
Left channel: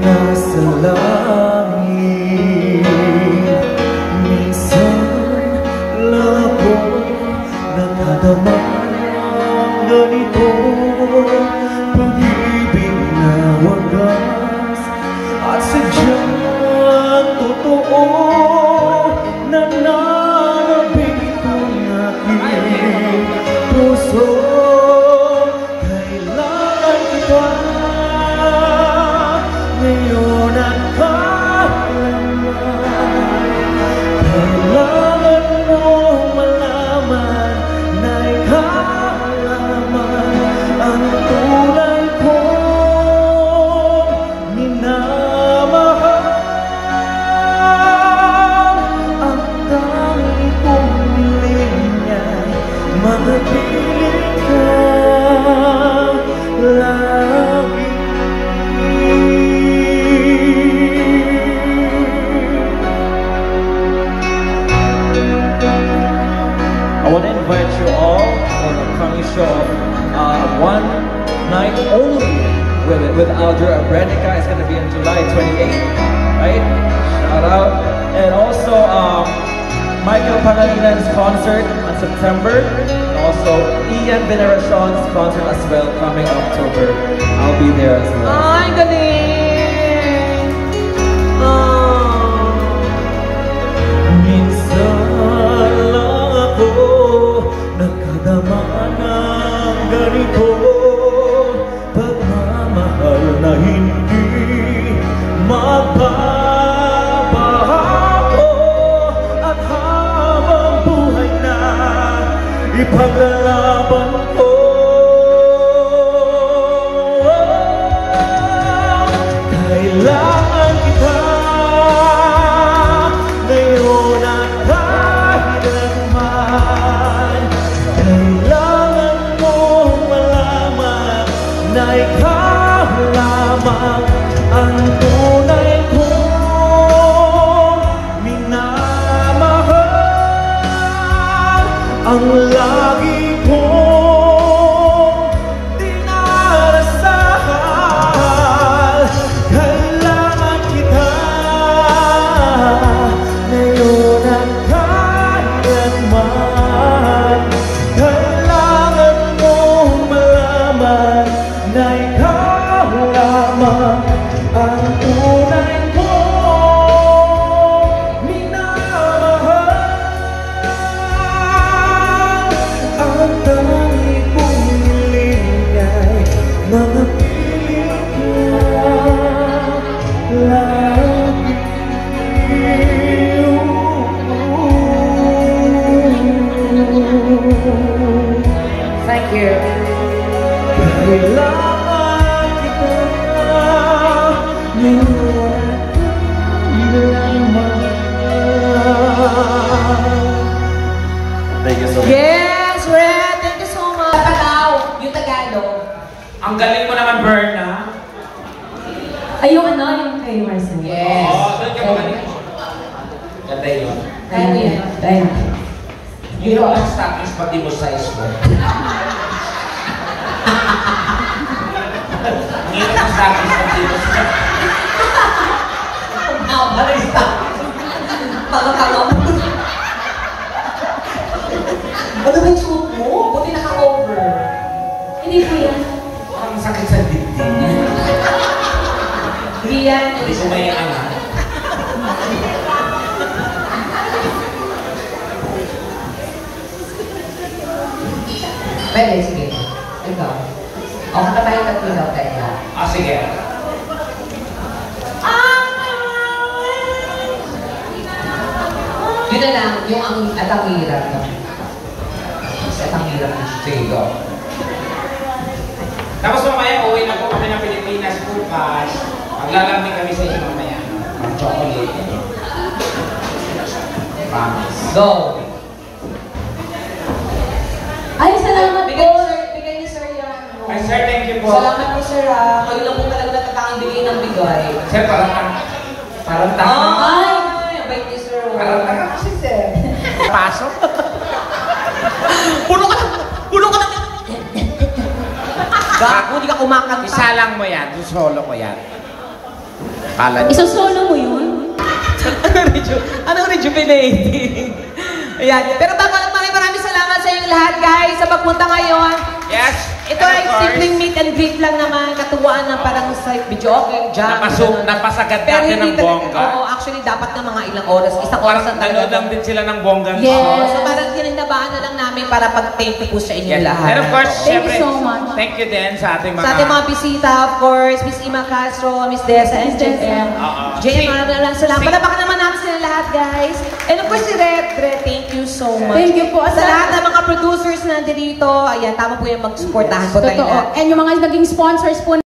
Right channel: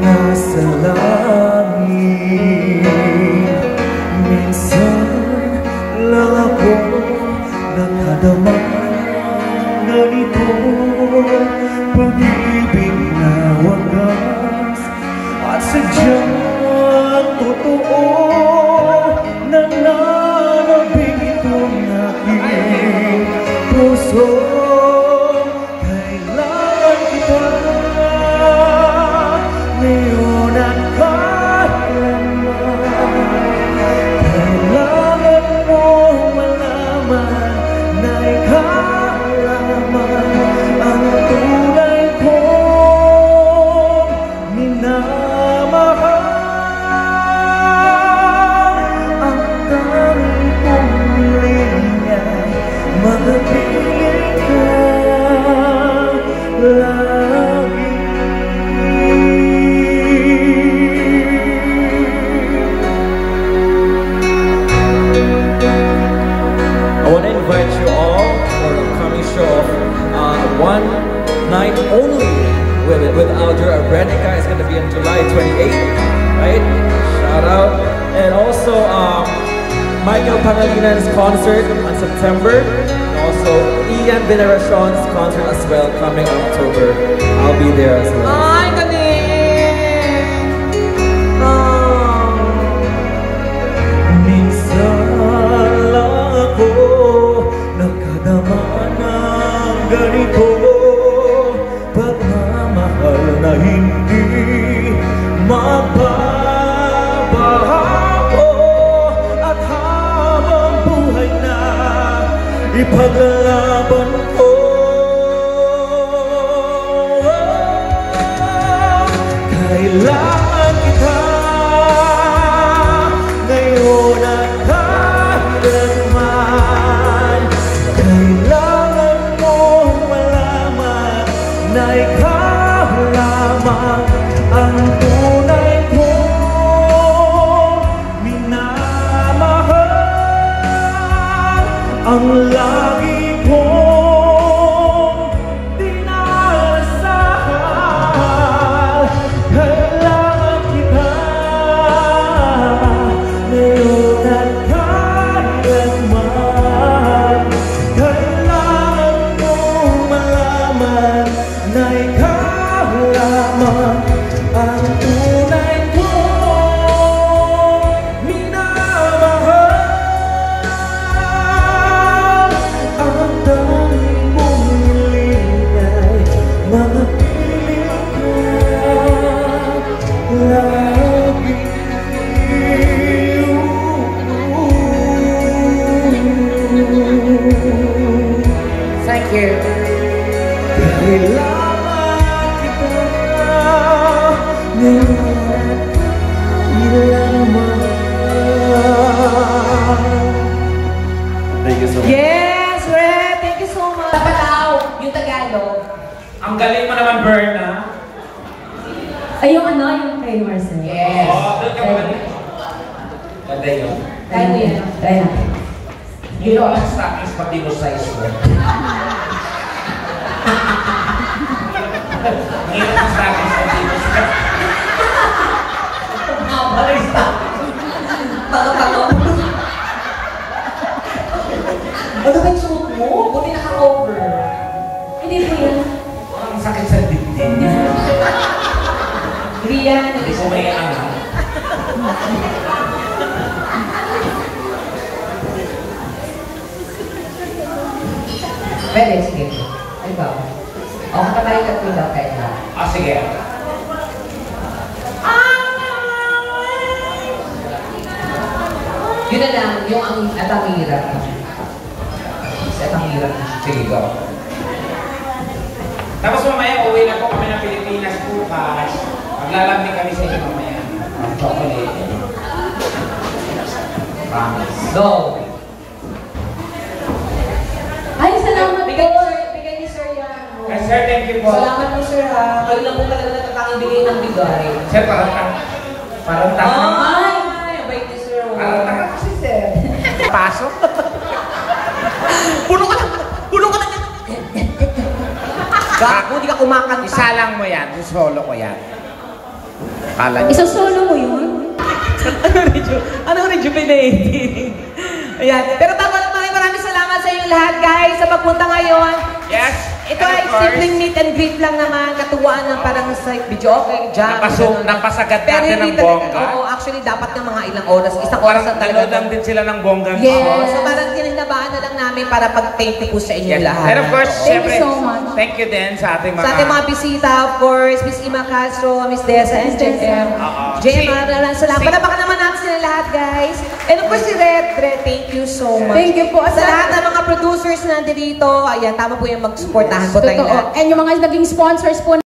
nasa langit. Minsan lang ako nakadama ganito pag-ibig na wagas at sadyang totoo nananabing itong aking puso. Kailangan kita ngayon ang kailanman. Kailangan mo malaman na ikalaman ang tunay kong minamahal. Ang tanging kong hiling ay manatiling ka lagi. I want to invite you all for the coming show one night only with Aldra Abrenica. It's going to be on July 28th, right? Shout out. And also Michael Pangalinan's concert on September. And also Ian Veneracion's concert as well coming October. I'll be there as well. Ay, galing! Minsan lang ako nakadama ng ganito, pagmamahal na hindi magbabago. At habang buhay na ipaglalaban ko, kailangan kita ngayon at kailanman. Kailangan mo malaman na ikaw lamang ang tunay kong minamahal. Ang lagi kong dinarasahan. Kailangan kita ngayon at kailanman. Kailangan mong malaman na ikaw lamang ang tunay kong minamahal. Ang tanging kong hiling ay manatiling ka lagi. Thank you. Kailangan kita ngayon kailanman. Thank you so much. Yes, Red! Thank you so much. Pataw, yung Tagalog. Ang galing mo naman, Berna. Ay, yung ano, yung kay Marcel. Yes. Oh, doon ka magaling. Ganda yun. Kaya mo yan. Try natin. You know, ang stockings pati mo size mo. Ngayon ang stockings pati mo size. Balay sa Tago-tago. Ano ba yung suot mo? Buti naka-over. Hindi po yan. Ang sakit sa dibdib. Rian. Hindi ko may angat. Pwede, sige. Ikaw. O, kata tayo tatlo daw kayo. Ah, sige. Yun na lang, yung at ang hirap. At ang hirap. Sige, go. Tapos mamaya, uwi na po kami ng Pilipinas bukas. Maglalambing kami sa inyo mamaya. Ang chocolate. Promise. Go! Ay, salamat po. Bigay ni Sir yan. Ay, sir, thank you po. Salamat po, Sir, ha. Kayo lang po talaga natatanging bigay ng bigay. Sir, parang Ay, abay ni Sir. Parang tanga kasi, sir. Pasok. Puno ka na! Gago, di ka kumakanta. Isalang mo yan. Solo ko yan. Kala niyo. Isasolo mo yun? Anong rejuvenating? Ayan. Pero bago lang, maraming salamat sa inyong lahat, guys, sa pagpunta ngayon. Yes. Ito ay simpleng meet and greet lang naman, katuwaan na parang sa video, okay, jam. Napasagad Pero natin ng hindi bongga. Oo, actually, dapat ng mga ilang oras. Isang oras na talaga. Nanood lang din sila ng bongga. Yes. So parang tinandabaan na lang namin para pag-thank you po sa inyong lahat. And of course, Thank you syempre, so much. Thank you din sa ating mga... Sa ating mga bisita, of course, Miss Ima Castro, Miss Desa, and JM. JM, maraming salamat. Palapakan naman natin sila lahat, guys. And of course, si Red, thank you so much. Thank you po. Sa lahat ng mga producers na nandito, ayan, tama po yung mag-supportahan po tayo. Totoo. And yung mga naging sponsors po